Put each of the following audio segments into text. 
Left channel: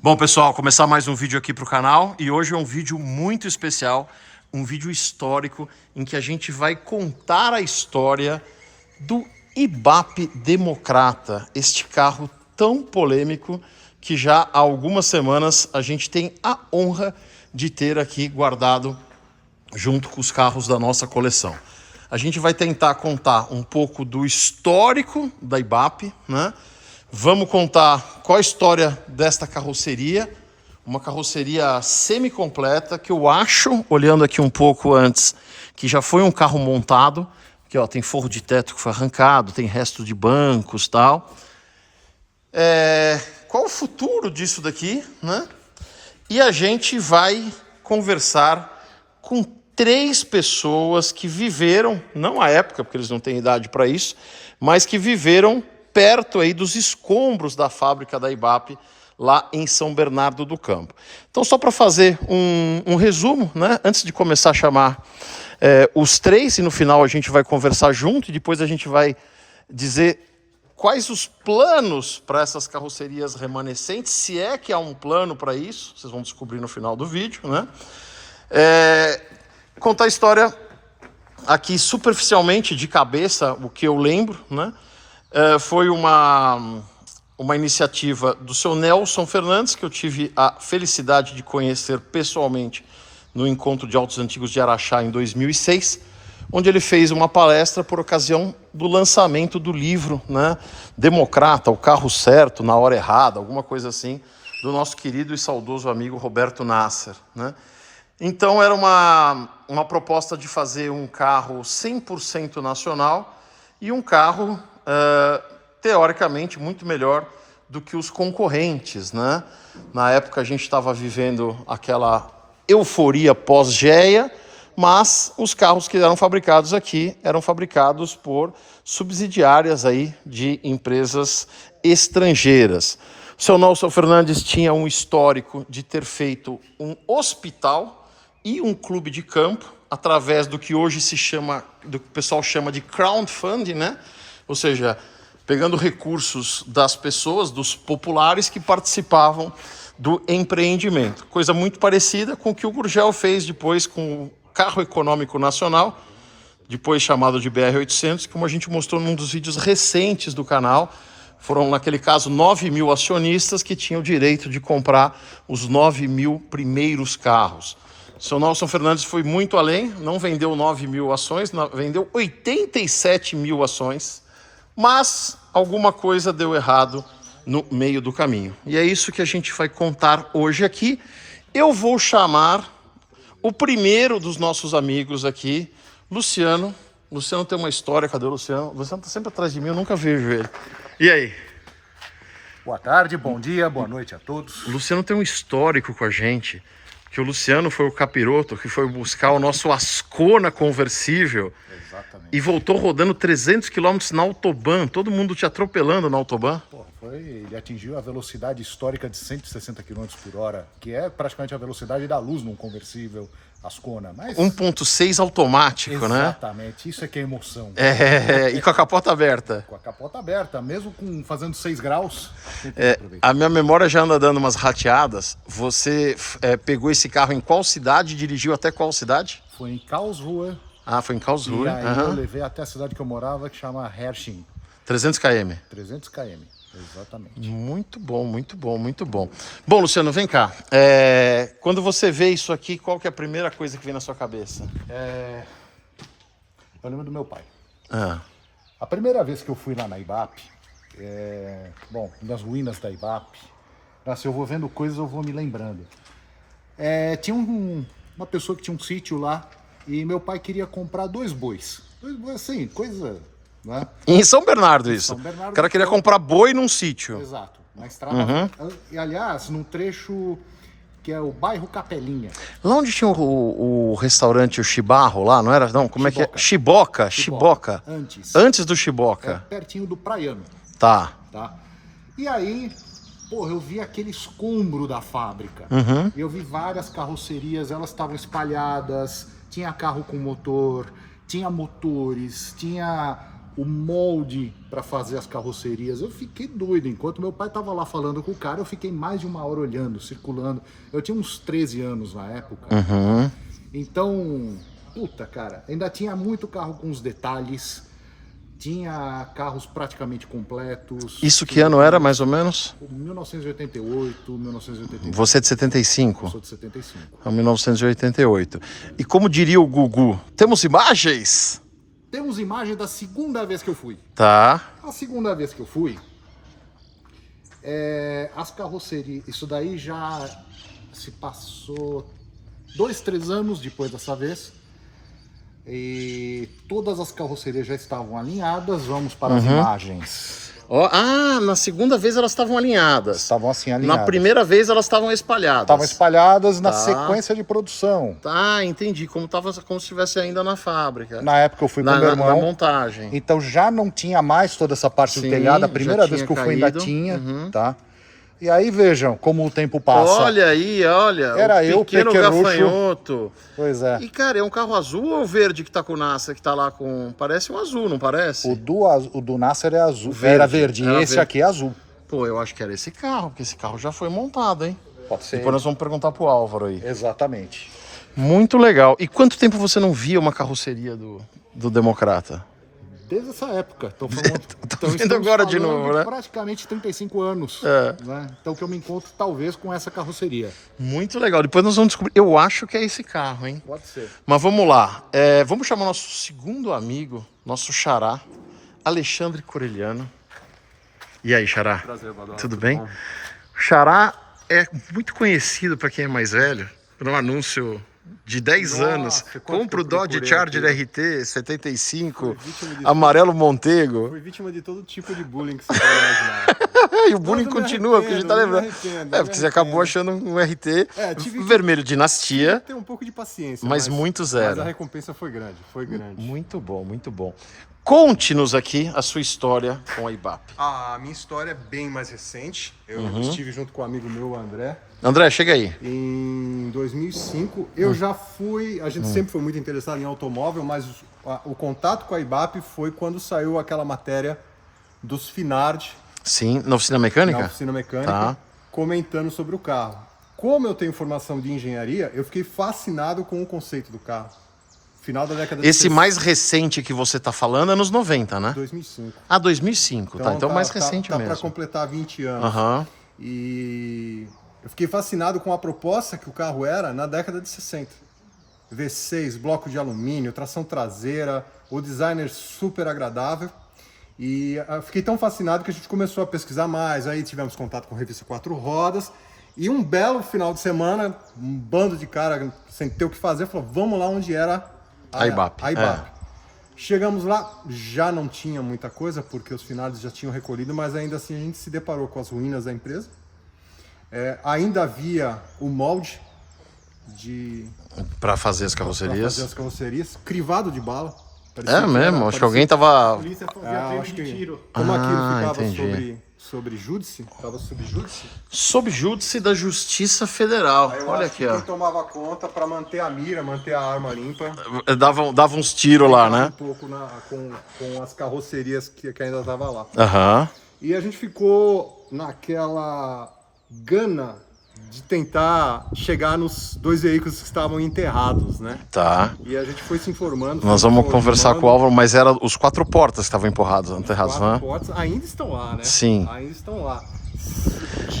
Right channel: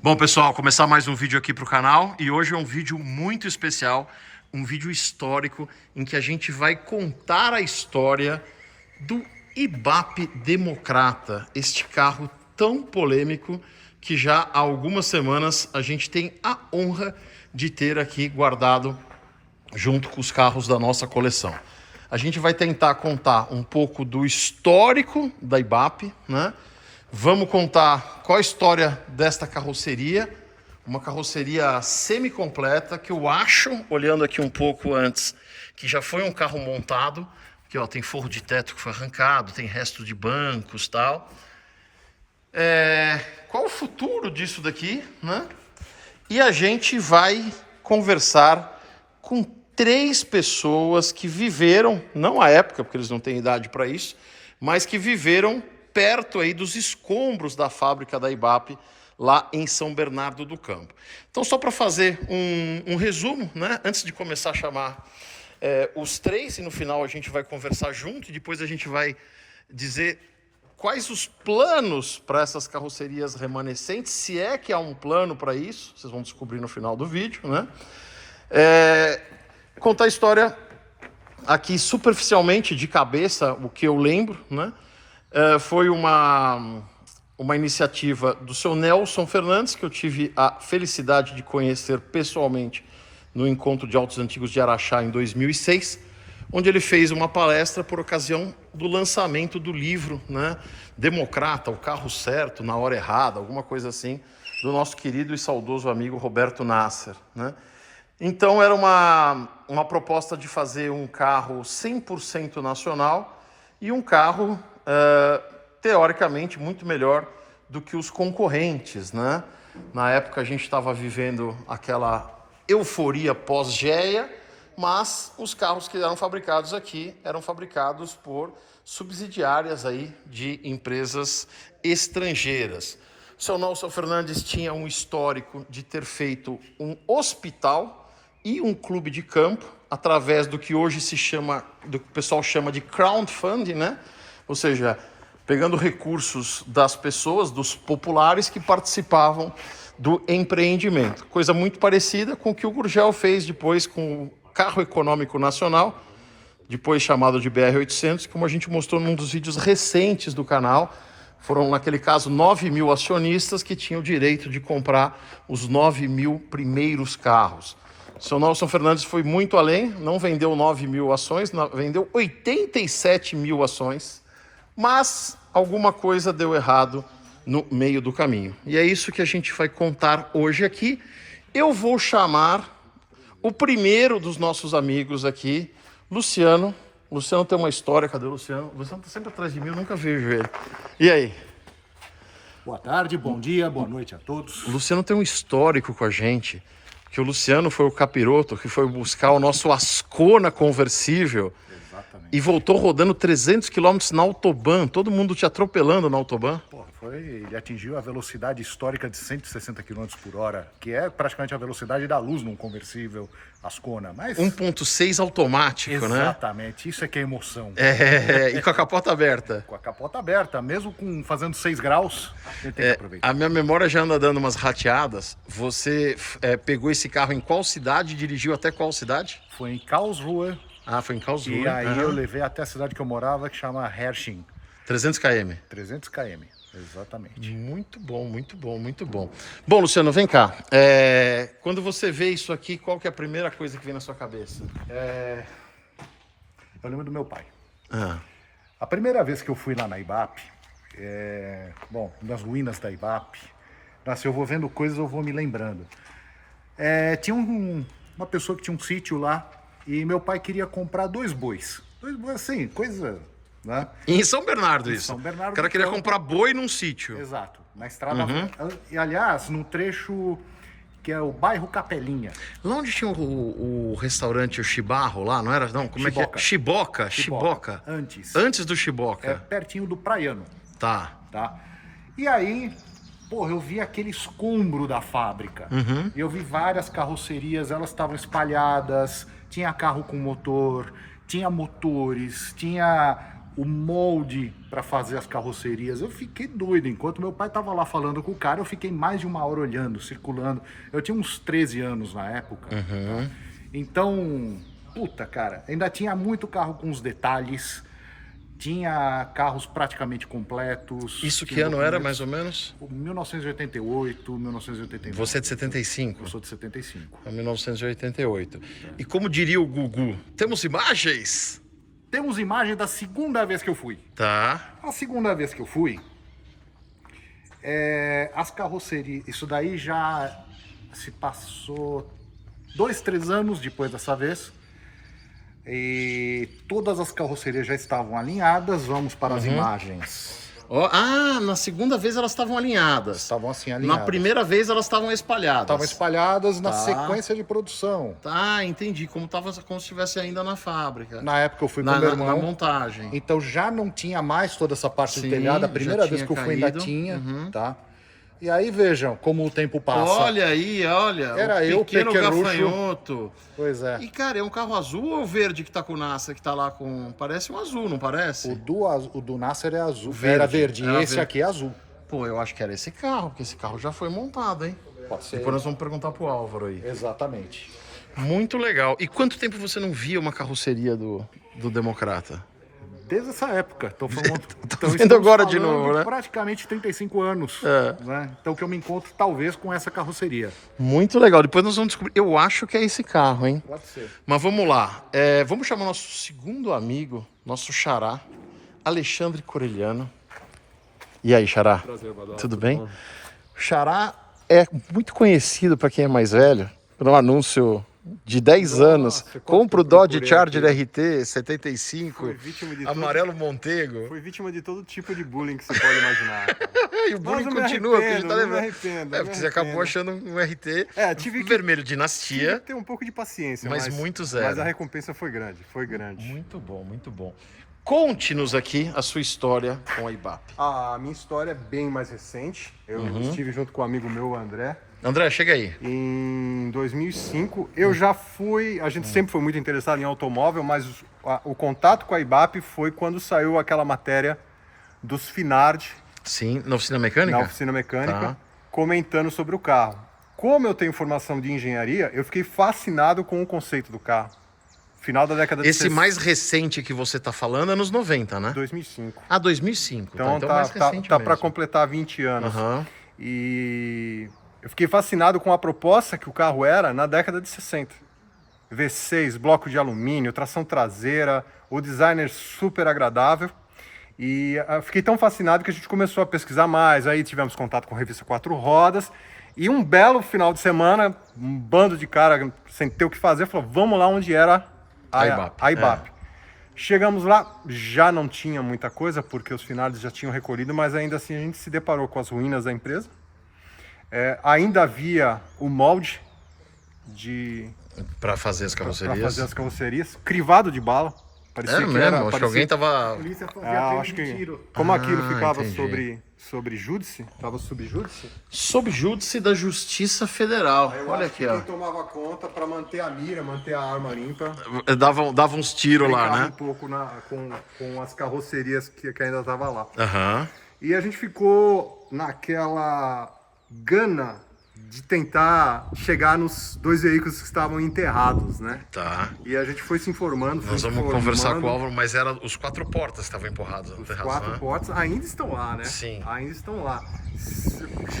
Bom, pessoal, começar mais um vídeo aqui para o canal e hoje é um vídeo muito especial, um vídeo histórico em que a gente vai contar a história do Ibape Democrata, este carro tão polêmico que já há algumas semanas a gente tem a honra de ter aqui guardado junto com os carros da nossa coleção. A gente vai tentar contar um pouco do histórico da Ibape, né? Vamos contar qual a história desta carroceria, uma carroceria semi-completa que eu acho, olhando aqui um pouco antes, que já foi um carro montado, que ó, tem forro de teto que foi arrancado, tem resto de bancos e tal. Qual o futuro disso daqui, né? E a gente vai conversar com 3 pessoas que viveram, não à época, porque eles não têm idade para isso, mas que viveram perto aí dos escombros da fábrica da Ibape, lá em São Bernardo do Campo. Então, só para fazer um resumo, né? Antes de começar a chamar os 3, e no final a gente vai conversar junto, e depois a gente vai dizer quais os planos para essas carrocerias remanescentes, se é que há um plano para isso, vocês vão descobrir no final do vídeo, né? Contar a história aqui superficialmente, de cabeça, o que eu lembro, né? Foi uma iniciativa do seu Nelson Fernandes, que eu tive a felicidade de conhecer pessoalmente no Encontro de Autos Antigos de Araxá em 2006, onde ele fez uma palestra por ocasião do lançamento do livro, né, Democrata, o carro certo, na hora errada, alguma coisa assim, do nosso querido e saudoso amigo Roberto Nasser, né? Então era uma proposta de fazer um carro 100% nacional e um carro teoricamente muito melhor do que os concorrentes, né? Na época a gente estava vivendo aquela euforia pós-GEA, mas os carros que eram fabricados aqui eram fabricados por subsidiárias aí de empresas estrangeiras. O seu Nelson Fernandes tinha um histórico de ter feito um hospital e um clube de campo através do que hoje se chama, do que o pessoal chama de crowdfunding, né? Ou seja, pegando recursos das pessoas, dos populares que participavam do empreendimento. Coisa muito parecida com o que o Gurgel fez depois com o carro econômico nacional, depois chamado de BR-800, como a gente mostrou num dos vídeos recentes do canal. Foram, naquele caso, 9.000 acionistas que tinham o direito de comprar os 9.000 primeiros carros. O seu Nelson Fernandes foi muito além, não vendeu 9.000 ações, vendeu 87.000 ações, mas alguma coisa deu errado no meio do caminho. E é isso que a gente vai contar hoje aqui. Eu vou chamar o primeiro dos nossos amigos aqui, Luciano. Luciano tem uma história, cadê o Luciano? O Luciano está sempre atrás de mim, eu nunca vejo ele. E aí? Boa tarde, bom dia, boa noite a todos. O Luciano tem um histórico com a gente, que o Luciano foi o capiroto que foi buscar o nosso Ascona conversível. Exatamente. E voltou rodando 300 km na Autobahn, todo mundo te atropelando na Autobahn. Ele atingiu a velocidade histórica de 160 km por hora, que é praticamente a velocidade da luz num conversível Ascona. Mas 1.6 automático, né? exatamente, isso é que é emoção. E com a capota aberta. Com a capota aberta, mesmo fazendo 6 graus, a gente tem que aproveitar. A minha memória já anda dando umas rateadas. Você pegou esse carro em qual cidade e dirigiu até qual cidade? Foi em Karlsruhe. Ah, foi em Karlsruhe. E aí eu levei até a cidade que eu morava, que chama Hersching. 300 km. 300 km, exatamente. Muito bom, muito bom, muito bom. Bom, Luciano, vem cá. Quando você vê isso aqui, qual que é a primeira coisa que vem na sua cabeça? Eu lembro do meu pai. Ah. A primeira vez que eu fui lá na Ibape, nas ruínas da Ibape, se eu vou vendo coisas, eu vou me lembrando. Tinha uma pessoa que tinha um sítio lá e meu pai queria comprar 2 bois. 2 bois, assim, coisa, né? Em São Bernardo, isso. São Bernardo O cara queria comprar boi num sítio. Exato, na estrada. E, aliás, num trecho que é o bairro Capelinha. Lá onde tinha o restaurante, o Chibarro, lá, não era? Não, como é que é? Chiboca. Antes do Chiboca. Pertinho do Praiano. Tá. E aí, eu vi aquele escombro da fábrica. Eu vi várias carrocerias, elas estavam espalhadas, tinha carro com motor, tinha motores, tinha o molde para fazer as carrocerias. Eu fiquei doido. Enquanto meu pai tava lá falando com o cara, eu fiquei mais de uma hora olhando, circulando. Eu tinha uns 13 anos na época. Então, puta, cara, ainda tinha muito carro com os detalhes. Tinha carros praticamente completos. Isso que ano era, mais ou menos? 1988, 1989. Você é de 75? Eu sou de 75. É 1988. E como diria o Gugu, temos imagens? Temos imagem da segunda vez que eu fui. Tá. A segunda vez que eu fui, as carrocerias... Isso daí já se passou 2, 3 anos depois dessa vez. E todas as carrocerias já estavam alinhadas. Vamos para as imagens. Na segunda vez elas estavam alinhadas. Estavam assim alinhadas. Na primeira vez elas estavam espalhadas. Estavam espalhadas na Tá. sequência de produção. Tá, entendi. Como se estivesse ainda na fábrica. Na época eu fui com meu irmão. Na montagem. Então já não tinha mais toda essa parte do Sim, telhado. A já primeira vez tinha que eu fui ainda caído. tinha, tá? E aí vejam como o tempo passa. Olha aí, olha. Era o eu, pequeno pequenucho. gafanhoto. Pois é. E, cara, é um carro azul ou verde que tá com o Nasser, que tá lá com... Parece um azul, não parece? O do Nasser é azul. Verde. Era verde. Era E esse verde. aqui é azul. Pô, eu acho que era esse carro, porque esse carro já foi montado, hein? Pode ser. Depois nós vamos perguntar pro Álvaro aí. Exatamente. Muito legal. E quanto tempo você não via uma carroceria do Democrata? Desde essa época. Então, então vendo estamos agora de falando novo, né? praticamente 35 anos. É. Né? Então que eu me encontro talvez com essa carroceria. Muito legal. Depois nós vamos descobrir. Eu acho que é esse carro, hein? Pode ser. Mas vamos lá. Vamos chamar nosso segundo amigo, nosso xará, Alexandre Corelliano. E aí, xará? Prazer, Badal. Tudo bem? O xará é muito conhecido para quem é mais velho, por um anúncio de 10 Nossa, anos. quanto Compra o que eu Dodge procurei Charger aqui. RT 75, Fui vítima de amarelo Montego. Fui vítima de todo tipo de bullying que você pode imaginar. E o bullying Mas eu me continua, porque a gente tá arrependo, eu me lembrando. arrependo, É, eu porque me você acabou arrependo. achando um RT Tive que- vermelho dinastia, Ter um pouco de paciência, mas muito zero. Mas a recompensa foi grande, foi grande. Muito bom, muito bom. Conte-nos aqui a sua história com a IBAP. A minha história é bem mais recente. Eu estive junto com um amigo meu, o André, André, chega aí. em 2005. Eu já fui, a gente sempre foi muito interessado em automóvel, mas o contato com a IBAP foi quando saiu aquela matéria dos Finard Sim, na oficina mecânica? na oficina mecânica, Tá. comentando sobre o carro. Como eu tenho formação de engenharia, eu fiquei fascinado com o conceito do carro. Final da década de Esse 60, mais recente que você tá falando é nos 90, né? 2005. Ah, 2005, tá? Então mais recente tá mesmo. para completar 20 anos. Aham. E eu fiquei fascinado com a proposta que o carro era na década de 60. V6, bloco de alumínio, tração traseira, o designer super agradável. E fiquei tão fascinado que a gente começou a pesquisar mais. Aí tivemos contato com a revista Quatro Rodas. E um belo final de semana, um bando de cara sem ter o que fazer, falou, vamos lá onde era A IBAP. A IBAP. Chegamos lá, já não tinha muita coisa, porque os finais já tinham recolhido, mas ainda assim a gente se deparou com as ruínas da empresa. Ainda havia o molde Pra fazer as para carrocerias. fazer as carrocerias, crivado de bala. Parecia É mesmo? Acho que parecia- alguém tava... Polícia fazia acho crime de que tiro. como aquilo ficava entendi. sobre júdice, estava sob júdice. Sob júdice da Justiça Federal. Eu Olha acho aqui, que ó. quem tomava conta para manter a mira, manter a arma limpa. Dava uns tiros lá, brincava né? Um pouco com as carrocerias que ainda estavam lá. Aham. E a gente ficou naquela gana de tentar chegar nos 2 veículos que estavam enterrados, né? Tá. E a gente foi se informando. Nós foi vamos se conversar informando. com o Álvaro, mas era os 4 portas que estavam enterrados, Quatro né? portas ainda estão lá, né? Sim. Ainda estão lá.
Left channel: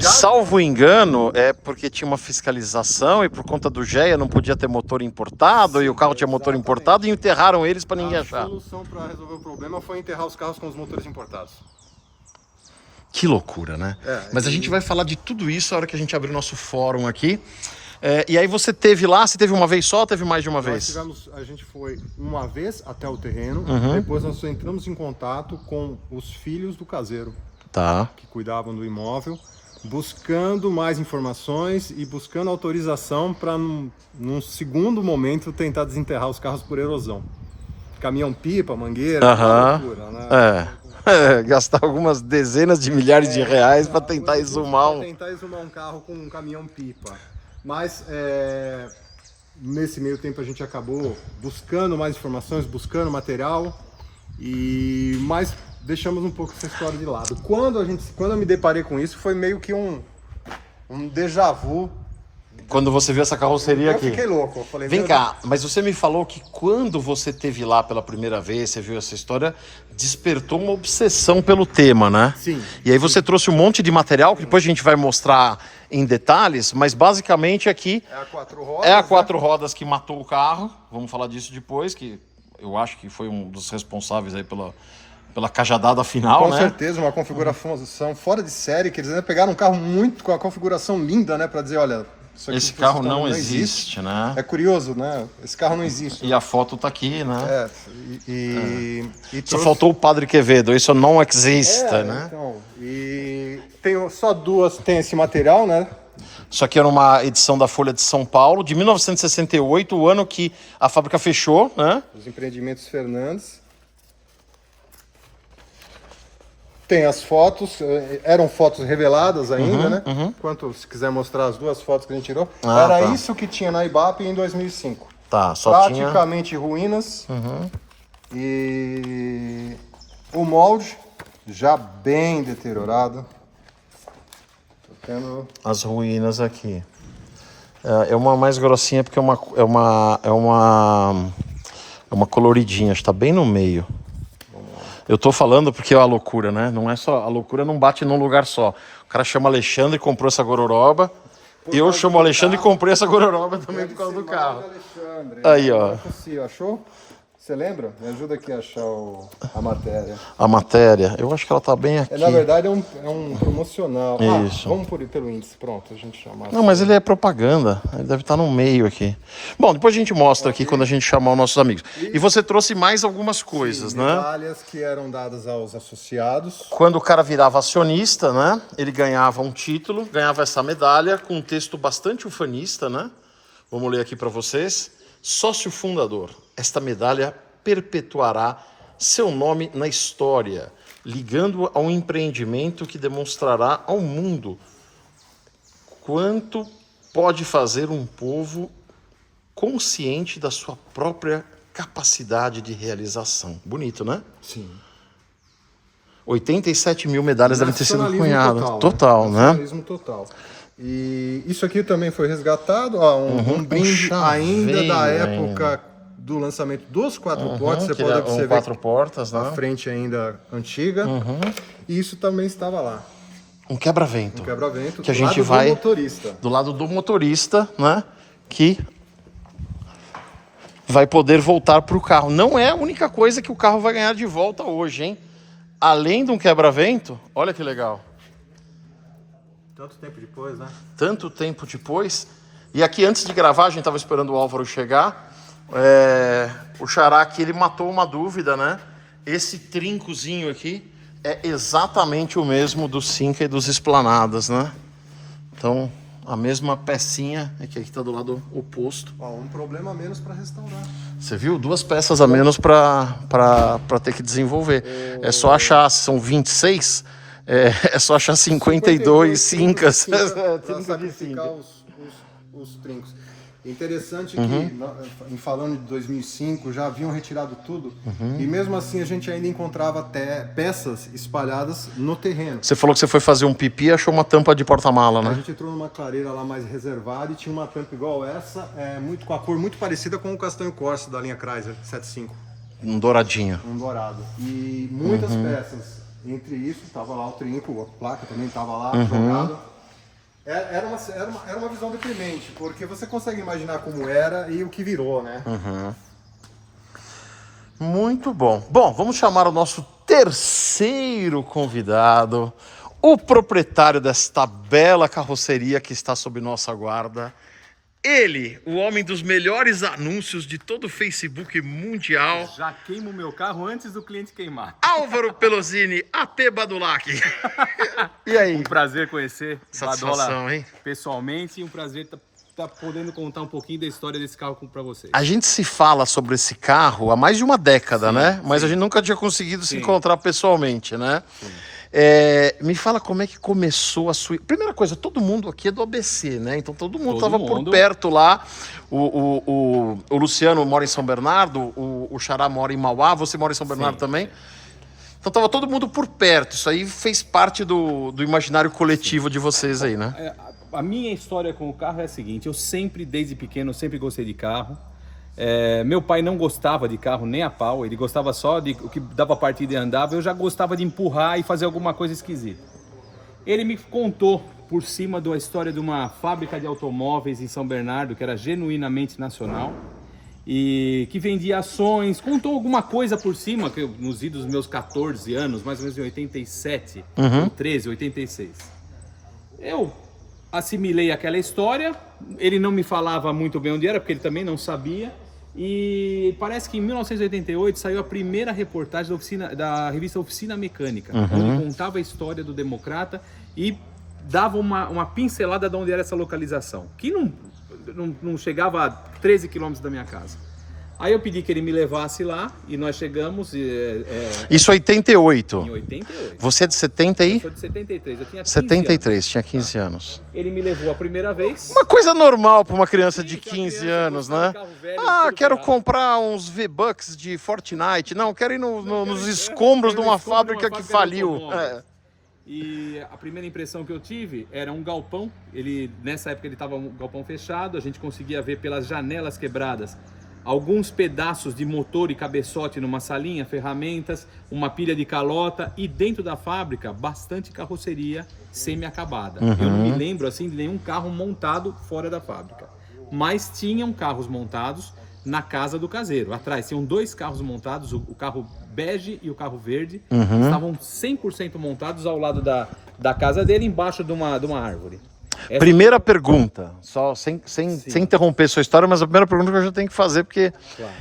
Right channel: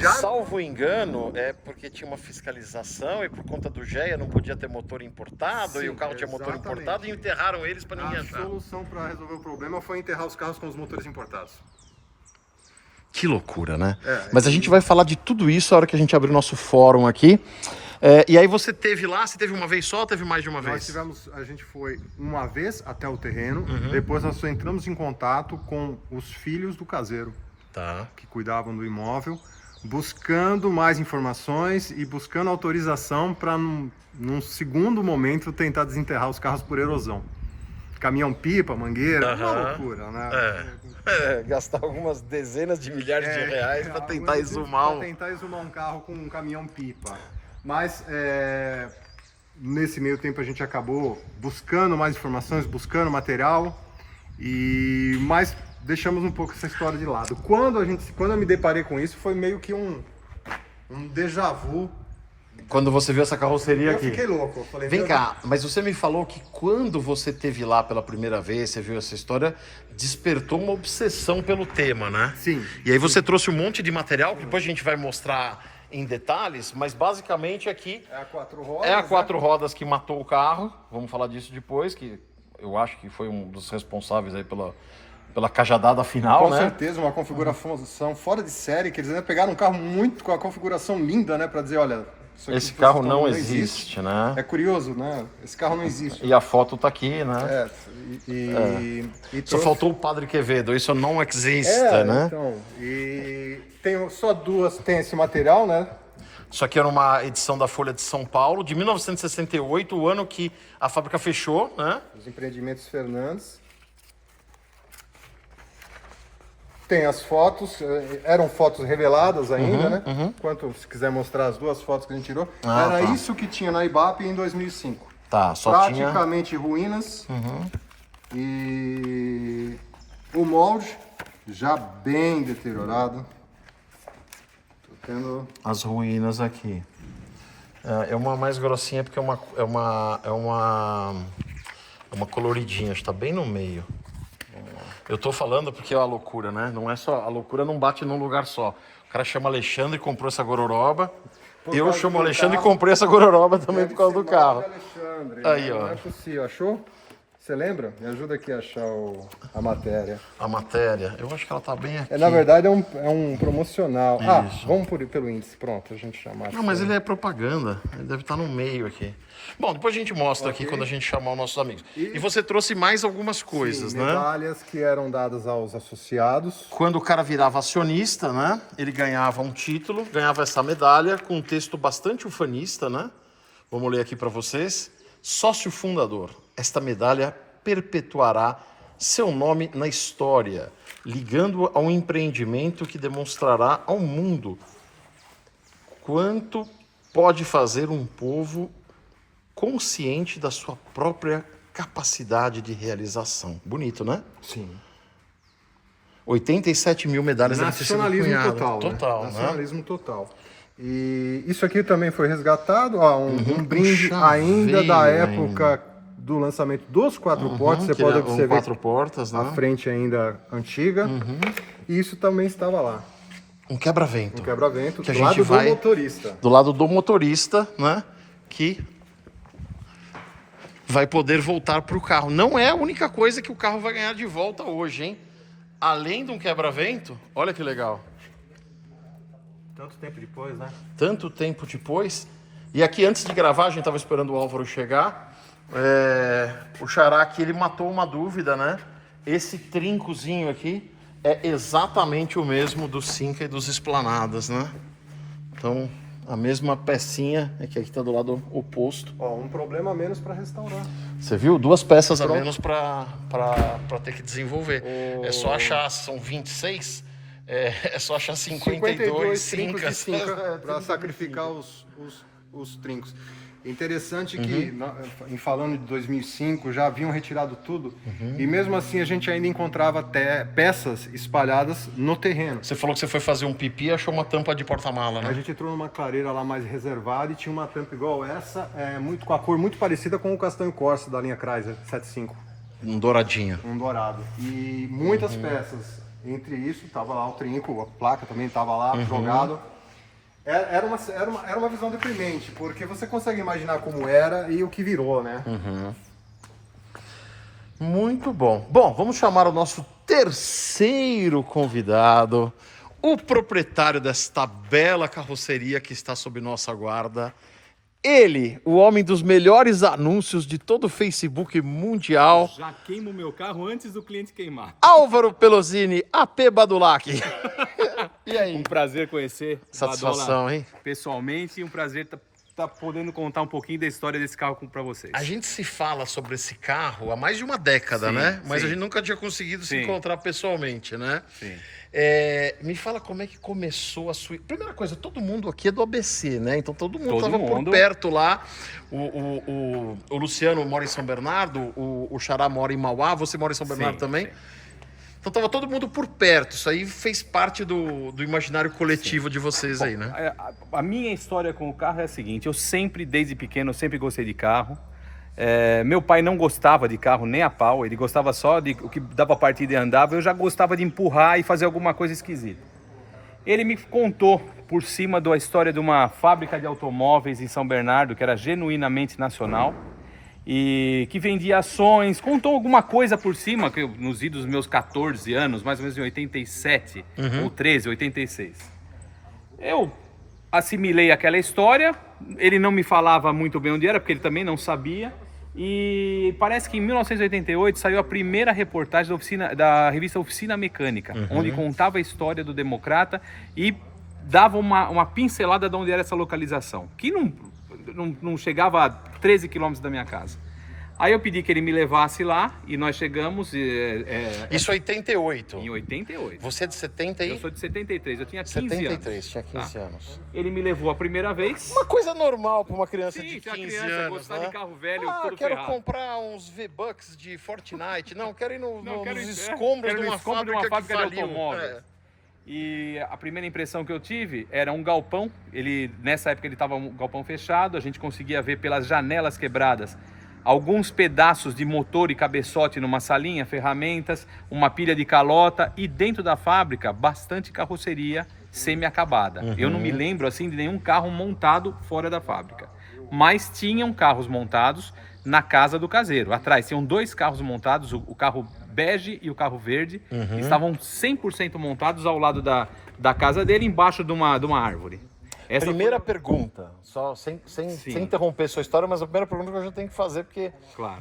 Já Salvo engano, é porque tinha uma fiscalização e por conta do GEA não podia ter motor importado Sim, e o carro tinha motor exatamente. importado e enterraram eles para ninguém a achar. solução para resolver o problema foi enterrar os carros com os motores importados. Que loucura, né? É, Mas a gente vai falar de tudo isso a hora que a gente abrir nosso fórum aqui. E aí você teve lá, você teve uma vez só ou teve mais de uma vez? A gente foi uma vez até o terreno, Uhum. depois nós entramos em contato com os filhos do caseiro Tá. que cuidavam do imóvel, buscando mais informações e buscando autorização para, num segundo momento, tentar desenterrar os carros por erosão. Caminhão-pipa, mangueira, uma Aham. loucura, né? Gastar algumas dezenas de milhares de reais para tentar exumar Pra tentar exumar um carro com um caminhão-pipa. Mas nesse meio tempo a gente acabou buscando mais informações, buscando material Mas deixamos um pouco essa história de lado. Quando eu me deparei com isso, foi meio que um déjà vu. Quando você viu essa carroceria aqui. Eu fiquei louco. Eu falei, Vem cá, mas você me falou que quando você esteve lá pela primeira vez, você viu essa história, despertou uma obsessão pelo tema, né? Sim. E aí você trouxe um monte de material, que depois a gente vai mostrar em detalhes, mas basicamente aqui É a 4 rodas. é a 4 rodas que matou o carro. Vamos falar disso depois, que eu acho que foi um dos responsáveis aí pela cajadada final, Com né? certeza, uma configuração fora de série, que eles ainda pegaram um carro muito com a configuração linda, né? Pra dizer, olha... isso aqui Esse carro não não existe, né? É curioso, né? Esse carro não existe. E a foto tá aqui, né? E Só trouxe- faltou o Padre Quevedo, isso não existe, né? Então, e tem só duas, tem esse material, né? Isso aqui era uma edição da Folha de São Paulo, de 1968, o ano que a fábrica fechou, né? Os empreendimentos Fernandes. Tem as fotos, eram fotos reveladas ainda, né? Enquanto, se quiser mostrar as duas fotos que a gente tirou. Ah, Era tá. isso que tinha na IBAP em 2005. Tá, só tinha... Praticamente ruínas. E o molde já bem deteriorado. Tô tendo... As ruínas aqui. É uma mais grossinha porque é uma coloridinha, está bem no meio. Eu tô falando porque é a loucura, né? Não é só a loucura, não bate num lugar só. O cara chama Alexandre e comprou essa gororoba. Eu causa chamo do Alexandre e carro. comprei essa gororoba também Deve por causa ser do carro. Alexandre. Aí, ó. Não é possível. Achou? Você lembra? Me ajuda aqui a achar a matéria. A matéria, eu acho que ela tá bem aqui. Na verdade, é um promocional. Isso. Vamos pelo índice. Pronto, a gente chama. Não, mas ele é propaganda. Ele deve estar no meio aqui. Bom, depois a gente mostra aqui quando a gente chamar os nossos amigos. E você trouxe mais algumas coisas, né? Medalhas que eram dadas aos associados. Quando o cara virava acionista, né? Ele ganhava um título, ganhava essa medalha com um texto bastante ufanista, né? Vamos ler aqui para vocês. Sócio fundador. Esta medalha perpetuará seu nome na história, ligando-o a um empreendimento que demonstrará ao mundo quanto pode fazer um povo consciente da sua própria capacidade de realização. Bonito, né? Sim. 87 mil medalhas devem ter sido Nacionalismo cunhadas. Total, né? Nacionalismo total. E isso aqui também foi resgatado, ó, um brinde ainda da chaveiro época do lançamento dos 4 portas. Você que pode é observar 4 portas, a né? frente ainda antiga. E isso também estava lá. Um quebra-vento. Um quebra-vento Que a do gente lado vai- do motorista. Do lado do motorista, né? Que vai poder voltar para o carro. Não é a única coisa que o carro vai ganhar de volta hoje, hein? Além de um quebra-vento, olha que legal. Tanto tempo depois, né? Tanto tempo depois. E aqui, antes de gravar, a gente estava esperando o Álvaro chegar. O Xará aqui, ele matou uma dúvida, né? Esse trincozinho aqui é exatamente o mesmo do Cinca e dos Esplanadas, né? Então, a mesma pecinha, é que aqui está do lado oposto. Ó, um problema a menos para restaurar. Você viu? 2 peças a menos para ter que desenvolver. É só achar, são 26, é só achar 52 Cincas. Para sacrificar os trincos. Interessante que, em falando de 2005, já haviam retirado tudo. E mesmo assim a gente ainda encontrava até peças espalhadas no terreno. Você falou que você foi fazer um pipi e achou uma tampa de porta-mala, A né? gente entrou numa clareira lá mais reservada e tinha uma tampa igual essa, com a cor muito parecida com o castanho Corsa da linha Chrysler 75, Um douradinho. um dourado. E muitas peças. Entre isso, estava lá o trinco, a placa também estava lá, jogado. Era uma visão deprimente, porque você consegue imaginar como era e o que virou, né? Muito bom. Bom, vamos chamar o nosso terceiro convidado, o proprietário desta bela carroceria que está sob nossa guarda. Ele, o homem dos melhores anúncios de todo o Facebook mundial, Já queimo meu carro antes do cliente queimar. Álvaro Pelosini, AP Badulac. E aí? Prazer conhecer Satisfação, Badola hein? pessoalmente e um prazer tá podendo contar um pouquinho da história desse carro para vocês. A gente se fala sobre esse carro há mais de uma década, Sim, né? Mas sim. a gente nunca tinha conseguido se Sim. encontrar pessoalmente, né? Sim. Me fala como é que começou a sua... Primeira coisa, todo mundo aqui é do ABC, né? Então todo mundo estava por perto lá. O Luciano mora em São Bernardo, o Xará mora em Mauá, você mora em São Bernardo também? Sim. Então tava todo mundo por perto, isso aí fez parte do imaginário coletivo de vocês aí, né? A minha história com o carro é a seguinte, eu sempre, desde pequeno, eu sempre gostei de carro. Meu pai não gostava de carro nem a pau, ele gostava só de o que dava partida e andava, eu já gostava de empurrar e fazer alguma coisa esquisita. Ele me contou por cima da história de uma fábrica de automóveis em São Bernardo, que era genuinamente nacional, e que vendia ações, contou alguma coisa por cima, que nos idos dos meus 14 anos, mais ou menos em 87, ou 13, 86. Eu assimilei aquela história, ele não me falava muito bem onde era, porque ele também não sabia, e parece que em 1988 saiu a primeira reportagem da revista Oficina Mecânica, onde contava a história do Democrata e dava uma pincelada de onde era essa localização, que não chegava a 13 quilômetros da minha casa. Aí eu pedi que ele me levasse lá e nós chegamos... Isso 88? Em 88. Você é de 70 aí? Eu sou de 73, eu tinha 15 73, anos. tinha 15 anos. Ele me levou a primeira vez. Uma coisa normal para uma criança de Sim, 15 criança anos, gostava né? de carro velho, Quero ferrado. comprar uns V-Bucks de Fortnite. Não, quero ir nos quero escombros de uma fábrica que faliu. E a primeira impressão que eu tive era um galpão. Nessa época ele estava um galpão fechado, a gente conseguia ver pelas janelas quebradas alguns pedaços de motor e cabeçote numa salinha, ferramentas, uma pilha de calota e dentro da fábrica bastante carroceria semi-acabada. Eu não me lembro assim de nenhum carro montado fora da fábrica, mas tinham carros montados na casa do caseiro. Atrás tinham 2 carros montados, o carro bege e o carro verde, estavam 100% montados ao lado da casa dele, embaixo de uma árvore. Primeira pergunta, só sem interromper sua história, mas a primeira pergunta que eu já tenho que fazer, porque Claro.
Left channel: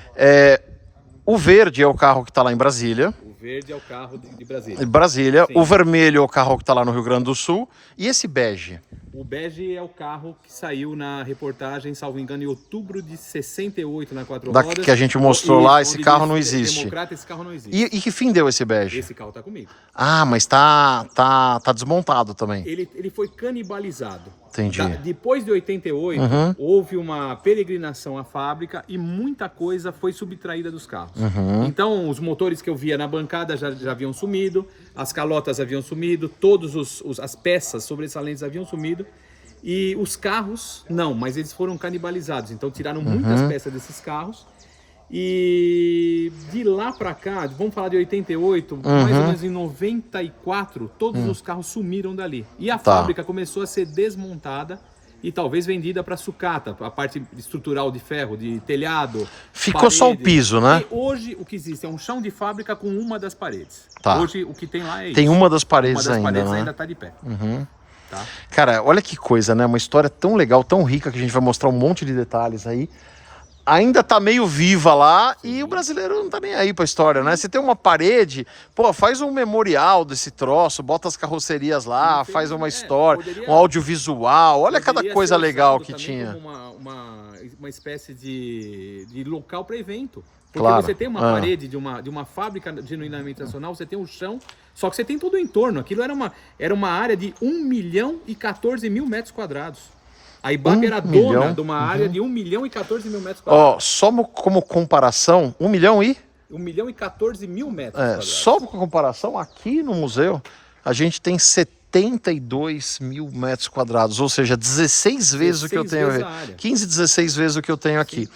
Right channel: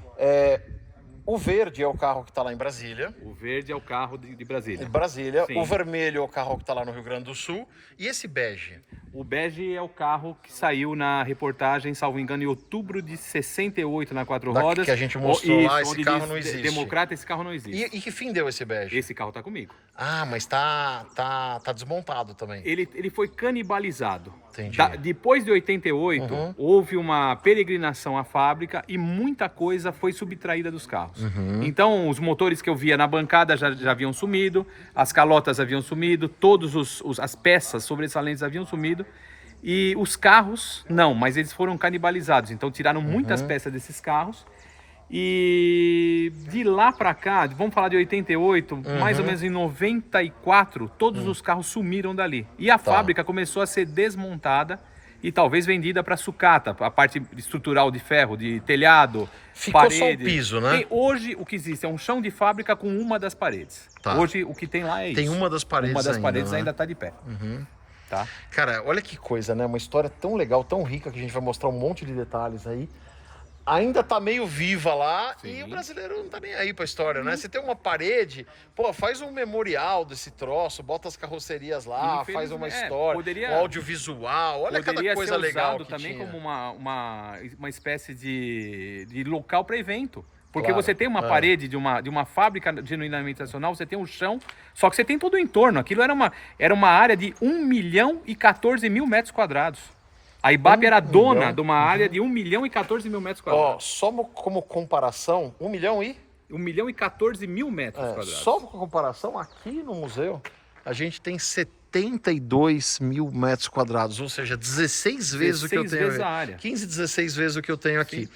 O verde é o carro que está lá em Brasília. O verde é o carro de Brasília. Brasília. Sim. O vermelho é o carro que está lá no Rio Grande do Sul. E esse bege? O bege é o carro que saiu na reportagem, salvo engano, em outubro de 68 na 4 rodas. Que a gente mostrou lá, esse carro não diz, existe. Democrata, esse carro não existe. E que fim deu esse bege? Esse carro tá comigo. Ah, mas tá desmontado também. Ele foi canibalizado. Entendi. Depois de 88, houve uma peregrinação à fábrica e muita coisa foi subtraída dos carros. Então, os motores que eu via na bancada já haviam sumido, as calotas haviam sumido, todas as peças sobressalentes haviam sumido. E os carros, não, mas eles foram canibalizados. Então, tiraram muitas peças desses carros. E de lá para cá, vamos falar de 88, mais ou menos em 94, todos os carros sumiram dali. E a fábrica começou a ser desmontada e talvez vendida para sucata, a parte estrutural de ferro, de telhado, Ficou paredes. só o piso, né? E hoje o que existe é um chão de fábrica com uma das paredes. Tá. Hoje o que tem lá é isso. Tem uma das paredes Uma das ainda, paredes né? ainda está de pé. Tá? Cara, olha que coisa, né? Uma história tão legal, tão rica, que a gente vai mostrar um monte de detalhes aí. Ainda tá meio viva lá. Sim. E o brasileiro não tá nem aí pra história, né? Você tem uma parede, pô, faz um memorial desse troço, bota as carrocerias lá, faz uma história, um audiovisual, olha cada coisa legal que tinha. Como uma espécie de local para evento. Porque você tem uma parede de uma fábrica genuinamente nacional, você tem um chão, só que você tem todo o entorno. Aquilo era uma área de 1 milhão e 14 mil metros quadrados. A IBAP era dona de uma área de 1 milhão e 14 mil metros quadrados. Ó, só como comparação, 1 milhão e? 1 milhão e 14 mil metros quadrados. Só como comparação, aqui no museu, a gente tem 72 mil metros quadrados, ou seja, 16 vezes o que eu tenho aqui. 15, 16 vezes o que eu tenho aqui.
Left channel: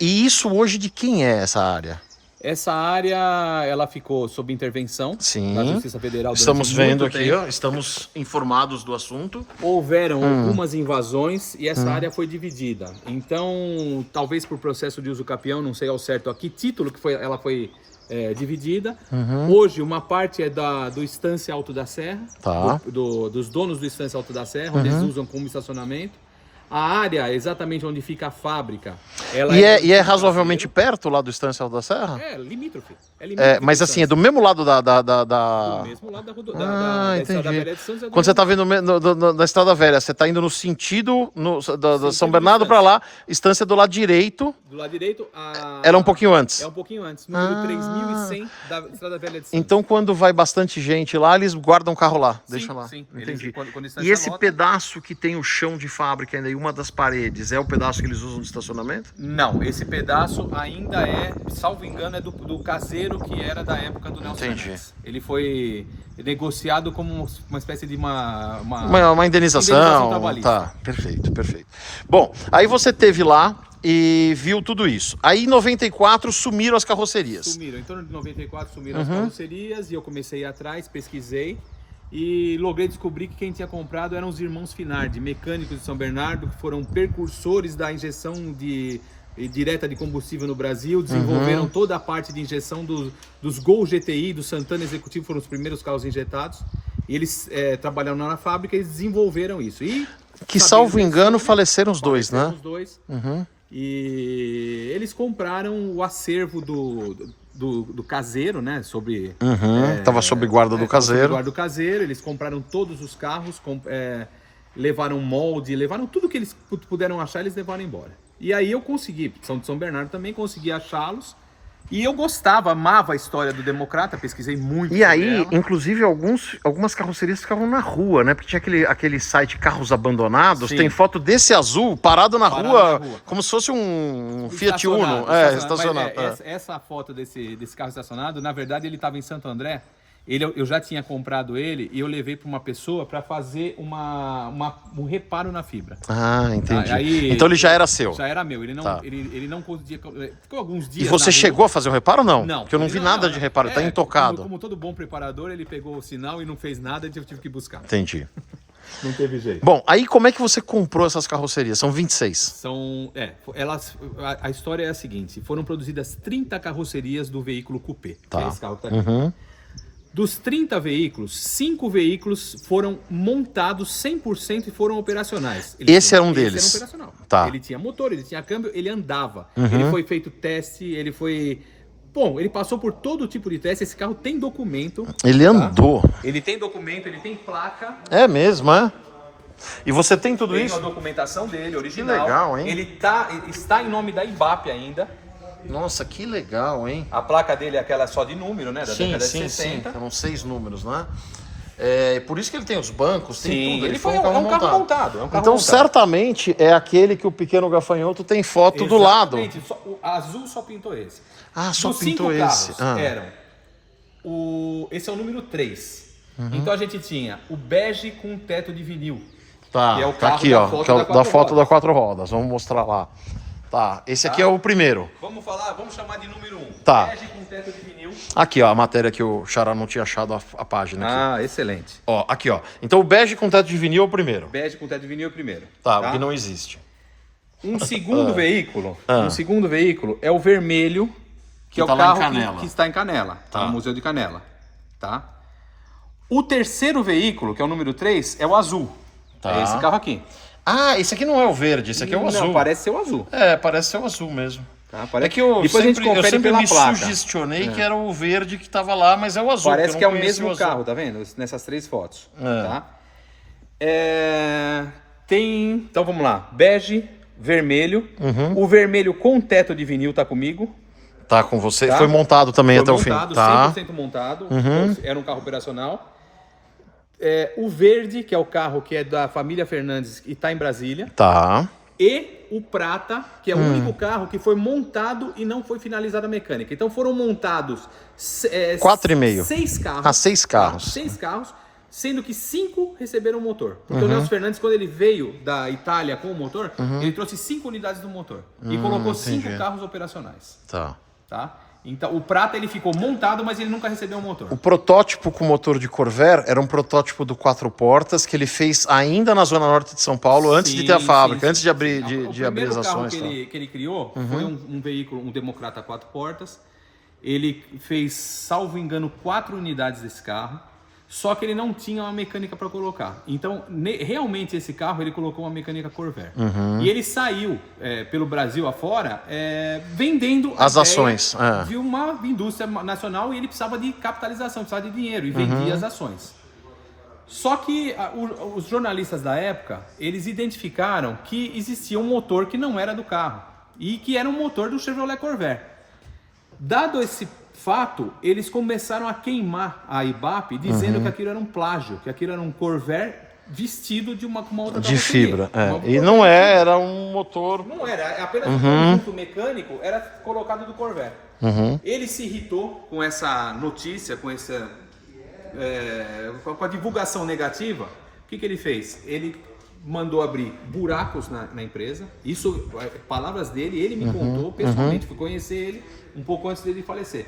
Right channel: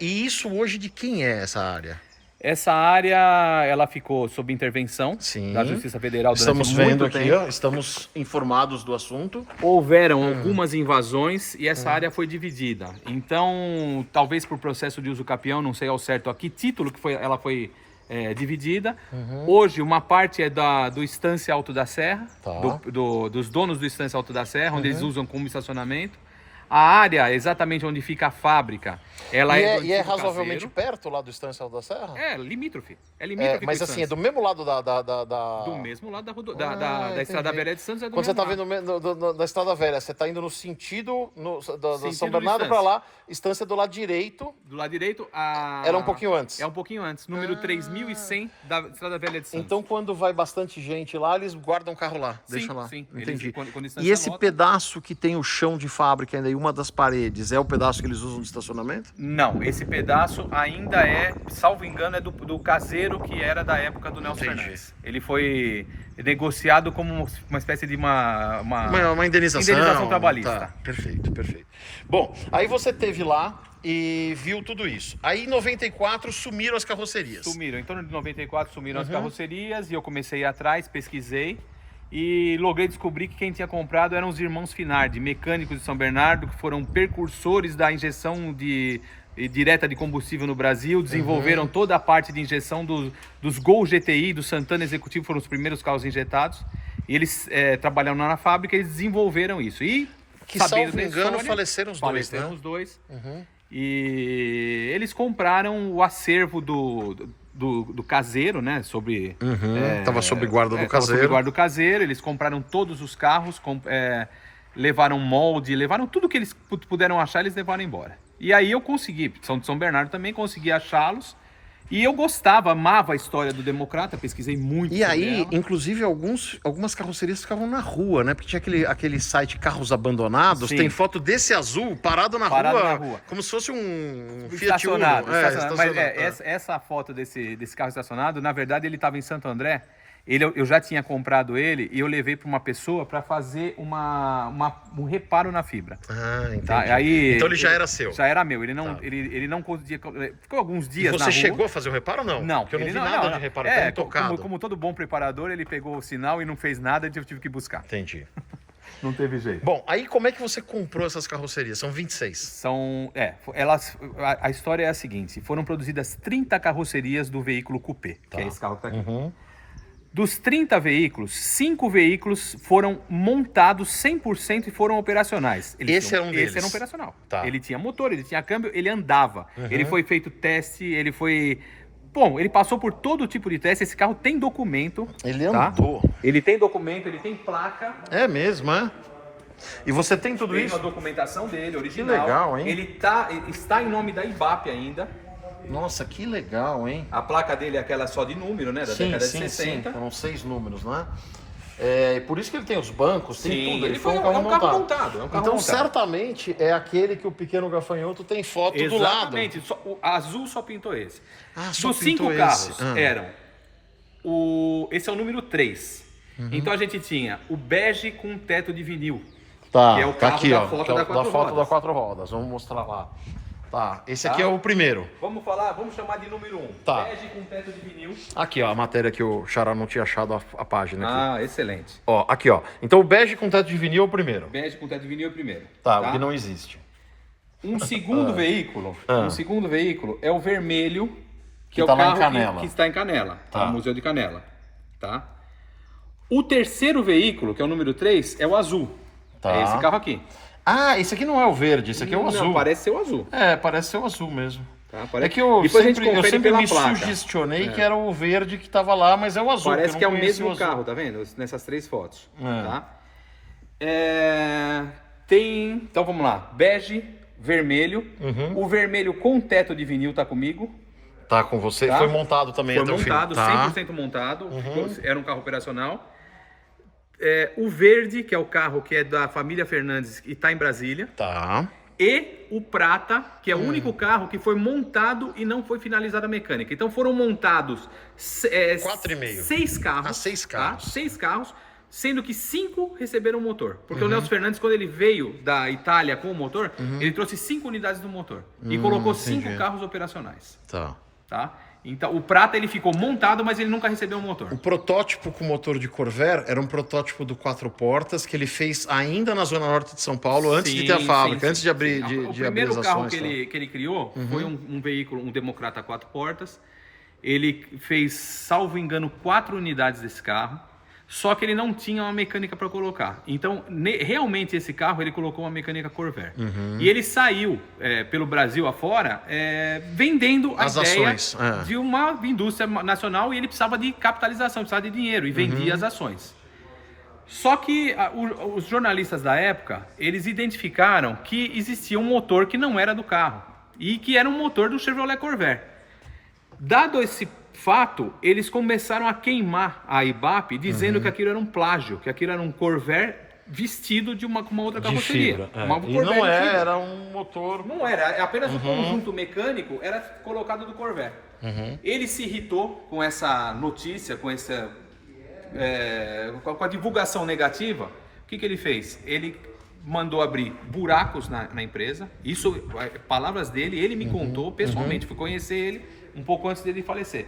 E isso hoje de quem é essa área? Essa área, ela ficou sob intervenção da Justiça Federal durante Estamos vendo muito aqui, tempo. ó, estamos informados do assunto. Houveram algumas invasões e essa área foi dividida. Então, talvez por processo de uso capião, não sei ao certo a que título que ela foi dividida. Hoje, uma parte é do Estância Alto da Serra, dos donos do Estância Alto da Serra, onde eles usam como estacionamento. A área exatamente onde fica a fábrica, ela E do é antigo razoavelmente caseiro. perto lá do Estância Alta da Serra? É, limítrofe. É É, limítrofe mas com assim, é Estância. do mesmo lado da... Do mesmo lado da Estrada entendi. Velha de Santos. É do Quando você mesmo tá lado. vindo na Estrada Velha, você tá indo no sentido da Sentido São de Bernardo para Estância. lá, Estância do lado direito, Do lado direito, ela é um pouquinho antes. É um pouquinho antes, número 3100 da Estrada Velha de Santos. Então, quando vai bastante gente lá, eles guardam o carro lá, Sim, deixam lá. sim. Entendi. Eles, quando a E Estância esse lota- pedaço que tem o chão de fábrica ainda e uma das paredes, é o pedaço que eles usam de estacionamento? Não, esse pedaço ainda é, salvo engano, é do caseiro que era da época do Nelson Entendi. Fernandes. Ele foi negociado como uma espécie de Uma indenização. Indenização trabalhista. Tá, perfeito, perfeito. Bom, aí você teve lá e viu tudo isso. Aí em 94 sumiram as carrocerias. Sumiram. Em torno de 94 sumiram as carrocerias e eu comecei a ir atrás, pesquisei e logrei descobrir que quem tinha comprado eram os irmãos Finardi, mecânicos de São Bernardo, que foram precursores da injeção direta de combustível no Brasil, desenvolveram toda a parte de injeção dos Gol GTI, do Santana Executivo, foram os primeiros carros injetados. E eles trabalharam lá na fábrica e eles desenvolveram isso. E, Que, sabendo salvo da engano, história, faleceram os dois, faleceram né? os dois. E eles compraram o acervo do caseiro, né? Sobre. Tava sob guarda do tava sob caseiro. guarda do caseiro. Eles compraram todos os carros, levaram molde, levaram tudo que eles puderam achar, eles levaram embora. E aí eu consegui, são de São Bernardo também, consegui achá-los. E eu gostava, amava a história do Democrata, pesquisei muito E sobre aí, ela. inclusive, algumas carrocerias ficavam na rua, né? Porque tinha aquele site Carros Abandonados, Sim. tem foto desse azul parado na Parado rua, na rua. como se fosse um Fiat Uno. Estacionado, Estacionado. Mas essa foto desse carro estacionado, na verdade, ele estava em Santo André. Eu já tinha comprado ele e eu levei para uma pessoa para fazer um reparo na fibra. Ah, entendi. Tá? Aí, Então ele já era seu. Já era meu. Ele não, Tá. ele não conseguia. Ficou alguns E dias. você na rua. chegou a fazer o reparo ou não? Não. Porque eu não ele vi nada de reparo, tá É, intocado. Como todo bom preparador, ele pegou o sinal e não fez nada e eu tive que buscar. Entendi. Não teve jeito. Bom, aí como é que você comprou essas carrocerias? São 26. São. A história é a seguinte: foram produzidas 30 carrocerias do veículo coupé, que é esse carro que está aqui. Dos 30 veículos, 5 veículos foram montados 100% e foram operacionais. Esse era um deles? Esse era um operacional. Tá. Ele tinha motor, ele tinha câmbio, ele andava. Ele foi feito teste, ele foi... Bom, ele passou por todo tipo de teste. Esse carro tem documento. Ele tá? andou. Ele tem documento, ele tem placa. É mesmo, é? E você tem tudo Tem isso? a documentação dele, original. legal, hein? Ele está em nome da IBAP ainda. Nossa, que legal, hein? A placa dele é aquela só de número, né? Da Sim, década de sim, 60. sim. São 6 números, né? É por isso que ele tem os bancos, tem Sim, tudo. Ele ele foi foi- um carro é um carro montado. montado, é um carro Então, montado. certamente, é aquele que o pequeno gafanhoto tem foto do lado. Exatamente. O azul só pintou esse. Ah, só Dos pintou 5 esse. carros Ah. eram... Esse é o número 3. Então a gente tinha o bege com teto de vinil. Tá, que é o tá carro aqui, da ó. foto que é o- da quatro foto rodas. da 4 rodas. Vamos mostrar lá. Tá, esse aqui é o primeiro. Vamos chamar de número 1. Tá. Bege com teto de vinil. Aqui, ó, a matéria que o Xará não tinha achado a página aqui. Ah, excelente. Ó, aqui, ó. Então o bege com teto de vinil é o primeiro. Bege com teto de vinil é o primeiro. Tá, o que não existe. Um segundo veículo, é o vermelho, que é o tá lá em carro Canela. que está em Canela, Tá. no Museu de Canela, tá? O terceiro veículo, que é o número 3, é o azul. Tá. É esse carro aqui. Ah, esse aqui não é o verde, esse aqui é o Não, azul. parece ser o azul. É, parece ser o azul mesmo. Tá? É que eu Depois a gente sempre confere pela me placa. sugestionei que era o verde que tava lá, mas é o azul. Parece eu que é não o conhecia mesmo azul. carro, tá vendo? Nessas 3 fotos. É. Tá? Então vamos lá. Bege, vermelho. O vermelho com teto de vinil tá comigo. Tá com você. Tá? Foi montado também Foi até montado, o fim. Tá. 100% montado. Era um carro operacional. O verde, que é o carro que é da família Fernandes e está em Brasília. Tá. E o prata, que é o único carro que foi montado e não foi finalizada a mecânica. Então foram montados 4,5. 6 carros. Ah, 6 carros. Tá? 6 carros, sendo que 5 receberam o motor. Porque o Nelson Fernandes, quando ele veio da Itália com o motor, ele trouxe 5 unidades do motor. E colocou 5 entendi. carros operacionais. Tá. Tá? Então o prata ele ficou montado, mas ele nunca recebeu o motor. O protótipo com motor de Corvair era um protótipo do 4 portas que ele fez ainda na zona norte de São Paulo, antes de ter a Sim, fábrica, sim, antes de abrir, sim. de abrir as O primeiro carro ações. que Tá? ele criou foi um veículo, um Democrata 4 portas. Ele fez, salvo engano, 4 unidades desse carro. só que ele não tinha uma mecânica para colocar. Então, realmente esse carro, ele colocou uma mecânica Corvair. E ele saiu pelo Brasil afora vendendo As ações, de uma indústria nacional, e ele precisava de capitalização, precisava de dinheiro, e vendia as ações. Só que os jornalistas da época, eles identificaram que existia um motor que não era do carro, e que era um motor do Chevrolet Corvair. Dado esse fato, eles começaram a queimar a Ibap, dizendo que aquilo era um plágio, que aquilo era um Corvair vestido com uma outra De carroceria. fibra. Uma E Corvair não de fibra. era um motor. Não era, é apenas um conjunto mecânico era colocado do Corvair. Ele se irritou com essa notícia, com a divulgação negativa. O que ele fez? Ele mandou abrir buracos na empresa. Isso, palavras dele, ele me contou pessoalmente, fui conhecer ele um pouco antes dele falecer.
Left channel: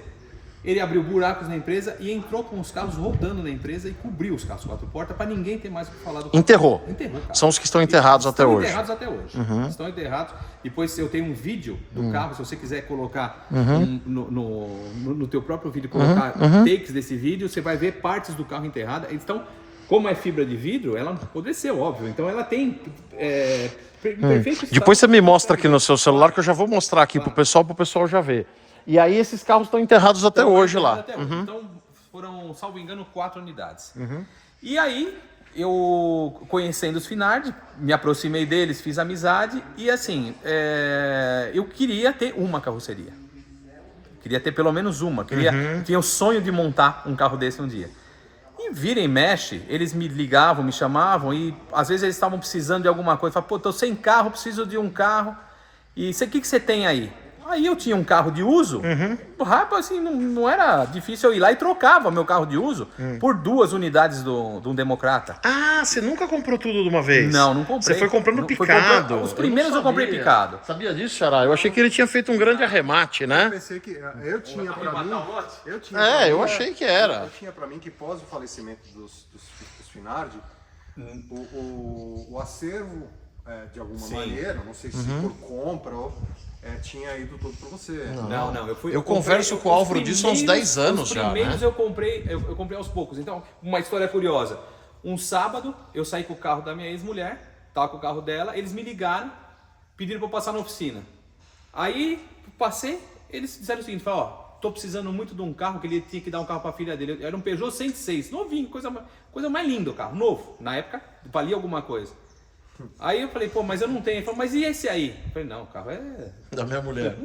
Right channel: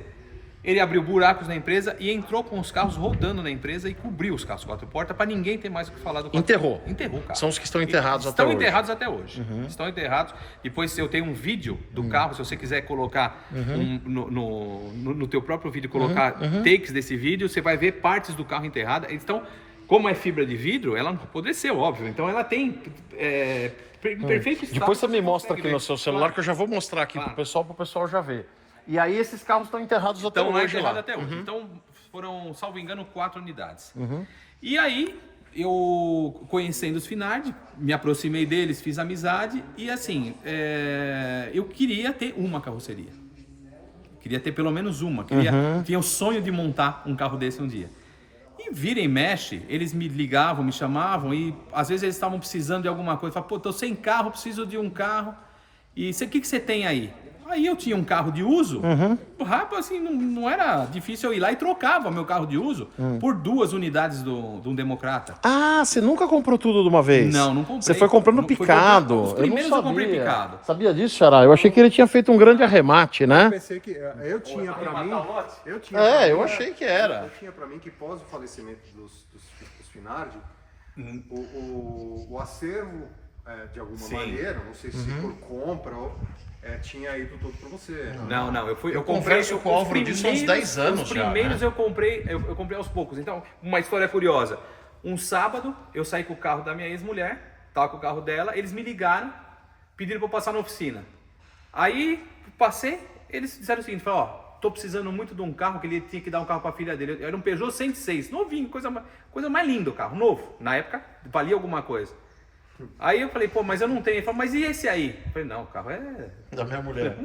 Ele abriu buracos na empresa e entrou com os carros rodando na empresa e cobriu os carros 4 portas para ninguém ter mais o que falar do carro. Enterrou. Enterrou o carro. São os que estão enterrados até hoje. Estão enterrados até hoje. Estão enterrados. Depois eu tenho um vídeo do carro, se você quiser colocar no teu próprio vídeo, colocar takes desse vídeo, você vai ver partes do carro enterrada. Então, como é fibra de vidro, ela apodreceu, óbvio. Então ela tem perfeito estado. Depois você me mostra aqui no seu celular, que eu já vou mostrar aqui pro pessoal já ver. E aí esses carros estão enterrados até hoje lá. Até hoje. Então foram, salvo engano, 4 unidades. E aí, eu conhecendo os Finardi, me aproximei deles, fiz amizade e assim, eu queria ter uma carroceria. Queria ter pelo menos uma. Tinha o sonho de montar um carro desse um dia. E vira e mexe, eles me ligavam, me chamavam e às vezes eles estavam precisando de alguma coisa. Falavam, pô, tô sem carro, preciso de um carro. E o que você tem aí? Aí eu tinha um carro de uso, rapaz, assim, não era difícil eu ir lá e trocava meu carro de uso por 2 unidades de um Democrata. Ah, você nunca comprou tudo de uma vez? Não comprei. Você foi comprando picado. Os primeiros eu comprei picado. Sabia disso, Xará? Eu achei que ele tinha feito um grande arremate, né? Eu pensei que eu tinha pra mim. Eu achei que era. Eu tinha pra mim que pós o falecimento dos Finardi, o acervo, de alguma maneira, não sei se por compra ou. Tinha ido tudo pra você. Não, Eu converso com o Álvaro disso há uns 10 anos já. Os primeiros né? eu comprei aos poucos. Então, uma história curiosa. Um sábado, eu saí com o carro da minha ex-mulher, tava com o carro dela, eles me ligaram, pediram pra eu passar na oficina. Aí, passei, eles disseram o seguinte, falaram, tô precisando muito de um carro, que ele tinha que dar um carro pra filha dele. Era um Peugeot 106, novinho, coisa mais linda o carro, novo. Na época, valia alguma coisa. Aí eu falei, pô, mas eu não tenho. Ele falou, mas e esse aí? Eu falei, não, o carro é Da minha mulher.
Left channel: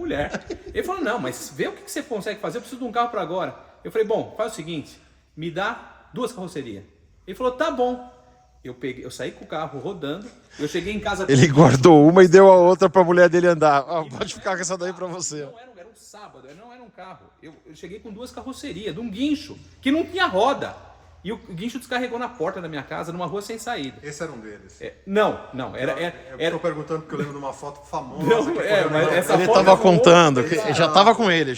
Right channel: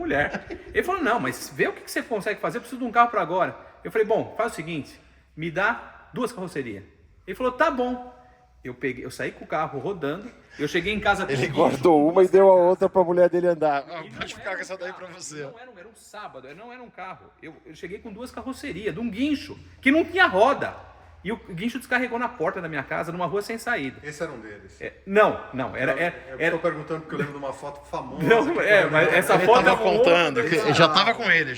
Ele falou, não, mas vê o que você consegue fazer, eu preciso de um carro para agora. Eu falei, bom, faz o seguinte, me dá 2 carrocerias. Ele falou, tá bom. Eu saí com o carro rodando, eu cheguei em casa... Ele guardou uma e deu a outra pra mulher dele andar. Pode ficar com essa daí pra você. Não era um sábado, não era um carro. Eu cheguei com 2 carrocerias, de um guincho, que não tinha roda. E o guincho descarregou na porta da minha casa, numa rua sem saída. Esse era um deles. Não, era... Eu tô perguntando porque eu lembro de uma foto famosa. Não, mas essa Ele foto... tava contando, que já tava com ele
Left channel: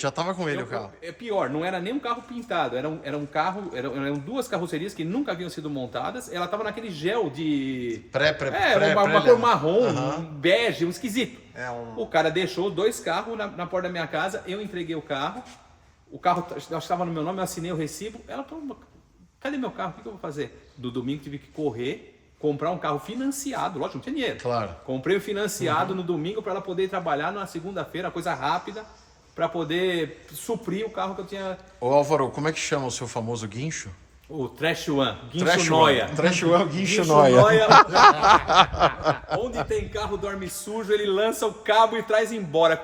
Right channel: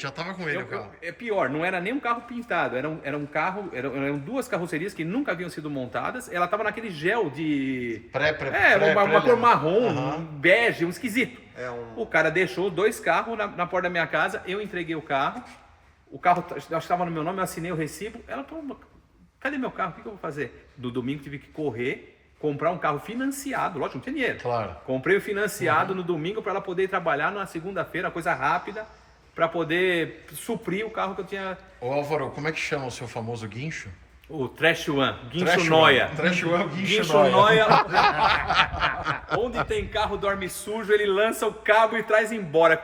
o carro. É pior, não era nem um carro pintado, era um carro, eram 2 carrocerias que nunca haviam sido montadas, ela tava naquele gel de... uma cor marrom, um bege, um esquisito. O cara deixou 2 carros na porta da minha casa, eu entreguei o carro estava no meu nome, eu assinei o recibo, ela falou, cadê meu carro, o que eu vou fazer? No domingo tive que correr, comprar um carro financiado, lógico, não tinha dinheiro. Claro. Comprei o financiado no domingo para ela poder ir trabalhar na segunda-feira, coisa rápida, para poder suprir o carro que eu tinha. Ô Álvaro, como é que chama o seu famoso guincho? O Trash One, guincho noia. Trash One, guincho noia. Noia. Onde tem carro dorme sujo, ele lança o cabo e traz embora.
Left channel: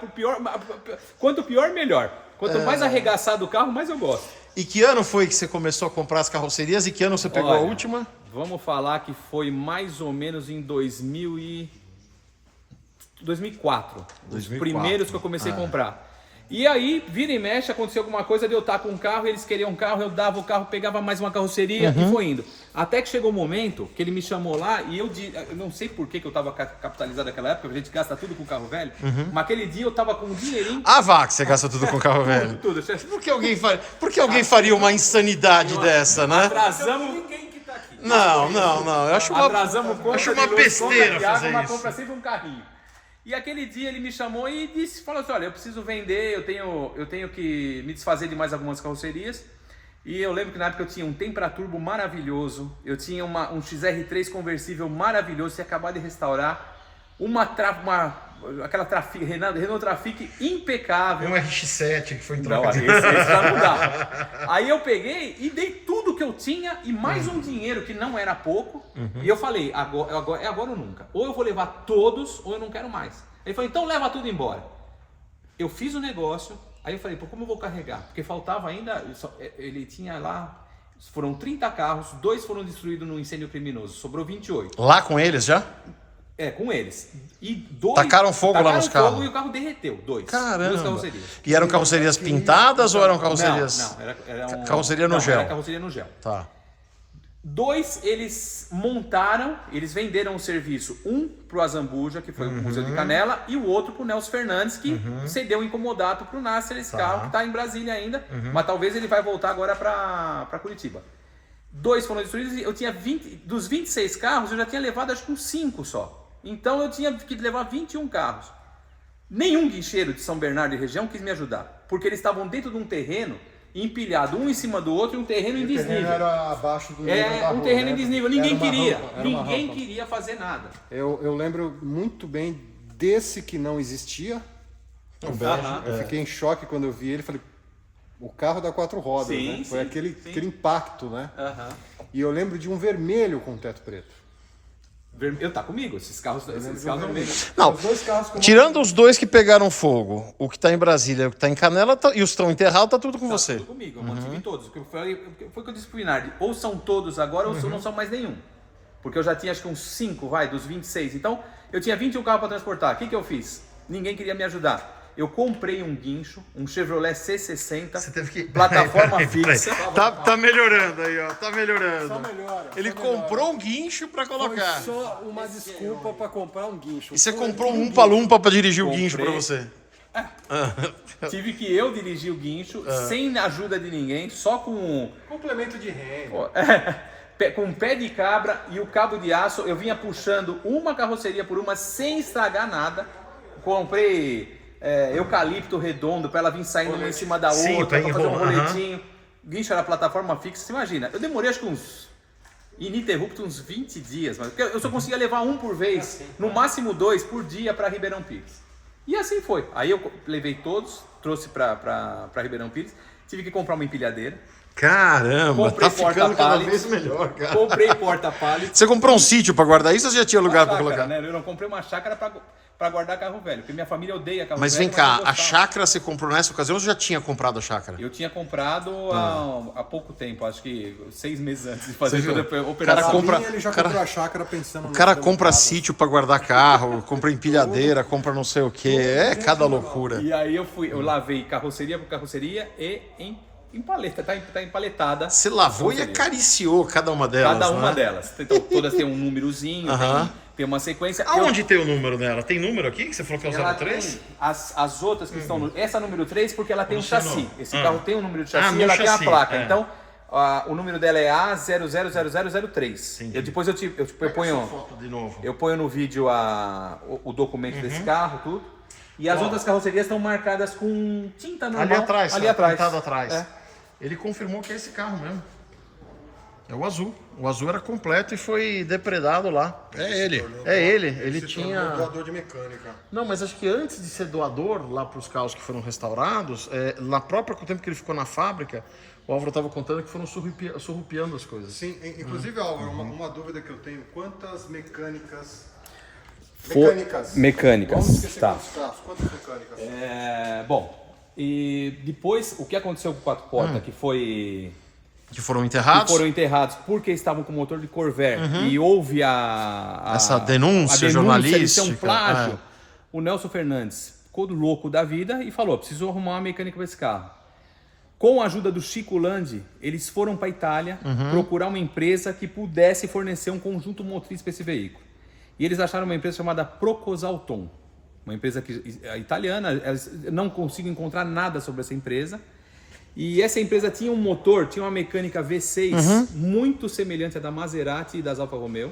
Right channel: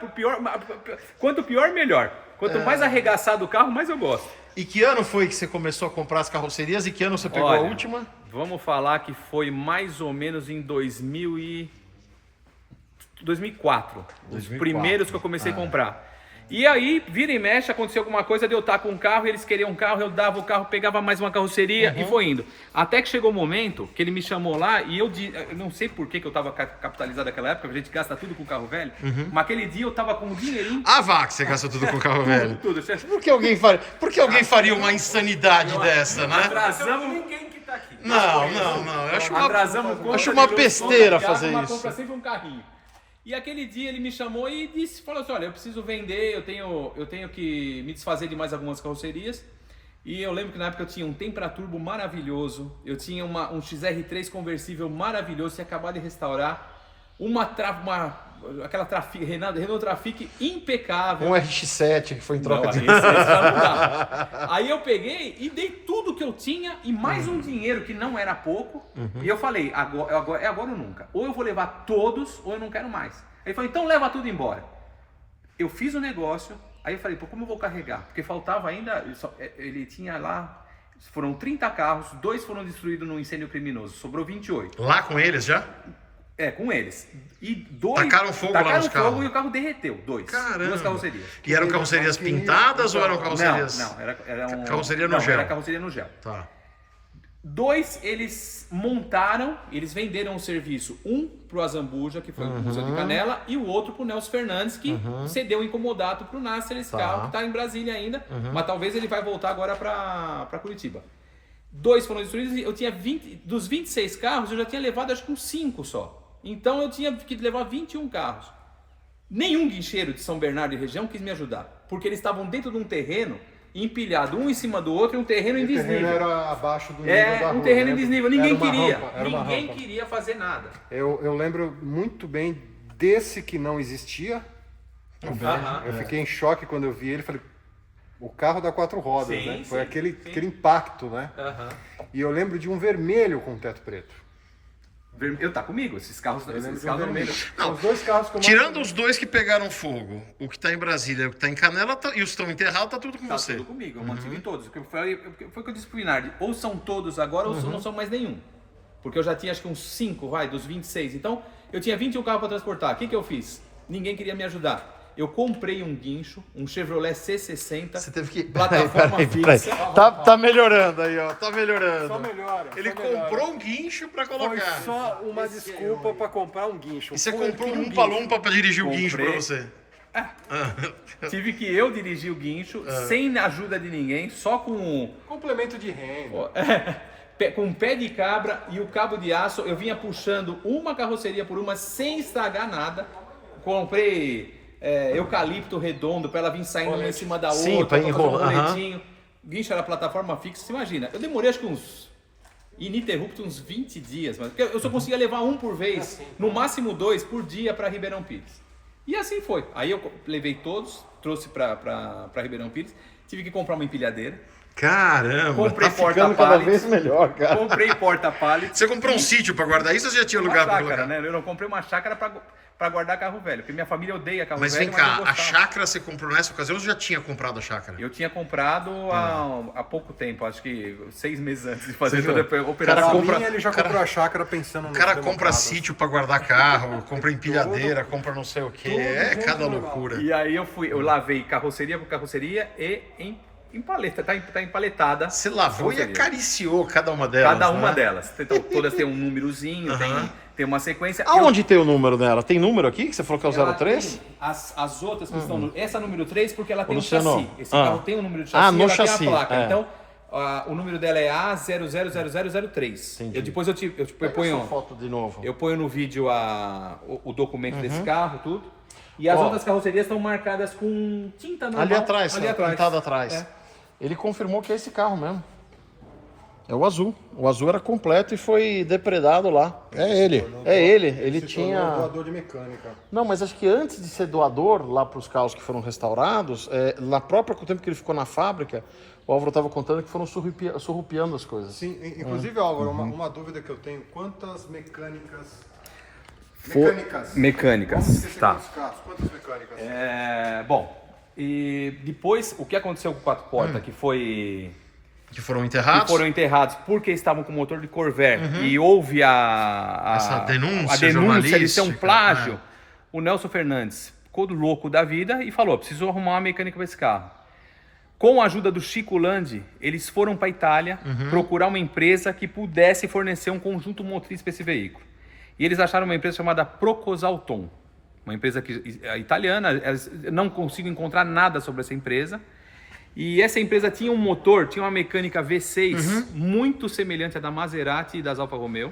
Quanto pior, melhor. Quanto mais arregaçado o carro, mais eu gosto. E que ano foi que você começou a comprar as carrocerias e que ano você pegou a última? Vamos falar que foi mais ou menos em 2004. Os primeiros que eu comecei a comprar. E aí, vira e mexe, aconteceu alguma coisa de eu estar com um carro, eles queriam um carro, eu dava o carro, pegava mais uma carroceria e foi indo. Até que chegou o momento que ele me chamou lá e eu não sei por que eu estava capitalizado naquela época, a gente gasta tudo com carro velho, mas aquele dia eu estava com um dinheirinho... Ah, vá, que você gasta tudo com carro velho. Tudo. Por que alguém faria uma insanidade dessa, né? Atrasamos ninguém que tá aqui. Não. Eu acho uma besteira fazer isso. Mas compra sempre um carrinho. E aquele dia ele me chamou e falou assim, olha, eu preciso vender, eu tenho que me desfazer de mais algumas carrocerias. E eu lembro que na época eu tinha um Tempra-Turbo maravilhoso, eu tinha um XR3 conversível maravilhoso, tinha acabado de restaurar, aquela Renault Trafic impecável. Um RX-7 que foi em Não, troca de... esse já não dá. Aí eu peguei e dei tudo que eu tinha e mais um dinheiro que não era pouco. E eu falei, é agora ou nunca. Ou eu vou levar todos ou eu não quero mais. Ele falou, então leva tudo embora. Eu fiz o negócio, aí eu falei, pô, como eu vou carregar? Porque faltava ainda, ele tinha lá, foram 30 carros, 2 foram destruídos num incêndio criminoso, sobrou 28. Lá com eles já? É, com eles. E 2 Tacaram fogo lá nos carros? E o carro derreteu, 2. Caramba. 2 carrocerias. E eram carrocerias pintadas ou eram carrocerias... Não, era Carroceria no gel. Era carroceria no gel. Tá. 2 eles montaram, eles venderam o serviço, um pro Azambuja, que foi o Museu de Canela, e o outro pro Nelson Fernandes, que cedeu incomodato pro Nasser, esse carro que tá em Brasília ainda, mas talvez ele vai voltar agora para Curitiba. 2 foram destruídos e eu tinha 20, dos 26 carros eu já tinha levado acho que uns 5 só. Então eu tinha que levar 21 carros. Nenhum guincheiro de São Bernardo e região quis me ajudar, porque eles estavam dentro de um terreno empilhado um em cima do outro e um terreno em desnível. Era abaixo do nível da Um rua, terreno né? em desnível, Era ninguém uma queria. rampa, era uma Ninguém rampa. queria fazer nada. Eu lembro muito bem desse que não existia. Eu fiquei em choque quando eu vi ele. Falei, o carro dá 4 rodas, Sim, né? sim, Foi aquele sim. impacto, né? E eu lembro de um vermelho com teto preto. Eu tá comigo, esses carros estão comigo. Não, Os 2 carros que eu tirando os 2 que pegaram fogo, o que tá em Brasília e o que tá em Canela, e os que estão enterrados, tá tudo com Tá você. tudo comigo, eu mantive todos. Foi o que eu disse pro Inardi, ou são todos agora ou não são mais nenhum. Porque eu já tinha acho que uns 5, dos 26. Então, eu tinha 21 carros para transportar. O que eu fiz? Ninguém queria me ajudar. Eu comprei um guincho, um Chevrolet C60, Você teve que... plataforma Peraí. fixa. Tá melhorando aí, ó. Tá melhorando. Só melhora. Ele comprou um guincho pra Foi colocar. só uma desculpa para comprar um guincho. E você Foi comprou um aquele Umpa-Lumpa pra dirigir o guincho pra Comprei. você. Tive que eu dirigir o guincho, sem ajuda de ninguém, só com complemento de renda. com pé de cabra e o cabo de aço. Eu vinha puxando uma carroceria por uma sem estragar nada. Comprei eucalipto redondo para ela vir saindo uma em cima da Sim, outra, pra para fazer um enrolar, roletinho. O guincho era plataforma fixa, você imagina. Eu demorei acho que uns 20 dias, mas eu só conseguia levar um por vez, no máximo 2 por dia para Ribeirão Pires. E assim foi. Aí eu levei todos, trouxe para Ribeirão Pires, tive que comprar uma empilhadeira. Caramba, Comprei tá ficando cada porta-pallet. vez melhor, cara. Comprei porta-pallet. Você comprou um sítio pra guardar isso ou você já tinha Uma lugar pra chácara, colocar? né? Eu não comprei uma chácara para guardar carro velho, porque minha família odeia carro Mas velho. vem cá, eu a gostava. chácara você comprou nessa ocasião ou você já tinha comprado a chácara? Eu tinha comprado há pouco tempo, acho que 6 meses antes de fazer Você toda viu? a operação. Cara, compra- Ele já cara- comprou a chácara pensando no O cara compra democrata. sítio pra guardar carro, compra empilhadeira, compra não sei o que. É cada loucura. E aí eu lavei carroceria por carroceria e em paleta, tá empaletada. Você lavou e Carroceria. acariciou cada uma delas. Cada uma né? delas. Então, todas têm um númerozinho, Aham. tem uma sequência. Aonde tem o número dela? Tem número aqui que você falou que é o Ela 03? tem as outras que estão essa número 3 porque ela tem um Luciano. chassi. Esse Ah. carro tem um número de Ah, chassi no e ela chassi, tem a placa. é. Então, o número dela é A000003. Depois eu ponho foto de novo. eu ponho no vídeo o documento desse carro, tudo. E as outras carrocerias estão marcadas com tinta normal. Ali atrás, ali tá atrás. pintado atrás. É. Ele confirmou que é esse carro mesmo. É o azul. O azul era completo e foi depredado lá. É ele. É ele. Ele Se tornou tinha. doador de mecânica. Não, mas acho que antes de ser doador lá para os carros que foram restaurados, na própria com o tempo que ele ficou na fábrica, o Álvaro estava contando que foram surrupiando as coisas. Sim, inclusive, Álvaro, uma dúvida que eu tenho. Quantas mecânicas... Mecânicas. Vamos esquecer Tá. quantos carros? Quantas mecânicas? Bom, e depois o que aconteceu com o quatro portas, que Que foram enterrados? foram enterrados porque estavam com motor de Corvair e houve Essa denúncia de ser um jornalística, plágio, o Nelson Fernandes ficou louco da vida e falou, preciso arrumar uma mecânica para esse carro. Com a ajuda do Chico Landi, eles foram para a Itália procurar uma empresa que pudesse fornecer um conjunto motriz para esse veículo. E eles acharam uma empresa chamada Procosalton, uma empresa italiana, eles não consigo encontrar nada sobre essa empresa. E essa empresa tinha um motor, tinha uma mecânica V6 muito semelhante à da Maserati e das Alfa Romeo.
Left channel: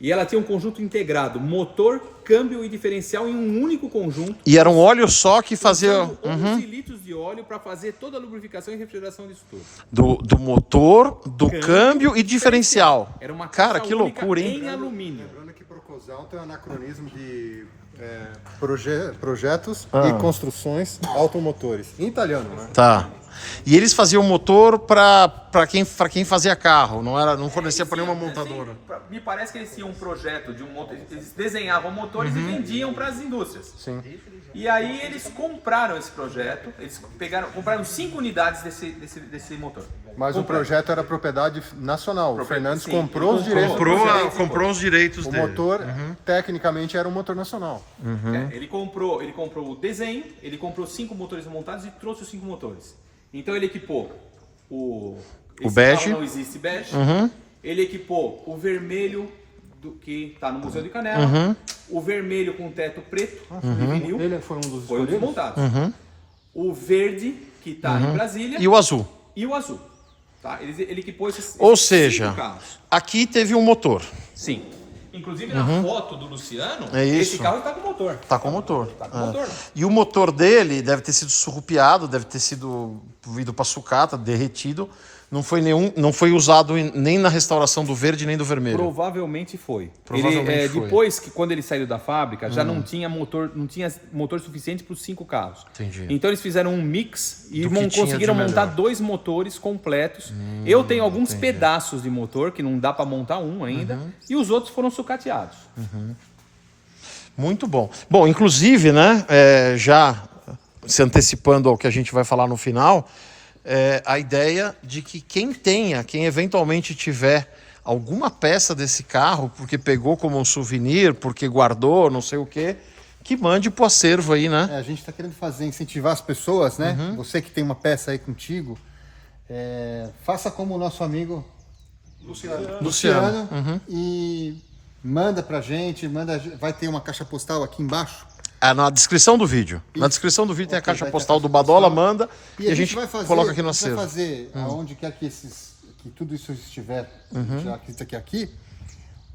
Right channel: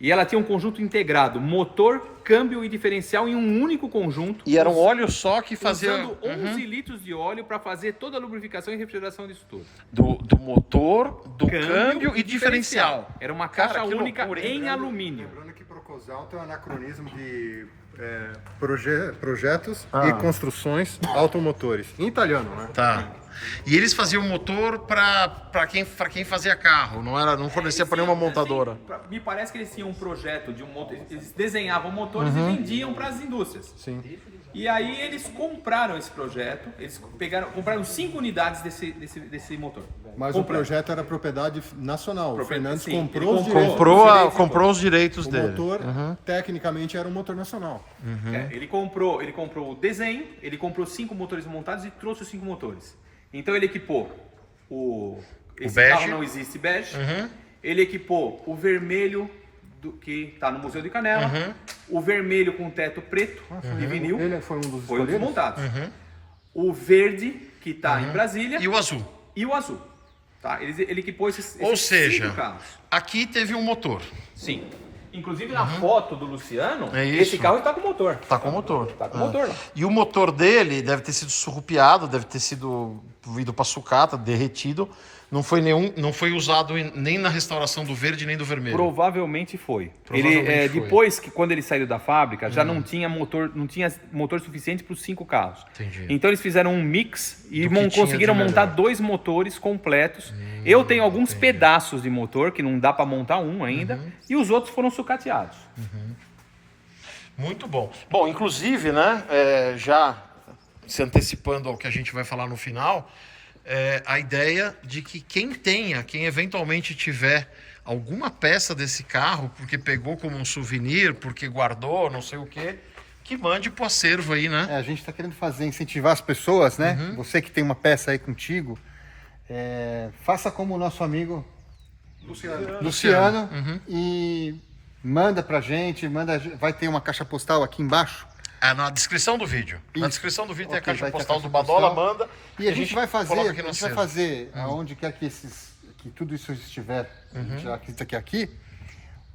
E ela tinha um conjunto integrado, motor, câmbio e diferencial em um único conjunto. E era um óleo só que fazia... Usando 11 litros de óleo para fazer toda a lubrificação e refrigeração disso tudo. Do motor, do câmbio e diferencial. Era uma caixa Cara, que única loucura, hein? em alumínio. Lembrando que Procosal tem um anacronismo de projetos e construções automotores. Em italiano, né? Tá. E eles faziam motor para quem fazia carro, não fornecia para nenhuma montadora. Me parece que eles tinham um projeto de um motor, eles desenhavam motores e vendiam para as indústrias. Sim. E aí eles compraram esse projeto, eles compraram 5 unidades desse motor. Mas o projeto era propriedade nacional. O Fernandes sim, comprou ele os direitos. Comprou os direitos O dele. motor, tecnicamente, era um motor nacional. Ele comprou o desenho, ele comprou 5 motores montados e trouxe os 5 motores. Então ele equipou esse bege. carro não existe bege. Ele equipou o vermelho que está no Museu de Canela, o vermelho com teto preto de vinil, Ele foi um dos foi um dos escolhidos? montados. O verde que está em Brasília E o azul. e o azul. Tá? Ele equipou esses Ou 5 seja, carros. aqui teve um motor. Sim. Inclusive na foto do Luciano, É esse isso. carro está com motor. Tá com motor. Tá com motor lá. E o motor dele deve ter sido surrupiado, deve ter sido ido para sucata, derretido. Não foi usado nem na restauração do verde nem do vermelho. Provavelmente foi. Provavelmente foi. Depois que quando ele saiu da fábrica, já não tinha motor suficiente para os 5 carros. Entendi. Então eles fizeram um mix e Do que tinha conseguiram de montar melhor. 2 motores completos. Eu tenho alguns pedaços de motor que não dá para montar um ainda, e os outros foram sucateados. Muito bom. Bom, inclusive, né, já se antecipando ao que a gente vai falar no final, a ideia de que quem eventualmente tiver alguma peça desse carro, porque pegou como um souvenir, porque guardou, não sei o quê, que mande pro acervo aí, né? A gente está querendo incentivar as pessoas, né? Você que tem uma peça aí contigo, faça como o nosso amigo Luciano e manda pra gente, vai ter uma caixa postal aqui embaixo. Na descrição do vídeo. Na Isso. descrição do vídeo tem a Ok, caixa vai ter a postal caixa do Badola, postal. manda. E a gente vai fazer, coloca aqui no acervo. aonde quer que tudo isso estiver, já que isso aqui,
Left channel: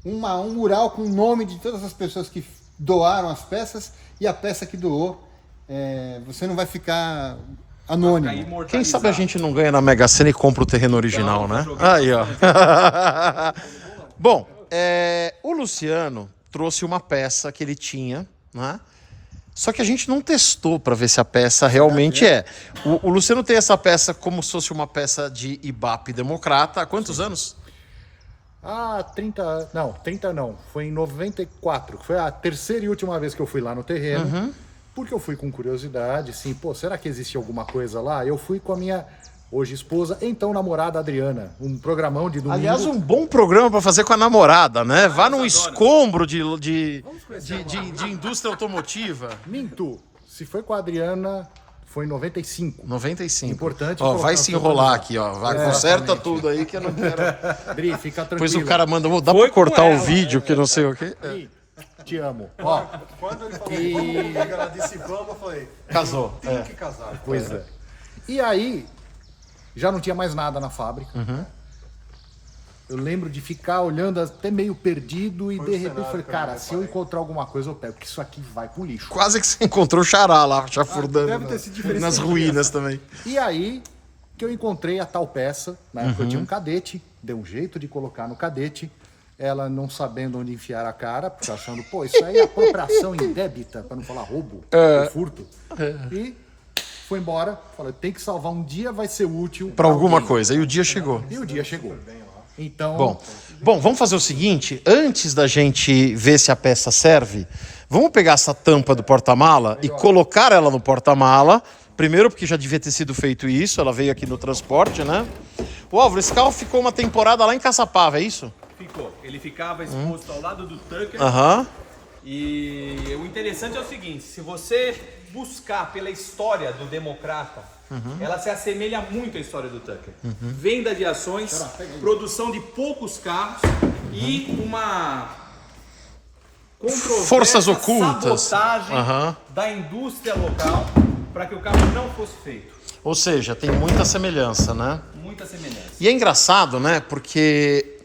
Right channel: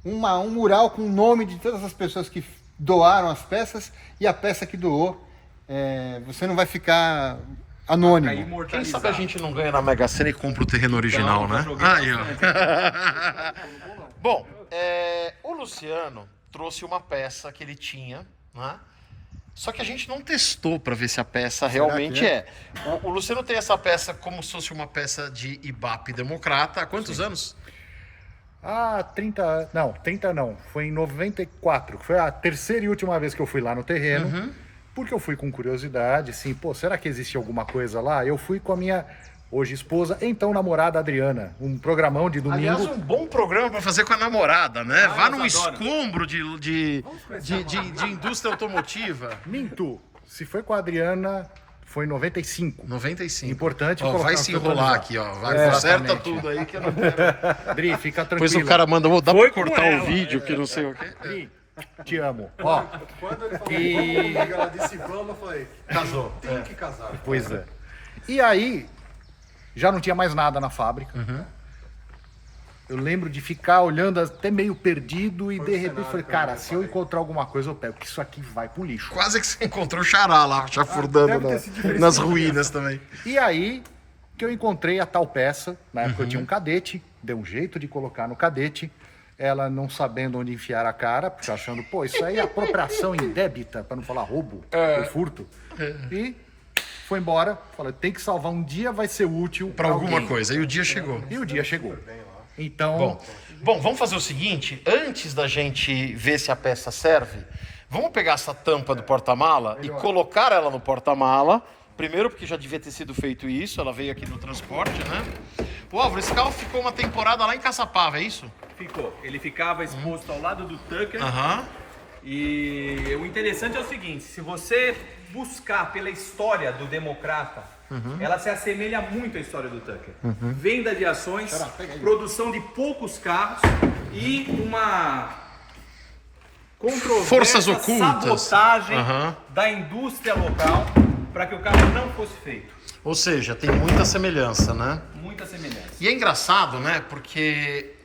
um mural com o nome de todas as pessoas que doaram as peças e a peça que doou. Você não vai ficar anônimo. Quem sabe a gente não ganha na Mega Sena e compra o terreno original, Então, né? já joguei Aí, ó. Bom, o Luciano trouxe uma peça que ele tinha, né? Só que a gente não testou para ver se a peça realmente é. O Luciano tem essa peça como se fosse uma peça de Ibape democrata. Há quantos anos? 30 não. Foi em 94. Foi a terceira e última vez que eu fui lá no terreno. Porque eu fui com curiosidade, assim, será que existe alguma coisa lá? Eu fui com a minha hoje esposa, então namorada Adriana. Um programão de domingo. Aliás, um bom programa para fazer com a namorada, né? Vá num eles adoram. escombro de indústria automotiva. Minto. Se foi com a Adriana, foi em 95. 95. Importante Ó, colocar vai no se seu enrolar atualizado. aqui, ó. Vai, Exatamente. conserta tudo aí que eu não quero. Adri, fica tranquilo. Depois o cara manda, dá pra Foi com cortar o ela, vídeo que não sei o quê. Adri, te amo. Ó, e... Ela disse vamos, eu falei, Casou. tem que casar. Pois é. E aí, já não tinha mais nada na fábrica. Eu lembro de ficar olhando até meio perdido e de repente falei, cara, se eu encontrar alguma coisa eu pego, porque isso aqui vai pro lixo. Quase que você encontrou o Xará lá, chafurdando deve ter sido diferente. nas ruínas também. E aí que eu encontrei a tal peça, na época eu tinha um cadete, deu um jeito de colocar no cadete, ela não sabendo onde enfiar a cara, porque achando, isso aí é apropriação indébita, para não falar roubo, ou furto. E foi embora, falei, tem que salvar um dia, vai ser útil Pra alguma alguém. coisa. E o dia chegou. E o dia chegou. Então, Bom, vamos fazer o seguinte, antes da gente ver se a peça serve, vamos pegar essa tampa do porta-mala e colocar ela no porta-mala. Primeiro porque já devia ter sido feito isso, ela veio aqui no transporte, né? O Álvaro, esse carro ficou uma temporada lá em Caçapava, é isso? Ficou. Ele ficava exposto ao lado do Tucker. Aham. E o interessante é o seguinte, se você buscar pela história do Democrata, ela se assemelha muito à história do Tucker. Venda de ações, produção de poucos carros e uma controvérsia, Forças ocultas. sabotagem da indústria local para que o carro não fosse feito. Ou seja, tem muita semelhança, né? Muita semelhança. E é engraçado, né? Porque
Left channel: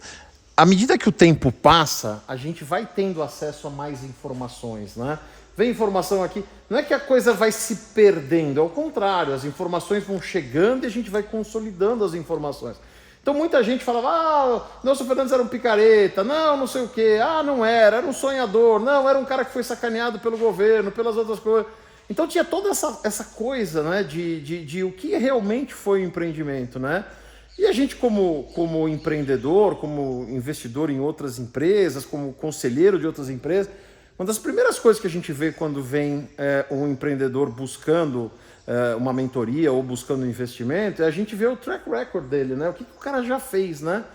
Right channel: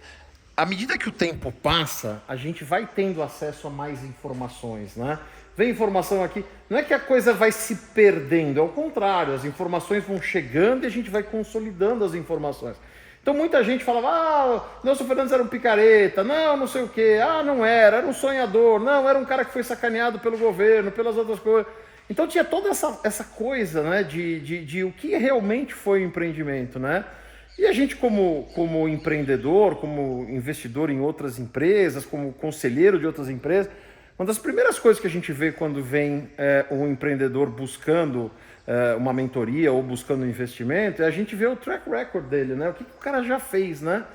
à medida que o tempo passa, a gente vai tendo acesso a mais informações, né? Vem informação aqui, não é que a coisa vai se perdendo, é o contrário, as informações vão chegando e a gente vai consolidando as informações. Então muita gente falava, Nelson Fernandes era um picareta, não sei o quê, não era um sonhador, não, era um cara que foi sacaneado pelo governo, pelas outras coisas. Então tinha toda essa coisa, né, de o que realmente foi o empreendimento, né? E a gente como empreendedor, como investidor em outras empresas, como conselheiro de outras empresas, uma das primeiras coisas que a gente vê quando vem um empreendedor buscando uma mentoria ou buscando um investimento, é a gente vê o track record dele, né? O que o cara já fez, né?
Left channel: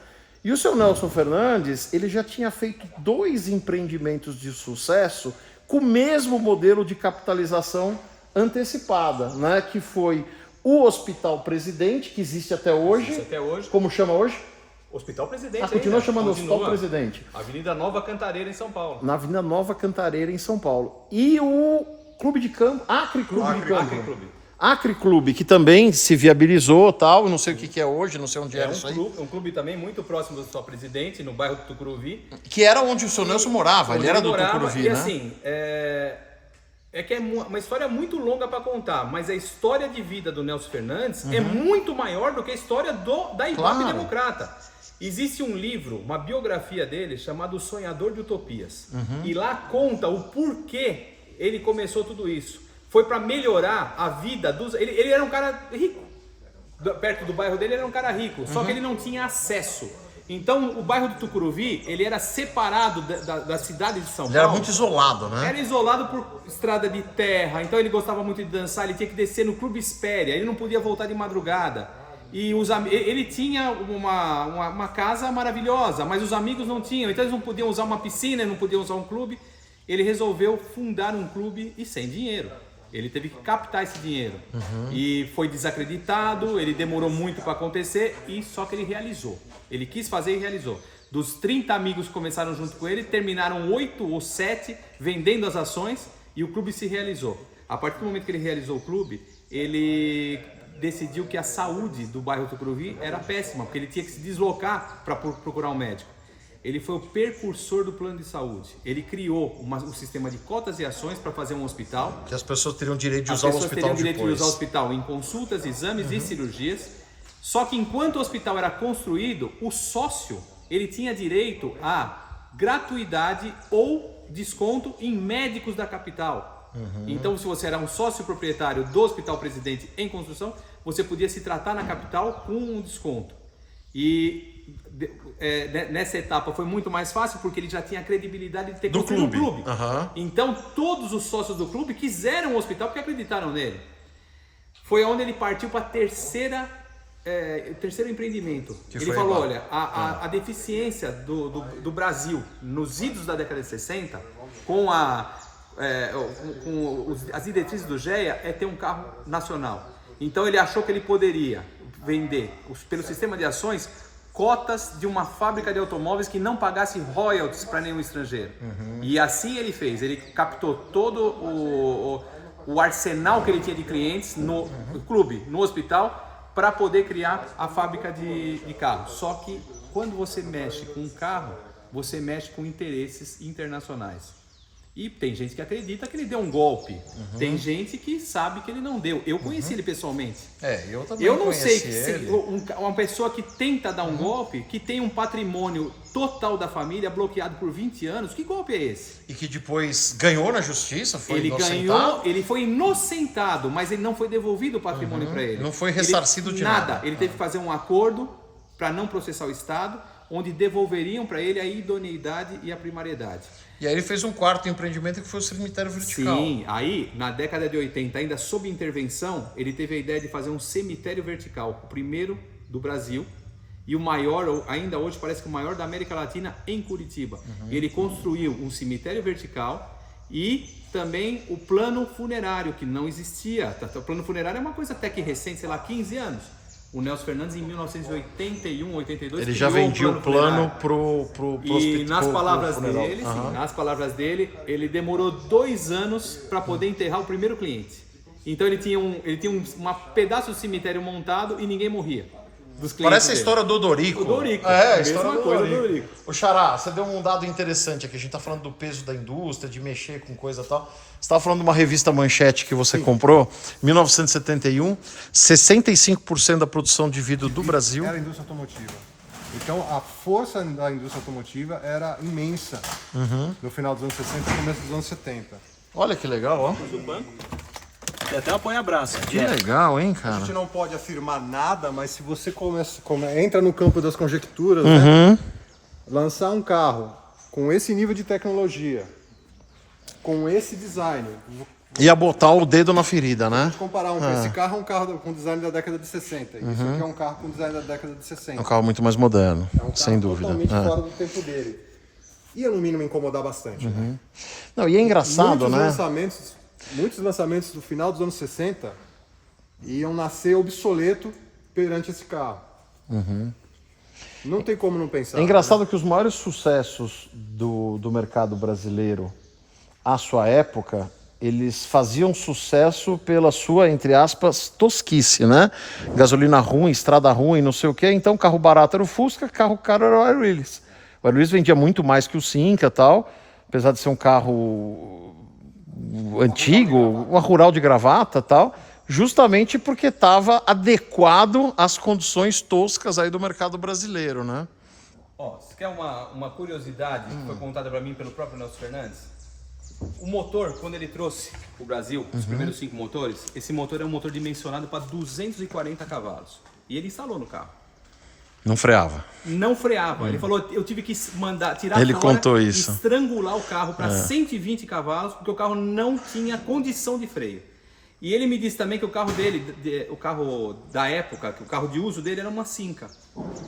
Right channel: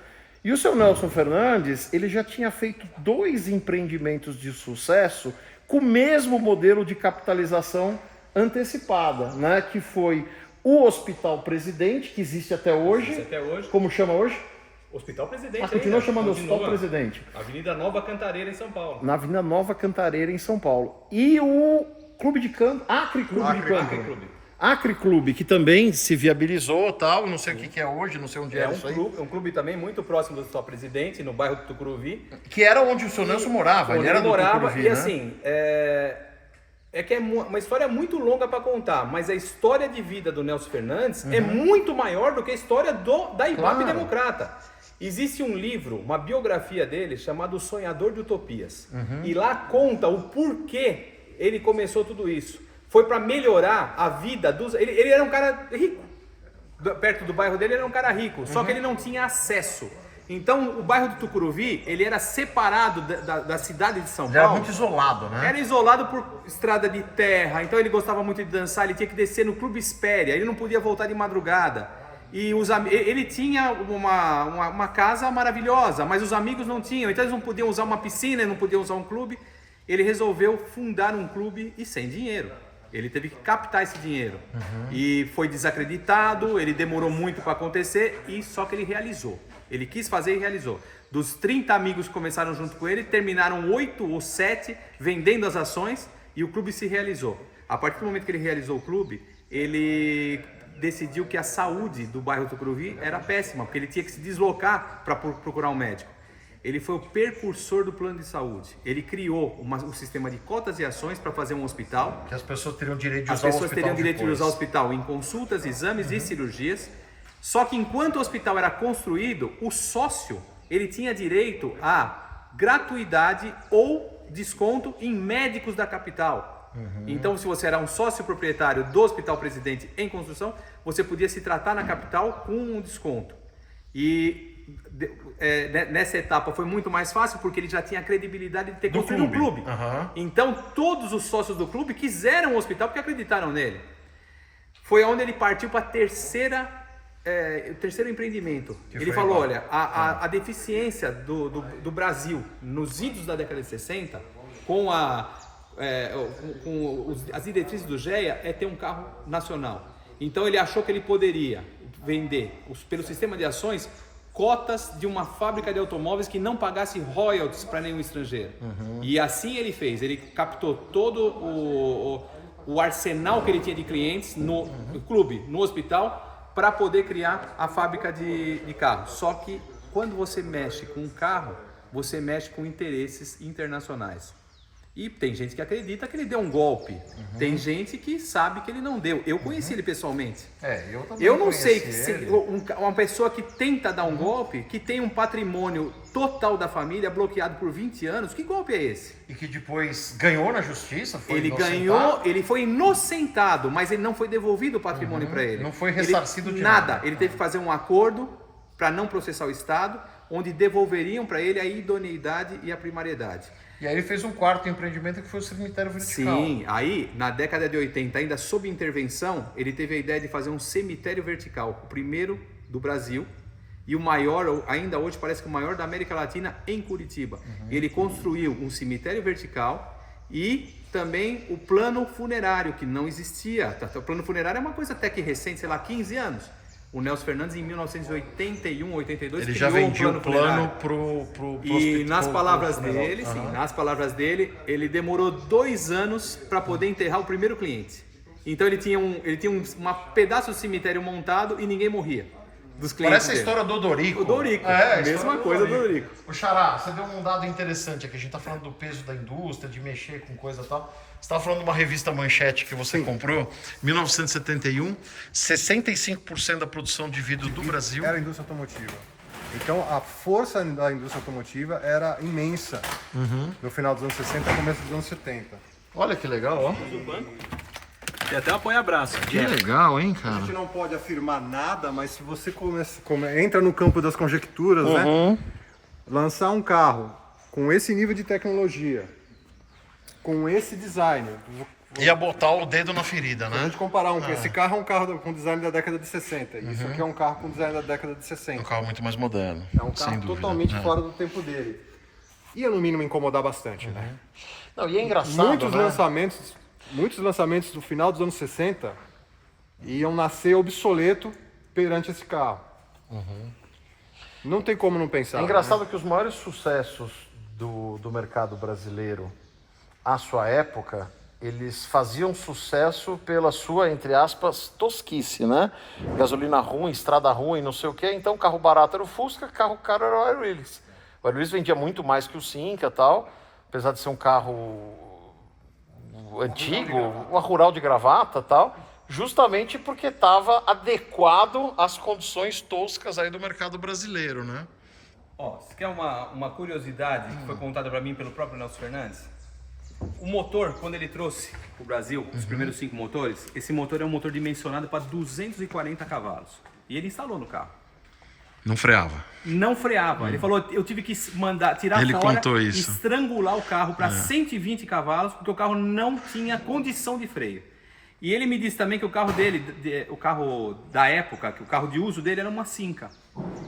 E o seu Nelson Fernandes, ele já tinha feito 2 empreendimentos de sucesso com o mesmo modelo de capitalização antecipada, né? Que foi o Hospital Presidente, que existe até hoje. Existe até hoje. Como chama hoje? Hospital Presidente. Continua chamando Hospital Presidente. Avenida Nova Cantareira, em São Paulo. Na Avenida Nova Cantareira, em São Paulo. E o Clube de Campo, Acre Clube de Campo. Acre Clube, que também se viabilizou, tal, não sei o que é hoje, não sei onde é isso aí. É um clube também muito próximo do Hospital Presidente, no bairro do Tucuruvi. Que era onde o seu Nelson morava, ele era do Tucuruvi, e né? assim, que é uma história muito longa para contar, mas a história de vida do Nelson Fernandes é muito maior do que a história da Ibope Democrata. Existe um livro, uma biografia dele, chamado O Sonhador de Utopias. E lá conta o porquê ele começou tudo isso. Foi para melhorar a vida dos... Ele era um cara rico. Perto do bairro dele, ele era um cara rico. Só que ele não tinha acesso. Então, o bairro do Tucuruvi, ele era separado da cidade de São Paulo. Ele era muito isolado, né? Era isolado por estrada de terra. Então, ele gostava muito de dançar. Ele tinha que descer no Clube Espéria. Ele não podia voltar de madrugada. E ele tinha uma casa maravilhosa, mas os amigos não tinham. Então, eles não podiam usar uma piscina, não podiam usar um clube. Ele resolveu fundar um clube e sem dinheiro. Ele teve que captar esse dinheiro. E foi desacreditado, ele demorou muito para acontecer, e só que ele realizou. Ele quis fazer e realizou. Dos 30 amigos que começaram junto com ele, terminaram 8 ou 7 vendendo as ações e o clube se realizou. A partir do momento que ele realizou o clube, ele decidiu que a saúde do bairro Tucuruvi era péssima, porque ele tinha que se deslocar para procurar um médico. Ele foi o precursor do plano de saúde. Ele criou um sistema de cotas e ações para fazer um hospital. Que as pessoas teriam direito de usar o hospital depois. As pessoas teriam direito de usar o hospital em consultas, exames e cirurgias. Só que enquanto o hospital era construído, o sócio ele tinha direito a gratuidade ou desconto em médicos da capital. Então, se você era um sócio proprietário do Hospital Presidente em construção, você podia se tratar na capital com um desconto. E nessa etapa foi muito mais fácil porque ele já tinha a credibilidade de ter construído um clube. Então todos os sócios do clube quiseram o hospital porque acreditaram nele. Foi onde ele partiu para o terceiro empreendimento. Ele falou, olha, a deficiência do Brasil nos idos da década de 60 com as diretrizes do GEA é ter um carro nacional. Então ele achou que ele poderia vender pelo sistema de ações cotas de uma fábrica de automóveis que não pagasse royalties para nenhum estrangeiro. E assim ele fez. Ele captou todo o arsenal que ele tinha de clientes no clube, no hospital, para poder criar a fábrica de carros. Só que quando você mexe com um carro, você mexe com interesses internacionais. E tem gente que acredita que ele deu um golpe. Tem gente que sabe que ele não deu. Eu conheci ele pessoalmente. Eu também Eu não sei ele. uma pessoa que tenta dar um golpe, que tem um patrimônio total da família bloqueado por 20 anos, que golpe é esse? E que depois ganhou na justiça, foi Ele inocentado. ganhou, ele foi inocentado, mas ele não foi devolvido o patrimônio para ele. Não foi ressarcido de nada. Ele teve que fazer um acordo para não processar o Estado, onde devolveriam para ele a idoneidade e a primariedade. E aí ele fez um quarto empreendimento que foi o cemitério vertical. Sim, aí na década de 80, ainda sob intervenção, ele teve a ideia de fazer um cemitério vertical, o primeiro do Brasil e o maior, ainda hoje parece que o maior da América Latina, em Curitiba. Ele construiu um cemitério vertical e também o plano funerário, que não existia. O plano funerário é uma coisa até que recente, sei lá, 15 anos. O Nelson Fernandes, em 1981, 82, ele já vendia o plano pro e nas palavras funeral. dele, nas palavras dele, ele demorou 2 anos para poder enterrar o primeiro cliente. Então ele tinha um pedaço do cemitério montado e ninguém morria. dos clientes Parece a dele. história do Odorico. O Dorico, a mesma história coisa do Dorico. O Xará, você deu um dado interessante aqui. A gente tá falando do peso da indústria, de mexer com coisa e tal. Você estava falando de uma revista Manchete que você comprou, 1971, 65% da produção de vidro do Brasil. Era a indústria automotiva. Então a força da indústria automotiva era imensa no final dos anos 60 e começo dos anos 70. Olha que legal, ó. Tem até um apoia-braço. Que legal, hein, A cara? gente não pode afirmar nada, mas se você entra no campo das conjecturas, né? Lançar um carro com esse nível de tecnologia, com esse design, Ia botar o dedo na ferida, a né? gente comparar esse carro é um carro com design da década de 60, isso aqui é um carro com design da década de 60. É um carro muito mais moderno, É um carro sem dúvida. totalmente É. fora do tempo dele. Ia no mínimo incomodar bastante, né? Não, e é engraçado, Muitos né? lançamentos do final dos anos 60 iam nascer obsoleto perante esse carro. Não tem como não pensar. É engraçado que os maiores sucessos do mercado brasileiro à sua época, eles faziam sucesso pela sua, entre aspas, tosquice, né? Gasolina ruim, estrada ruim, não sei o quê. Então, carro barato era o Fusca, carro caro era o Air Willys. O Air Willys vendia muito mais que o Cinca e tal, apesar de ser um carro antigo, uma rural de gravata e tal, justamente porque estava adequado às condições toscas aí do mercado brasileiro, né? Ó, você quer uma curiosidade que foi contada para mim pelo próprio Nelson Fernandes? O motor, quando ele trouxe para o Brasil, os primeiros 5 motores, esse motor é um motor dimensionado para 240 cavalos. E ele instalou no carro. Não freava. Não freava. Ele falou, eu tive que tirar Ele fora contou e isso. estrangular o carro para 120 cavalos, porque o carro não tinha condição de freio. E ele me disse também que o carro dele, o carro da época, que o carro de uso dele era uma Cinca.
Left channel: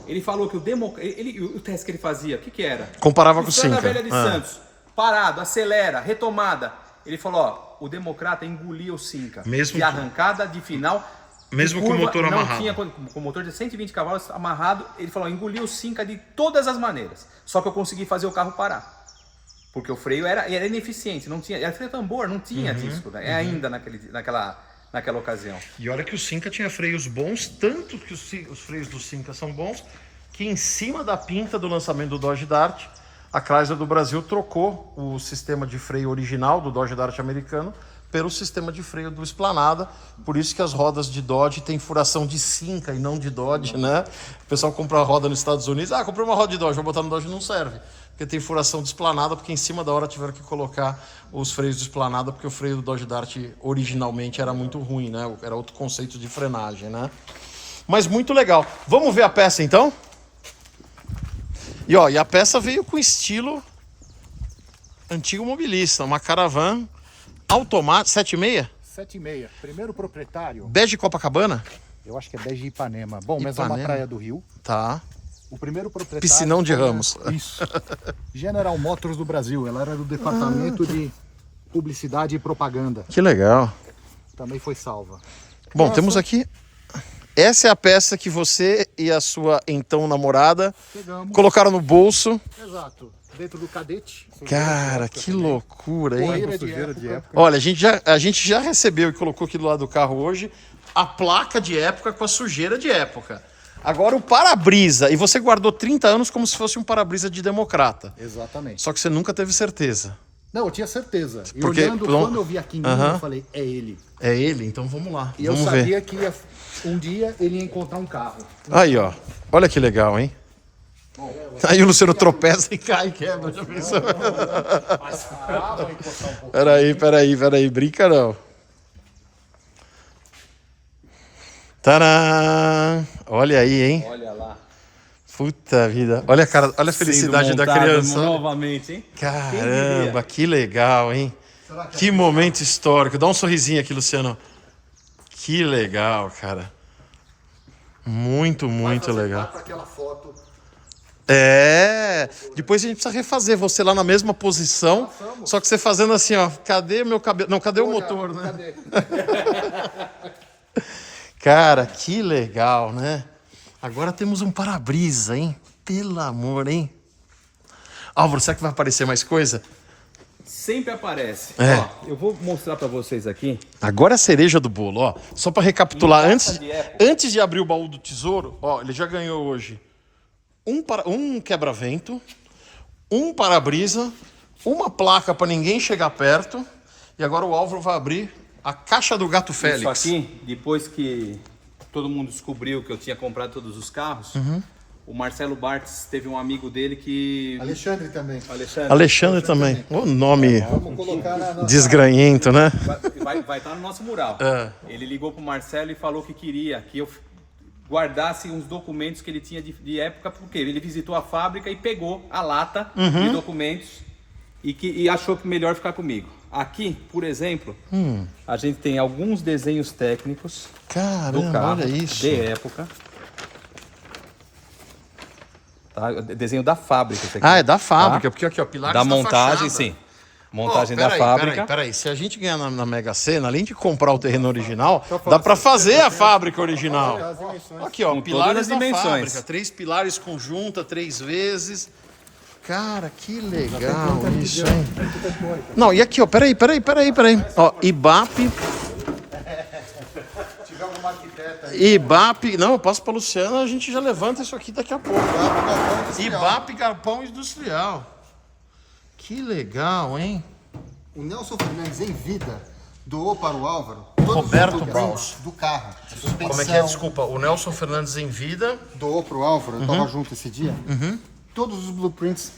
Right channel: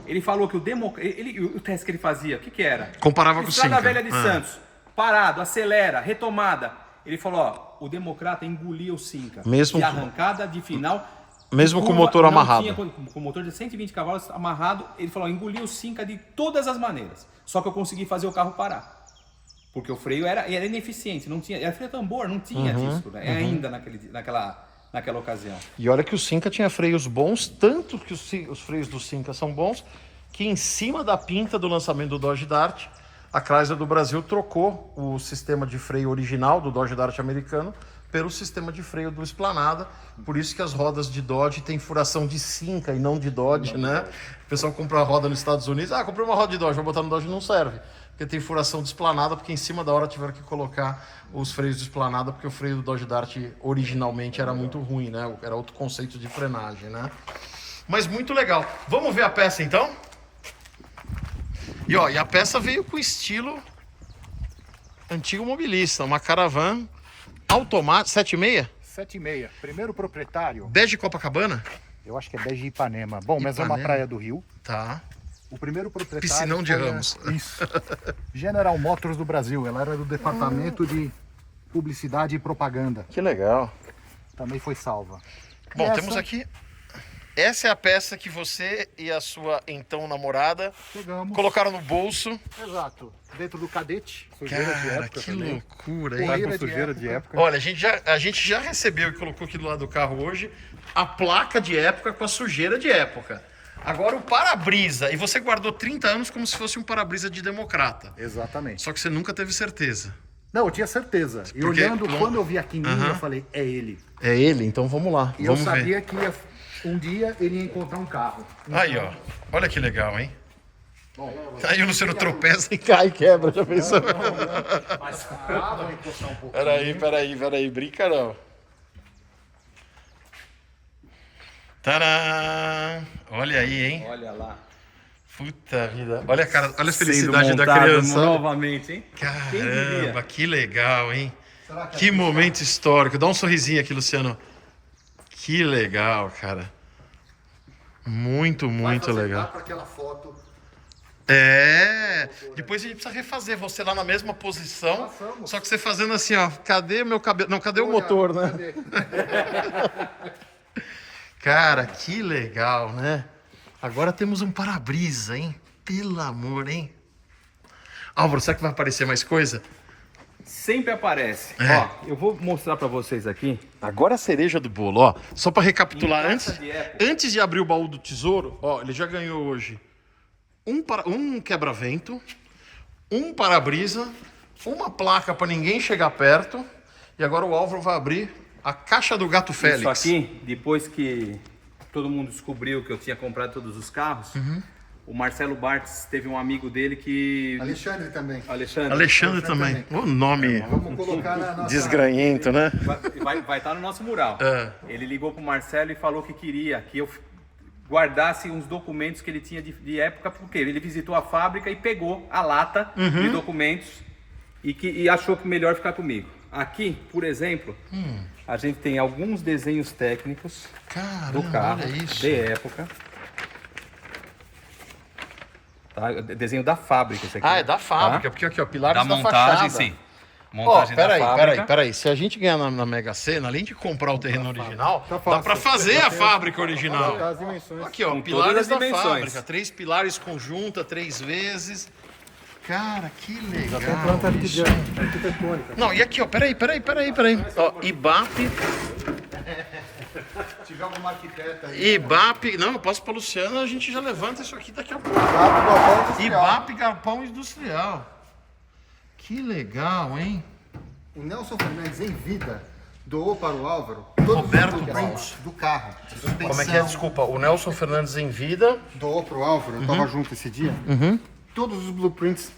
Ele falou que o teste que ele fazia, o que era? Comparava com o Estrada Cinca. Velha de Santos, parado, acelera, retomada. Ele falou, ó, o Democrata engolia o Cinca. Mesmo de com- arrancada, de final. Mesmo de com o curva, motor não amarrado. tinha com o motor de 120 cavalos amarrado, ele falou, engoliu o Cinca de todas as maneiras. Só que eu consegui fazer o carro parar. Porque o freio era ineficiente, não tinha, era freio tambor, não tinha disso, né? Ainda naquela ocasião. E olha que o Cinca tinha freios bons, tanto que os freios do Cinca são bons, que em cima da pinta do lançamento do Dodge Dart, a Chrysler do Brasil trocou o sistema de freio original do Dodge Dart americano pelo sistema de freio do Esplanada. Por isso que as rodas de Dodge têm furação de Cinca e não de Dodge, né? O pessoal compra uma roda nos Estados Unidos, comprei uma roda de Dodge, vou botar no Dodge, não serve. Porque tem furação de Esplanada, porque em cima da hora tiveram que colocar os freios de Esplanada, porque o freio do Dodge Dart originalmente era muito ruim, né? Era outro conceito de frenagem, né? Mas muito legal. Vamos ver a peça então? E a peça veio com estilo antigo mobilista, uma Caravan automática, 7,6? 7,5. Primeiro proprietário, Bege Copacabana? eu acho que é Bege Ipanema. Bom, mas é uma Ipanema. praia do Rio. Tá. O primeiro proprietário... Piscinão de foi a- Ramos. Isso. General Motors do Brasil. Ela era do departamento de publicidade e propaganda. Que legal. Também foi salva. Bom, E temos essa, aqui. Essa é a peça que você e a sua então namorada Pegamos. colocaram no bolso. Exato. Dentro do cadete. Cara, que loucura, Tá hein? com de sujeira de época. época. Olha, a gente já recebeu e colocou aqui do lado do carro hoje a placa de época com a sujeira de época. Agora o para-brisa. E você guardou 30 anos como se fosse um para-brisa de democrata. Exatamente. Só que você nunca teve certeza. Não, eu tinha certeza. E Porque- olhando, quando eu vi a quininha, Aham. eu falei, é ele. É ele? Então vamos lá. E vamos eu ver. sabia que um dia ele ia encontrar um carro. Aí, ó. Olha que legal, hein? Aí o Luciano tropeça e cai, quebra. Já pensou? Vou encostar um pouco. Peraí. Brinca não. Tadã! Olha aí, hein? Olha lá. Puta vida. Olha, cara, olha a felicidade Sendo da montado criança. Olha. novamente, hein? Caramba, que legal, hein? Que momento histórico. Dá um sorrisinho aqui, Luciano. Que legal, cara. Muito legal. Com aquela foto. Depois a gente precisa refazer você lá na mesma posição, só que você fazendo assim, ó, cadê meu cabelo? Não, cadê o motor, né? Cadê? Cara, que legal, né? Agora temos um para-brisa, hein? Pelo amor, hein? Álvaro, será que vai aparecer mais coisa? sempre aparece. Ó, eu vou mostrar para vocês aqui. Agora é a cereja do bolo, ó. Só para recapitular, antes de abrir o baú do tesouro, ó, ele já ganhou hoje um quebra-vento, um para-brisa, uma placa para ninguém chegar perto. E agora o Álvaro vai abrir a caixa do Gato Félix. Isso aqui, depois que todo mundo descobriu que eu tinha comprado todos os carros, o Marcelo Bartz teve um amigo dele que... Alexandre também. Alexandre também. O nome Vamos colocar na nossa... desgranhento, né? Vai estar no nosso mural. Ele ligou pro Marcelo e falou que queria que eu guardasse uns documentos que ele tinha de época, porque ele visitou a fábrica e pegou a lata de documentos e achou que melhor ficar comigo. Aqui, por exemplo, a gente tem alguns desenhos técnicos do Caramba, carro olha isso. de época. Tá? Desenho da fábrica. Isso aqui, Ah, é da fábrica, tá? porque aqui, ó, pilares Da da montagem, fachada. sim. Montagem da fábrica. Peraí. Se a gente ganhar na Mega Sena, além de comprar o terreno original, dá pra fazer a fábrica original. Aqui, ó, Com pilares todas da as dimensões. fábrica. 3 pilares conjunta, 3 vezes. Cara, que legal isso. Não, e aqui, ó, peraí. Ó, IBAP, não, eu passo pra Luciana, a gente já levanta isso aqui daqui a pouco. IBAP Galpão Industrial. Que legal, hein? O Nelson Fernandes, em vida, doou para o Álvaro todos Roberto os blueprints do carro. Como é que é? Desculpa, o Nelson Fernandes em vida. Doou para o Álvaro, eu estava junto esse dia. Todos os blueprints,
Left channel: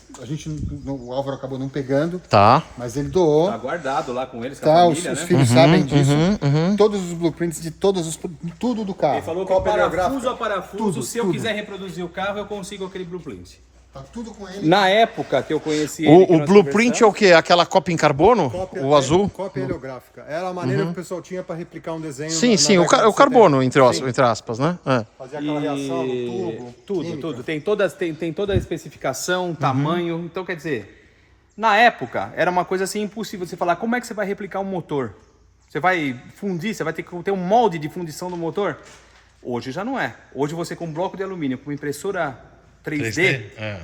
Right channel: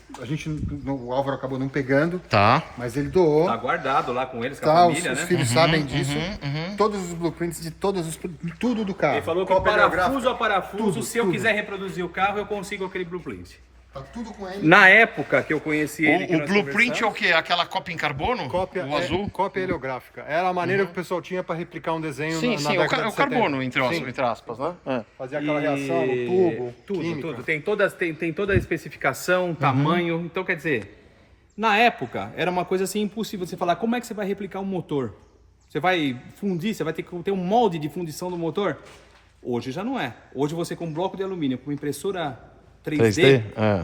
o Álvaro acabou não pegando, Tá. mas ele doou. Tá guardado lá com eles, com Tá, a os família, né? filhos sabem disso. Todos os blueprints de tudo do carro. Ele falou que Cópia parafuso a parafuso, tudo, se eu tudo. quiser reproduzir o carro, eu consigo aquele blueprint. Tá tudo com ele. Na época que eu conheci ele... que O nós blueprint é o quê? Aquela cópia em carbono? O azul? Cópia heliográfica. Era a maneira que o pessoal tinha para replicar um desenho Sim, na sim, década o de carbono, 70. entre aspas, né? É. Fazia aquela reação, o tubo, química. Tudo. Tem toda a especificação, tamanho. Então, quer dizer, na época, era uma coisa assim impossível você falar como é que você vai replicar um motor. Você vai fundir, você vai ter que ter um molde de fundição do motor. Hoje já não é. Hoje você com um bloco de alumínio, com impressora 3D, É.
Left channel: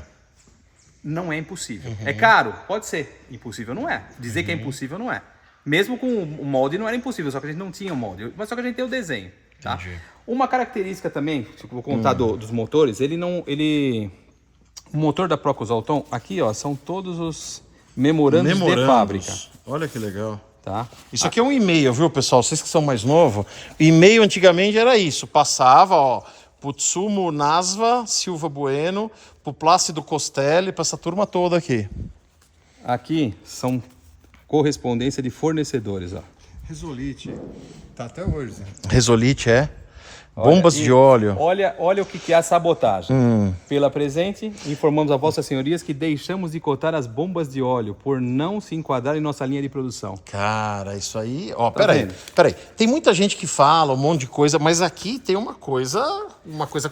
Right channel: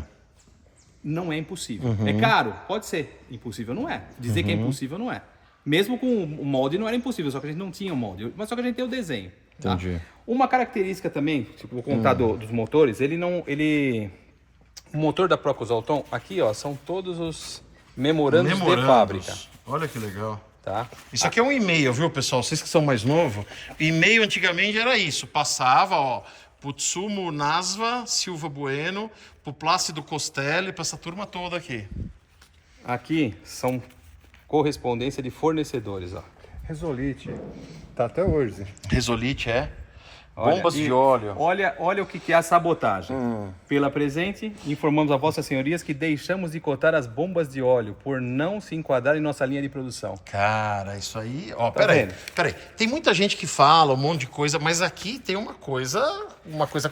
não é impossível. É caro? Pode ser. Impossível não é. Dizer que é impossível não é. Mesmo com o molde não era impossível, só que a gente não tinha o molde. Mas só que a gente tem o desenho. Tá? Entendi. Uma característica também, que eu vou contar dos motores, o motor da Procus Auton, aqui ó, são todos os memorandos de fábrica. Olha que legal. Tá? Isso aqui é um e-mail, viu, pessoal? Vocês que são mais novos, e-mail antigamente era isso. Passava, ó, Putsumo Nasva, Silva Bueno, pro Plácido Costelli, pra essa turma toda aqui. Aqui são correspondência de fornecedores, ó. Resolite. Tá até hoje. Resolite, é? Bombas Olha, de óleo. Olha o que é a sabotagem. Pela presente, informamos a vossas senhorias que deixamos de cotar as bombas de óleo por não se enquadrar em nossa linha de produção. Cara, isso aí... Ó, Tá peraí. vendo? Tem muita gente que fala um monte de coisa, mas aqui tem uma coisa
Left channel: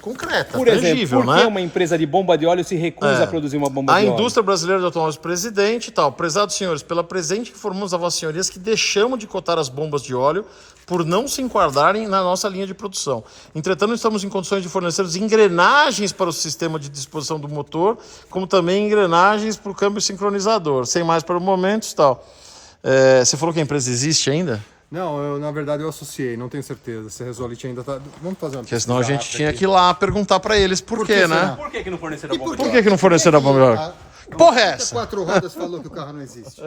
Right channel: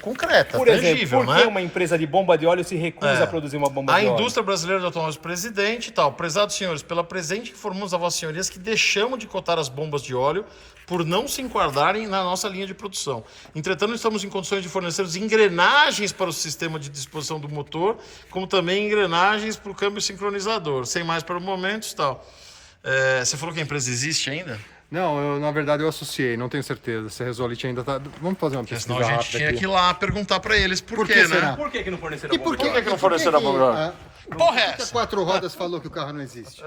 concreta, Por tangível, exemplo, por né? que uma empresa de bomba de óleo se recusa a produzir uma bomba A de óleo? indústria brasileira de automóveis, presidente e tal. Prezados senhores, pela presente informamos a vossas senhorias que deixamos de cotar as bombas de óleo por não se enquadrarem na nossa linha de produção. Entretanto, estamos em condições de fornecer engrenagens para o sistema de disposição do motor, como também engrenagens para o câmbio sincronizador. Sem mais para o momento e tal. Você falou que a empresa existe ainda? Não, na verdade eu associei, não tenho certeza. Se a Resolite ainda tá. Vamos fazer uma Porque pesquisa senão a gente rápida tinha aqui. que ir lá perguntar para eles por quê, né? será? Por que não forneceram E bomba por de que, óleo? que não forneceram a bomba de óleo? Porra, é Por que a essa? 4 rodas falou que o carro não existe?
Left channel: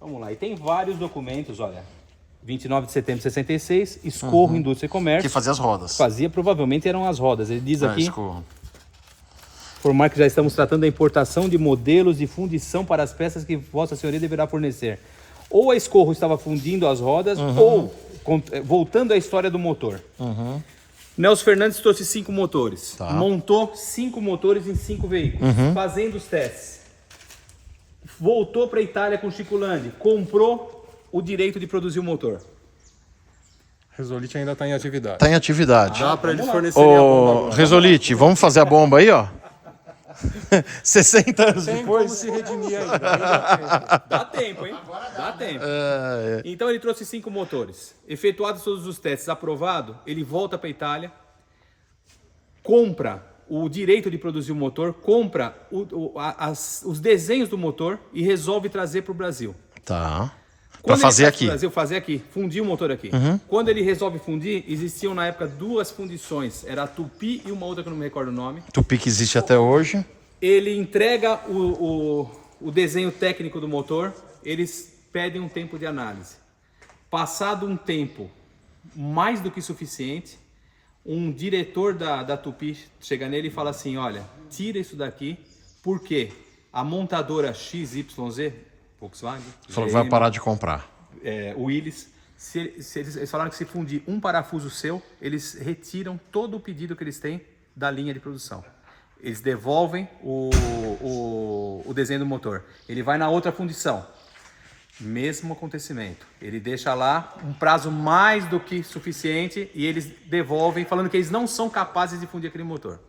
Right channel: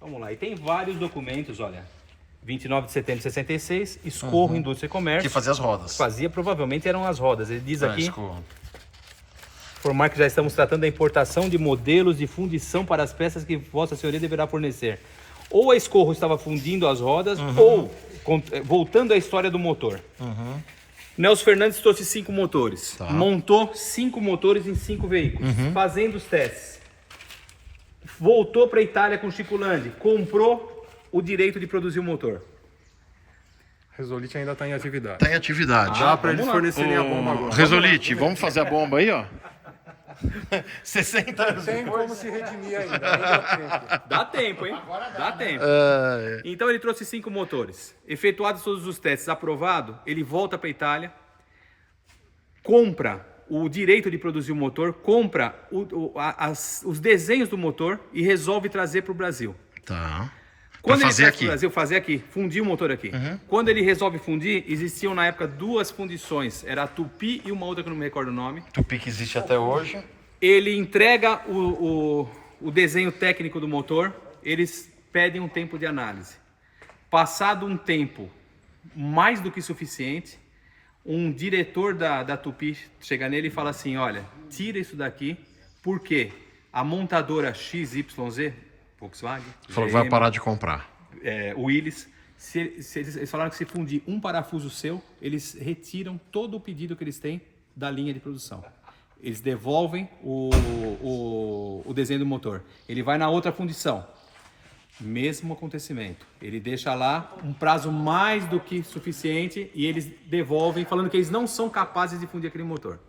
Vamos lá, e tem vários documentos, olha. 29 de setembro de 66, Escorro Indústria e Comércio. Que fazia as rodas. Fazia, provavelmente eram as rodas. Ele diz aqui, Escorro. informar que já estamos tratando da importação de modelos de fundição para as peças que Vossa Senhoria deverá fornecer. Ou a Escorro estava fundindo as rodas, ou voltando à história do motor. Nelson Fernandes trouxe 5 motores. Tá. Montou 5 motores em 5 veículos, fazendo os testes. Voltou para a Itália com Chico Landi, comprou o direito de produzir o motor. Resolite ainda tá em atividade. Tá em atividade. Dá para eles fornecerem a bomba Ô, agora. Resolite, vamos fazer a bomba aí, ó. 60 anos Tem como depois. se redimir ainda. Dá Dá tempo, hein? Dá tempo. É, Então ele trouxe 5 motores. Efetuados todos os testes, aprovado, ele volta para a Itália, compra o direito de produzir o motor, compra os desenhos do motor e resolve trazer para o Brasil. Tá. Pra Quando ele fazer traz aqui. pro Brasil, fazer aqui, fundir o motor aqui. Quando ele resolve fundir, existiam na época 2 fundições. Era a Tupi e uma outra que eu não me recordo o nome. Tupi que existe até hoje. Ele entrega o desenho técnico do motor, eles pedem um tempo de análise. Passado um tempo mais do que suficiente, um diretor da Tupi chega nele e fala assim, olha, tira isso daqui, porque a montadora XYZ, Volkswagen, Falou que vai GM, parar de comprar. Willys, eles falaram que se fundir um parafuso seu, eles retiram todo o pedido que eles têm da linha de produção. Eles devolvem o desenho do motor. Ele vai na outra fundição. Mesmo acontecimento. Ele deixa lá um prazo mais do que suficiente e eles devolvem, falando que eles não são capazes de fundir aquele motor.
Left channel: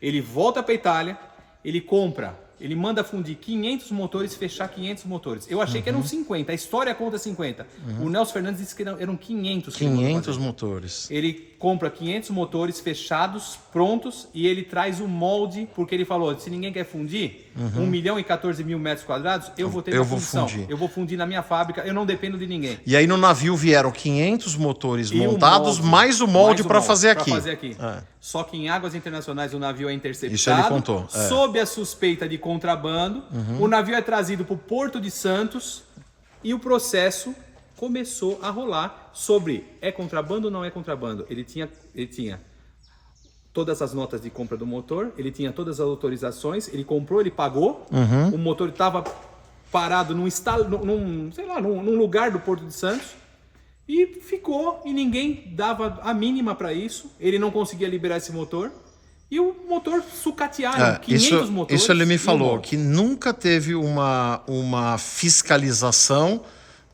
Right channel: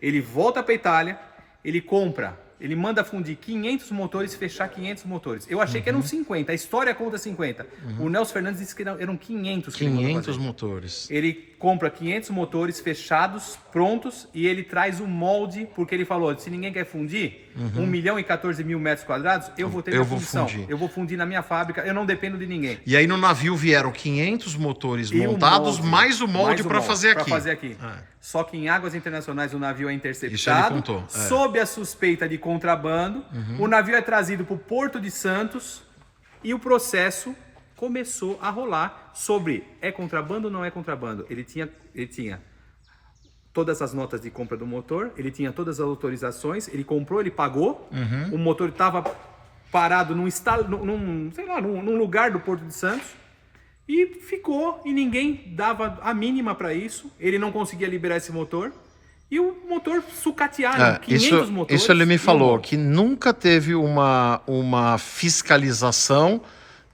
Ele volta para a Itália, ele compra, ele manda fundir 500 motores, fechar 500 motores. Eu achei que eram 50, a história conta 50. O Nelson Fernandes disse que eram 500. 500 motores. Ele compra 500 motores fechados, prontos, e ele traz o molde, porque ele falou, se ninguém quer fundir, 1.014.000 metros quadrados, eu vou ter minha fundição. fundir. Eu vou fundir na minha fábrica, eu não dependo de ninguém. E aí no navio vieram 500 motores E o montados, molde, mais o molde mais o para molde fazer pra aqui. fazer aqui. É. Só que em águas internacionais o navio é interceptado, Isso ele contou, é. sob a suspeita de contrabando, o navio é trazido para o Porto de Santos e o processo começou a rolar sobre é contrabando ou não é contrabando. Ele tinha todas as notas de compra do motor, ele tinha todas as autorizações, ele comprou, ele pagou, o motor estava parado num lugar do Porto de Santos e ficou, e ninguém dava a mínima para isso, ele não conseguia liberar esse motor. E o motor sucatearam, 500 motores. Isso ele me falou, molde. que nunca teve uma fiscalização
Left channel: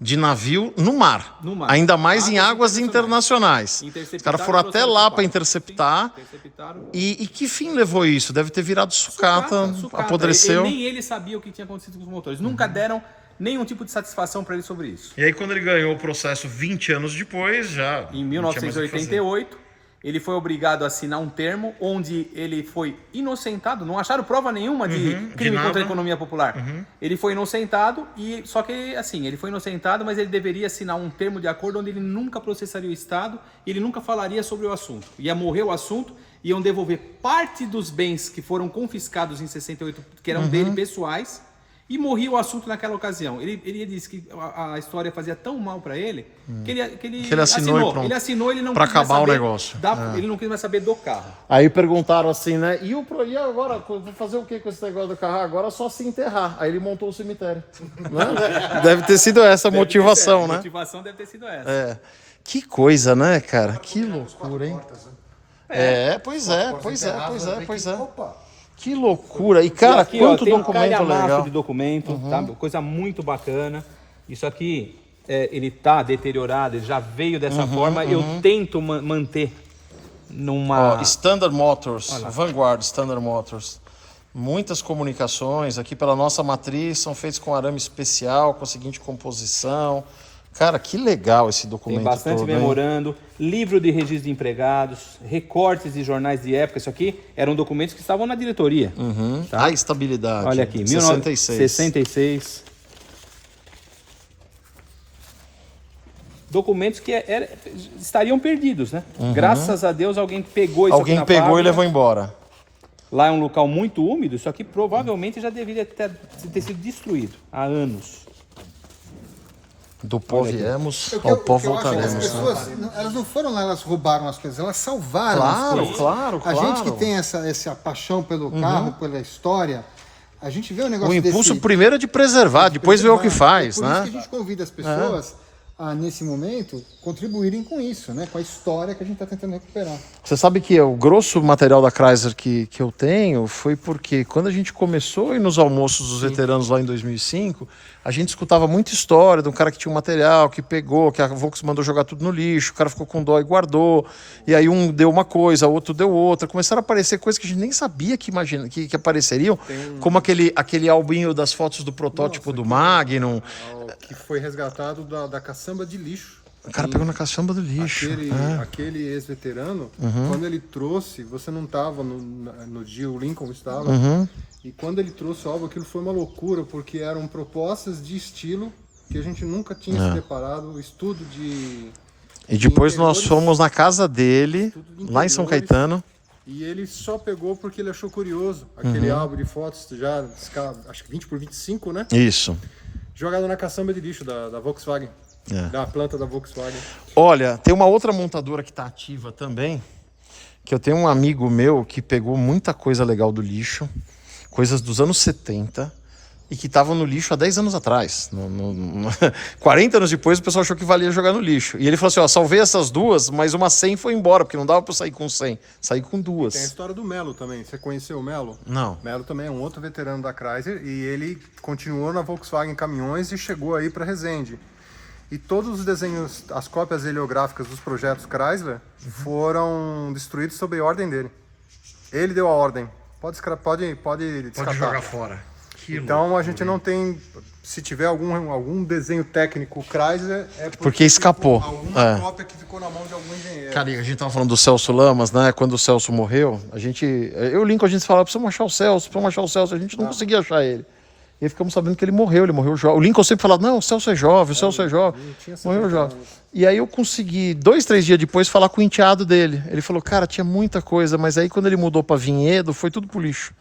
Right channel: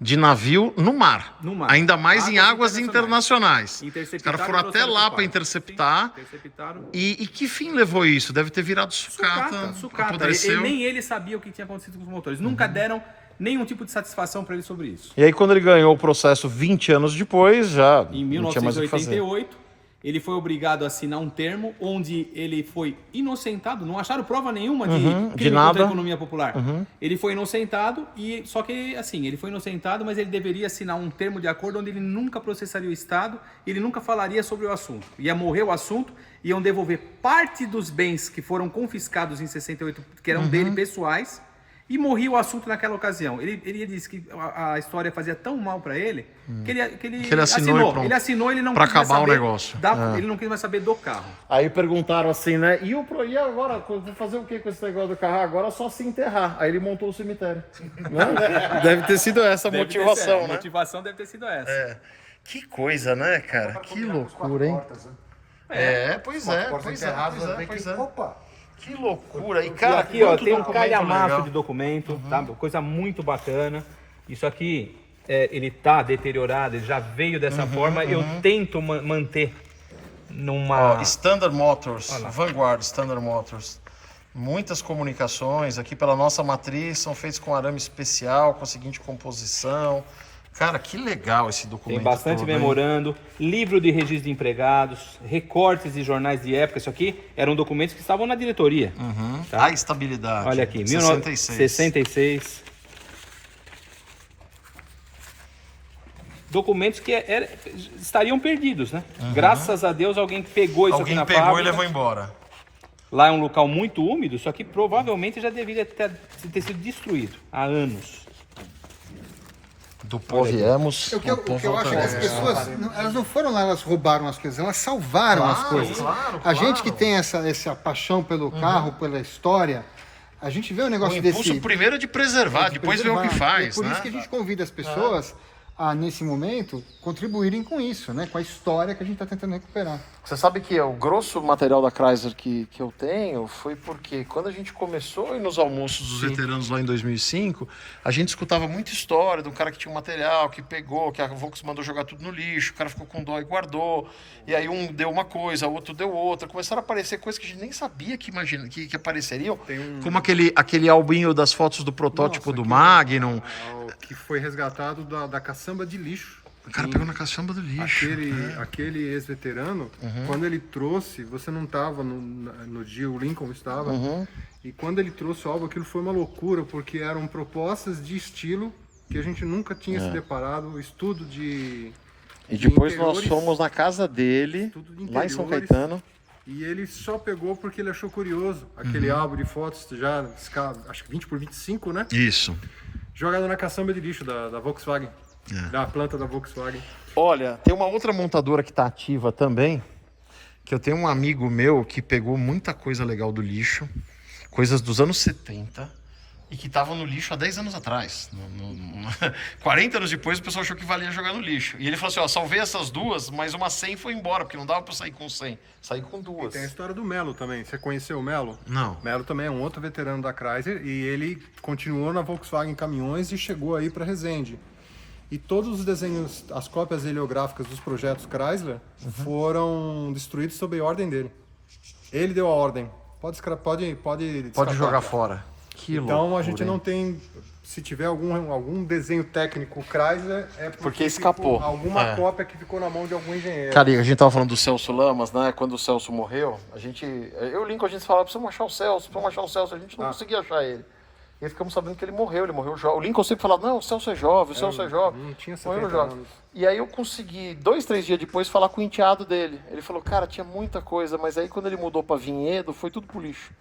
de navio no mar. No mar. Ainda mais em águas Águas internacionais. Os Interceptaram caras foram e até trouxeram lá pro para quarto. interceptar. Sim, interceptaram. E que fim levou isso? Deve ter virado sucata, apodreceu. Nem ele sabia o que tinha acontecido com os motores. Nunca deram nenhum tipo de satisfação para ele sobre isso. E aí quando ele ganhou o processo 20 anos depois, já Em não tinha mais o que fazer. 1988, ele foi obrigado a assinar um termo onde ele foi inocentado, não acharam prova nenhuma de crime nada. contra a economia popular. Ele foi inocentado, só que assim, ele foi inocentado, mas ele deveria assinar um termo de acordo onde ele nunca processaria o Estado, ele nunca falaria sobre o assunto. Ia morrer o assunto, iam devolver parte dos bens que foram confiscados em 68, que eram dele pessoais, e morria o assunto naquela ocasião. Ele disse que a história fazia tão mal para ele que ele assinou e pronto. Ele assinou, ele não Pra quis mais acabar o saber negócio. Ele não quis mais saber do carro. Aí perguntaram assim, né? E agora? Vou fazer o que com esse negócio do carro? Agora é só se enterrar. Aí ele montou o cemitério. Né? Deve ter sido essa a motivação, A né? motivação deve ter sido essa. É. Que coisa, né, cara? Que loucura, hein? Pois é. Opa! Que loucura. E, E cara, aqui, ó, quanto tem um documento calhamaço legal. de documento, tá? Coisa muito bacana. Isso aqui, ele tá deteriorado, ele já veio dessa forma. Eu tento manter numa... Ó, Standard Motors, Vanguard Standard Motors. Muitas comunicações aqui pela nossa matriz são feitas com arame especial, com a seguinte composição. Cara, que legal esse documento. Tem bastante todo, hein? memorando, livro de registro de empregados, recortes de jornais de época. Isso aqui eram documentos que estavam na diretoria. Tá? A estabilidade. Olha aqui, 66. 1966. Documentos que estariam perdidos, né? Graças a Deus alguém pegou isso aqui Alguém na pegou fábrica. e levou embora. Lá é um local muito úmido, só que provavelmente já deveria ter sido destruído há anos. Do pó viemos, O que ao eu pó acho é que as voltaremos. pessoas, elas não foram lá, elas roubaram as coisas, elas salvaram as coisas. Claro. A gente que tem essa paixão pelo carro, pela história, a gente vê um O negócio impulso desse... primeiro é de preservar, depois ver o que faz, Por né? isso que a gente convida as pessoas a, nesse momento, contribuírem com isso, né? Com a história que a gente está tentando recuperar. Você sabe que o grosso material da Chrysler que eu tenho foi porque quando a gente começou a ir nos almoços dos veteranos lá em 2005, a gente escutava muita história de um cara que tinha um material, que pegou, que a Volkswagen mandou jogar tudo no lixo, o cara ficou com dó e guardou, e aí um deu uma coisa, outro deu outra. Começaram a aparecer coisas que a gente nem sabia que apareceriam, como aquele albinho das fotos do protótipo do Magnum. Que foi resgatado da caçamba de lixo O cara pegou na caçamba do lixo. Aquele ex-veterano, quando ele trouxe, você não estava no dia, o Lincoln estava, e quando ele trouxe o álbum, aquilo foi uma loucura, porque eram propostas de estilo que a gente nunca tinha se deparado, estudo de... E depois nós interiores, fomos na casa dele, tudo de lá em São interiores. Caetano. E ele só pegou porque ele achou curioso. Aquele álbum de fotos, já, acho que 20 por 25, né? Isso. Jogado na caçamba de lixo da Volkswagen. É. Da planta da Volkswagen. Olha, tem uma outra montadora que está ativa também, que eu tenho um amigo meu que pegou muita coisa legal do lixo, coisas dos anos 70, e que estavam no lixo há 10 anos atrás. 40 anos depois o pessoal achou que valia jogar no lixo. E ele falou assim, ó, salvei essas duas, mas uma 100 foi embora, porque não dava para sair com 100. Saí com duas. Tem a história do Melo também. Você conheceu o Melo? Não. Melo também é um outro veterano da Chrysler e ele continuou na Volkswagen Caminhões e chegou aí para Resende. E todos os desenhos, as cópias heliográficas dos projetos Chrysler foram destruídos sob ordem dele. Ele deu a ordem. Pode descartar. jogar fora. Que Então loucura, a gente não tem, se tiver algum desenho técnico Chrysler, é Porque escapou. ficou alguma É. cópia que ficou na mão de algum engenheiro. Cara, a gente tava falando do Celso Lamas, né? Quando o Celso morreu, eu e o Lincoln, a gente falava, precisamos achar o Celso, a gente não conseguia achar ele. E aí ficamos sabendo que ele morreu jovem. O Lincoln sempre falava, não, o Celso é jovem, o Celso é jovem. Não tinha Morreu 70 jovem. anos. E aí eu consegui, 2, 3 dias depois, falar com o enteado dele. Ele falou, cara, tinha muita coisa, mas aí quando ele mudou pra Vinhedo, foi tudo pro lixo.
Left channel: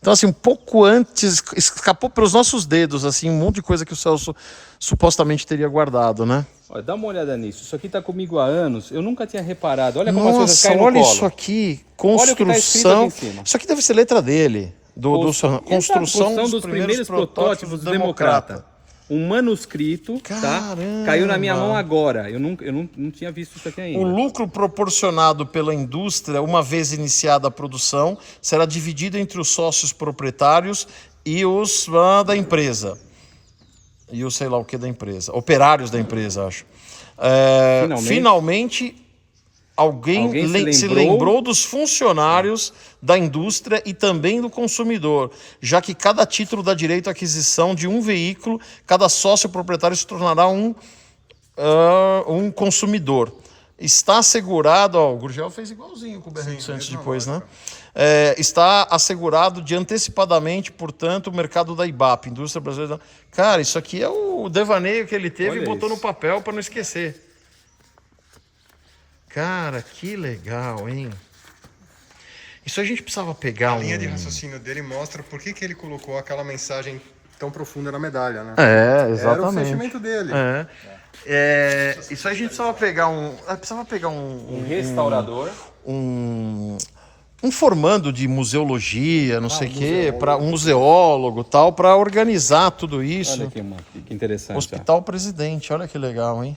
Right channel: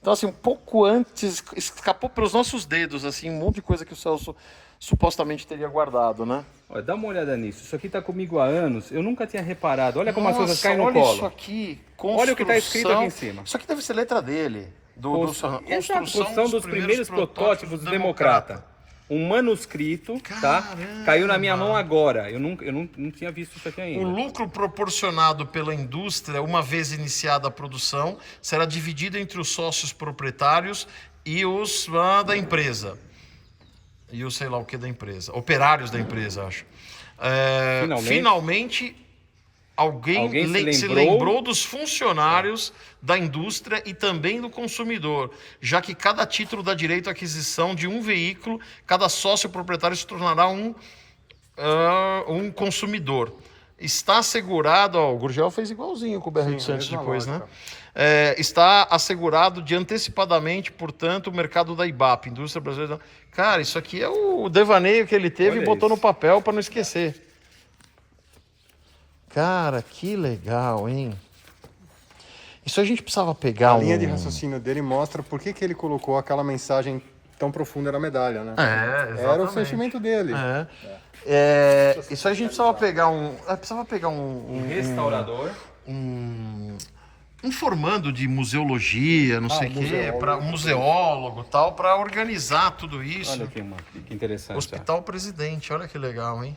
Então, assim, um pouco antes, escapou pelos nossos dedos, assim, um monte de coisa que o Celso supostamente teria guardado, né? Olha, dá uma olhada nisso. Isso aqui tá comigo há anos. Eu nunca tinha reparado. Olha como as coisas caem no olha colo. isso aqui, Olha o que tá escrito aqui construção. em cima. Isso aqui deve ser letra dele. Construção dos primeiros protótipos do Democrata. Um manuscrito, tá? Caiu na minha mão agora. Eu não tinha visto isso aqui ainda. O lucro proporcionado pela indústria, uma vez iniciada a produção, será dividido entre os sócios proprietários e os da empresa. E o sei lá o que da empresa. Operários da empresa, acho. Finalmente alguém se lembrou dos funcionários da indústria e também do consumidor, já que cada título dá direito à aquisição de um veículo, cada sócio proprietário se tornará um consumidor. Está assegurado, ó, o Gurgel fez igualzinho com o BR-800 depois, né? Está assegurado de antecipadamente, portanto, o mercado da IBAP, indústria brasileira. Cara, isso aqui é o devaneio que ele teve Olha e botou isso. no papel para não esquecer. Cara, que legal, hein? Isso a gente precisava pegar A linha de raciocínio dele mostra por que ele colocou aquela mensagem tão profunda na medalha, né? exatamente. Era o sentimento dele. Isso a gente precisava pegar Restaurador. um formando de museologia, não sei o quê, para um museólogo tal, para organizar tudo isso. Olha que interessante. Hospital Presidente, olha que legal, hein?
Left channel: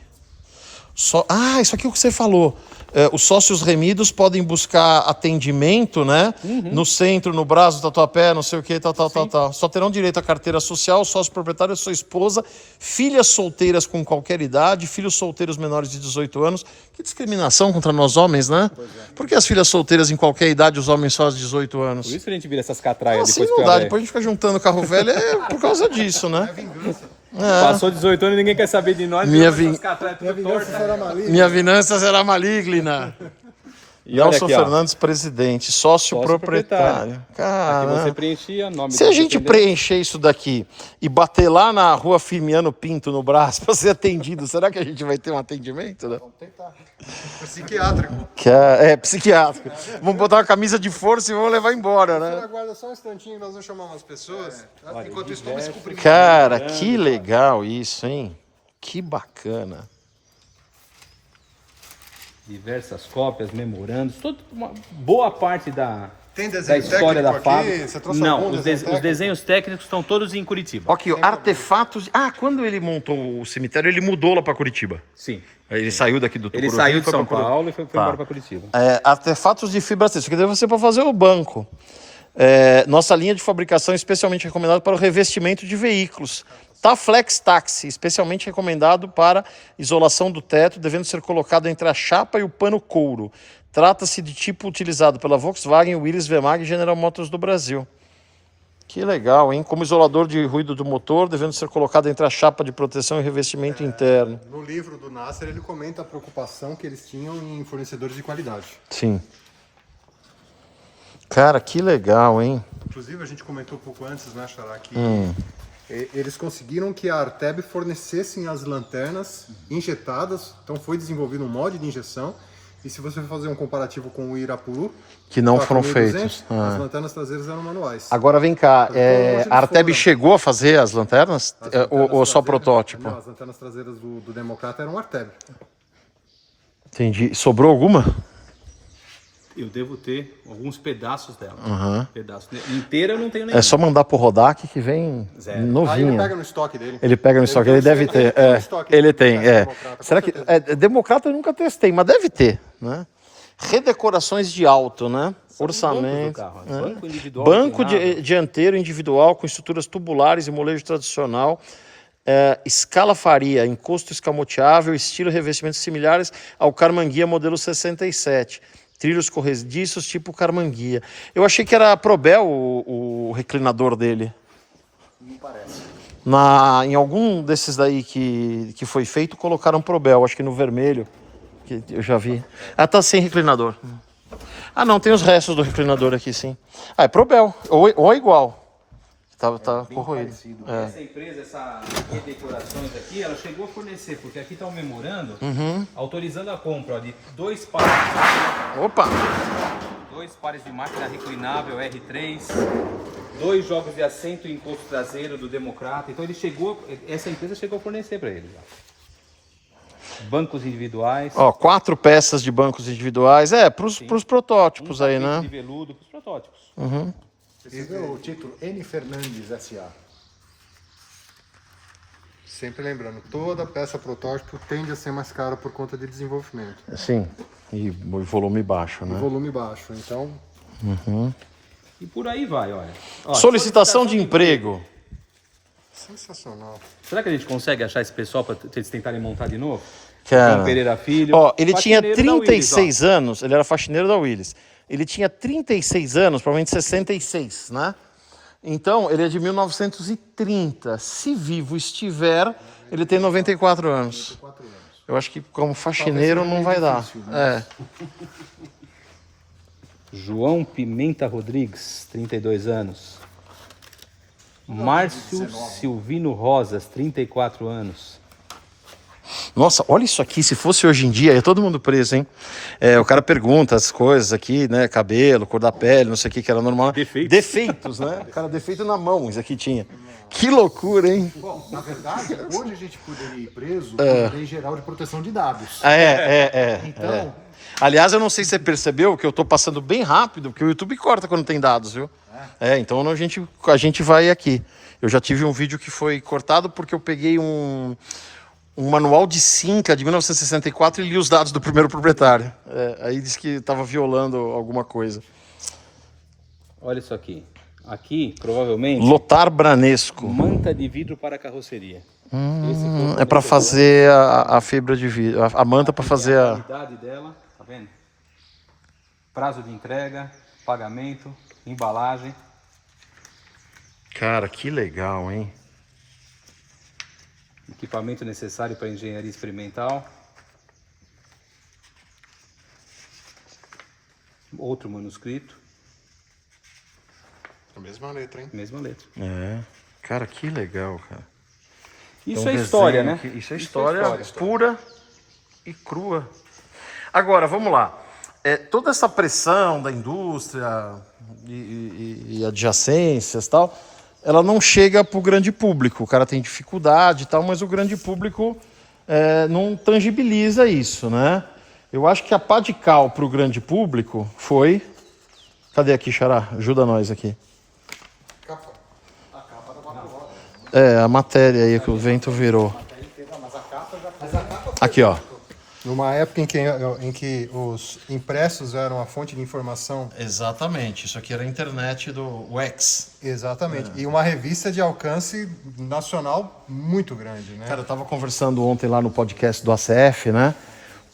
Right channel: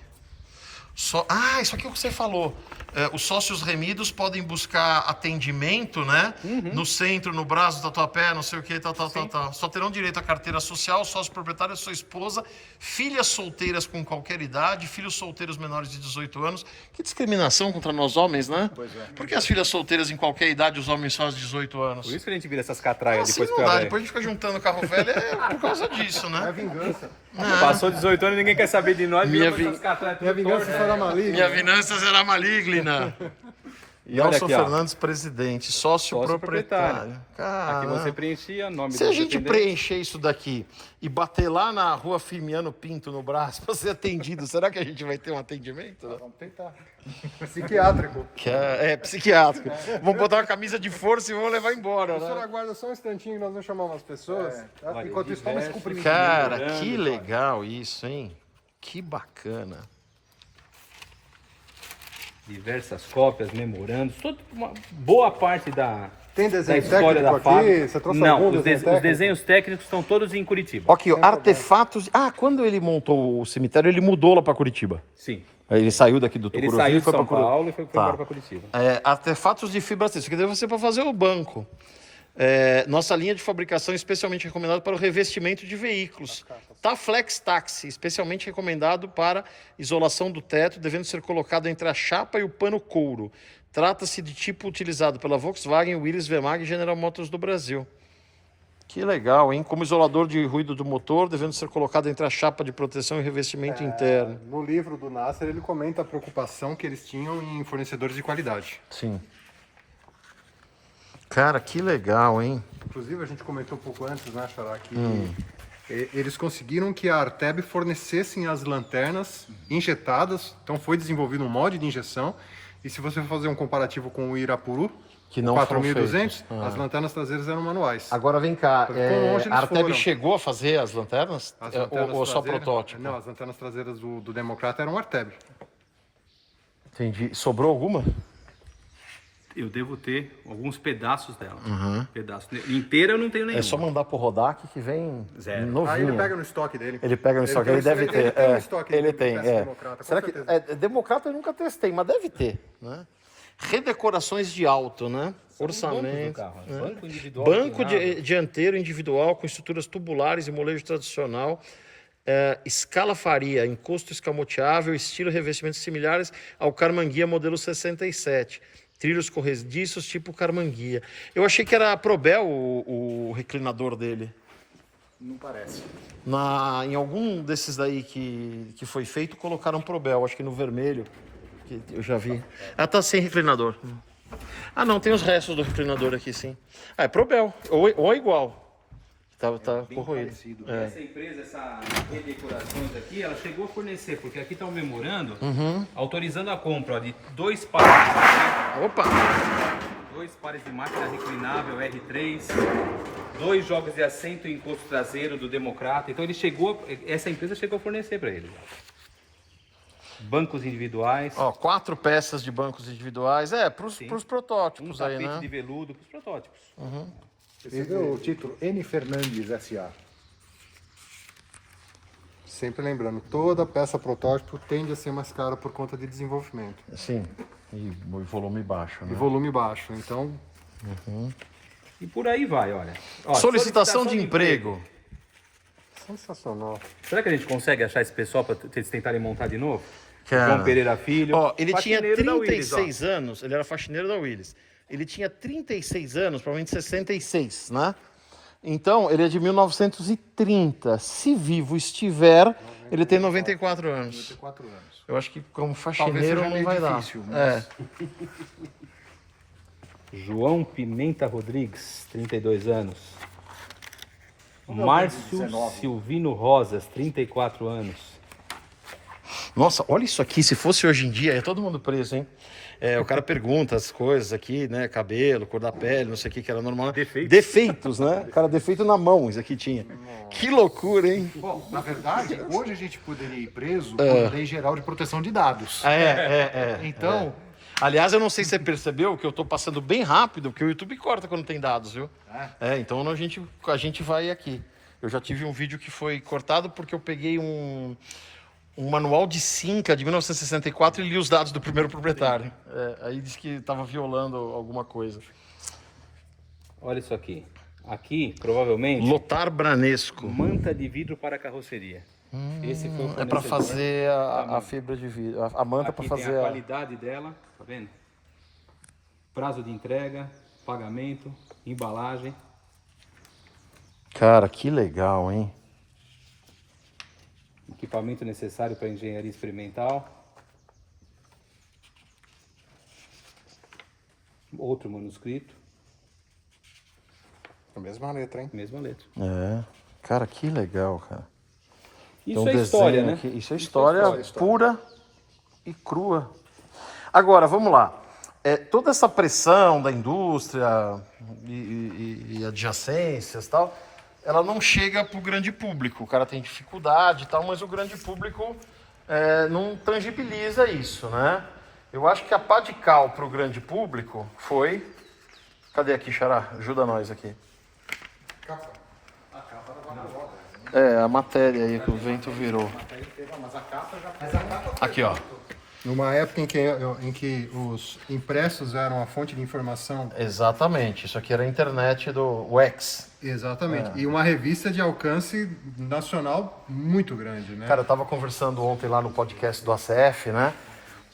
Isso aqui é o que você falou. Os sócios remidos podem buscar atendimento, né? No centro, no Brás, Tatuapé, não sei o que, tal. Só terão direito à carteira social, sócio proprietário, sua esposa, filhas solteiras com qualquer idade, filhos solteiros menores de 18 anos. Que discriminação contra nós homens, né? Pois é. Por que as filhas solteiras em qualquer idade, os homens só aos 18 anos? Por isso que a gente vira essas catraias Assim depois não que dá, velho. depois a gente fica juntando carro velho, por causa disso, né? Passou 18 anos e ninguém quer saber de nós. Minha essas vi- catraias Minha tudo vingança torta. será maligna. Minha vingança será maligna. E olha Nelson aqui, ó. Fernandes, presidente, sócio proprietário. Aqui Caramba. você preenchia nome Se do a gente dependente. preencher isso daqui e bater lá na rua Firmiano Pinto, no Brás, para ser atendido, será que a gente vai ter um atendimento? Né? Vamos tentar. Psiquiátrico. Psiquiátrico. Vamos botar uma camisa de força e vamos levar embora, Só né? aguarda só um instantinho que nós vamos chamar umas pessoas. Enquanto isso, vamos cumprir. Cara, que legal isso, hein? Que bacana. Diversas cópias, memorandos, uma boa parte da Tem desenho história da técnico fábrica. aqui? Você trouxe Não, algum os, desenho os técnico? desenhos técnicos estão todos em Curitiba. Ok, artefatos. Quando ele montou o cemitério, ele mudou lá para Curitiba. Sim. Ele saiu daqui do Ele Tucuruvi saiu e de foi São para Curitiba. Paulo e foi Tá. embora para Curitiba. Artefatos de fibra têxtil, que deve ser para fazer o banco. Nossa linha de fabricação é especialmente recomendada para o revestimento de veículos. Taflex Taxi, especialmente recomendado para isolação do teto, devendo ser colocado entre a chapa e o pano couro. Trata-se de tipo utilizado pela Volkswagen, Willys, Vemag e General Motors do Brasil. Que legal, hein? Como isolador de ruído do motor, devendo ser colocado entre a chapa de proteção e revestimento interno. No livro do Nasser, ele comenta a preocupação que eles tinham em fornecedores de qualidade. Sim. Cara, que legal, hein? Inclusive, a gente comentou um pouco antes, né, Xará, que eles conseguiram que a Arteb fornecessem as lanternas injetadas, então foi desenvolvido um mod de injeção, e se você for fazer um comparativo com o Irapuru, Que não foram 4.200, feitos. as lanternas traseiras eram manuais. Agora vem cá, Quão longe eles a Arteb foram? chegou a fazer as lanternas? As Ou lanternas só traseiras- protótipo? Não, as lanternas traseiras do Democrata eram Arteb. Entendi. Sobrou alguma? Eu devo ter alguns pedaços dela. Pedaços. Inteira eu não tenho nenhum. É só mandar pro Rodak que vem Aí ele novinha. pega no estoque dele. Ele pega no estoque, ele deve ter. tem no estoque Ele do tem, Democrata, com Será que. certeza. Democrata eu nunca testei, mas deve ter, né? Redecorações de alto, né? Orçamento. Banco individual. Banco inclinado. dianteiro individual com estruturas tubulares e molejo tradicional. Escala faria, encosto escamoteável, estilo e revestimentos similares ao Carmanguia modelo 67. Trilhos corrediços tipo Carmanguia. Eu achei que era Probel o reclinador dele. Não parece. Em algum desses daí que foi feito, colocaram Probel, acho que no vermelho, que eu já vi. Ah, tá sem reclinador. Ah, não, tem os restos do reclinador aqui, sim. Ah, é Probel, ou é igual. Tá corroído. Essa empresa, essa redecorações aqui, ela chegou a fornecer, porque aqui está o memorando, autorizando a compra ó, de 2 pares. Opa! 2 pares de máquina reclinável R3, 2 jogos de assento e encosto traseiro do Democrata. Então essa empresa chegou a fornecer para eles. Ó. Bancos individuais. Ó, 4 peças de bancos individuais. Pros protótipos aí, tapete né? de veludo para os protótipos. Esse é o título N. Fernandes S.A. Sempre lembrando, toda peça protótipo tende a ser mais cara por conta de desenvolvimento. Sim. E volume baixo, E né? volume baixo, então... E por aí vai, olha. Ó, Solicitação de emprego. Sensacional. Será que a gente consegue achar esse pessoal para eles tentarem montar de novo? Cara. João Pereira Filho. Ó, ele tinha faxineiro da Willis, 36 anos, ele era faxineiro da Willis. Ele tinha 36 anos, provavelmente 66, né? Então, ele é de 1930. Se vivo estiver, ele tem 94 anos. 4 anos. Eu acho que como faxineiro seja não meio vai dar. difícil, mas- João Pimenta Rodrigues, 32 anos. Márcio 19. Silvino Rosas, 34 anos. Nossa, olha isso aqui. Se fosse hoje em dia, ia todo mundo preso, hein? O cara pergunta as coisas aqui, né? Cabelo, cor da pele, não sei o que era normal. Defeitos, né? O cara, defeito na mão, isso aqui tinha. Que loucura, hein? Bom, na verdade, hoje a gente poderia ir preso por lei geral de proteção de dados. Então. Aliás, eu não sei se você percebeu que eu tô passando bem rápido, porque o YouTube corta quando tem dados, viu? Então a gente vai aqui. Eu já tive um vídeo que foi cortado porque eu peguei um manual de Cinca de 1964 e li os dados do primeiro proprietário. Aí disse que estava violando alguma coisa. Olha isso aqui. Aqui, provavelmente, Lotar Branesco. manta de vidro para carroceria. Esse foi o É para fornecedor. fazer a fibra de vidro, a manta para Aqui fazer tem a a... qualidade dela, tá vendo? Prazo de entrega, pagamento, embalagem. Cara, que legal, hein? Equipamento necessário para engenharia experimental. Outro manuscrito, A mesma letra, hein? mesma letra. Cara, que legal, cara. Isso Tem um é história, desenho né? aqui. Isso é história pura e crua. Agora, vamos lá. Toda essa pressão da indústria e adjacências e tal, ela não chega para o grande público. O cara tem dificuldade e tal, mas o grande público não tangibiliza isso, né? Eu acho que a pá de cal para o grande público foi... Cadê aqui, Xará? Ajuda nós aqui. A matéria aí que o vento virou. Aqui, ó. Numa época em que os impressos eram a fonte de informação. Exatamente. Isso aqui era a internet do Wax. Exatamente. E uma revista de alcance nacional muito grande, né? Cara, eu tava conversando ontem lá no podcast do ACF, né?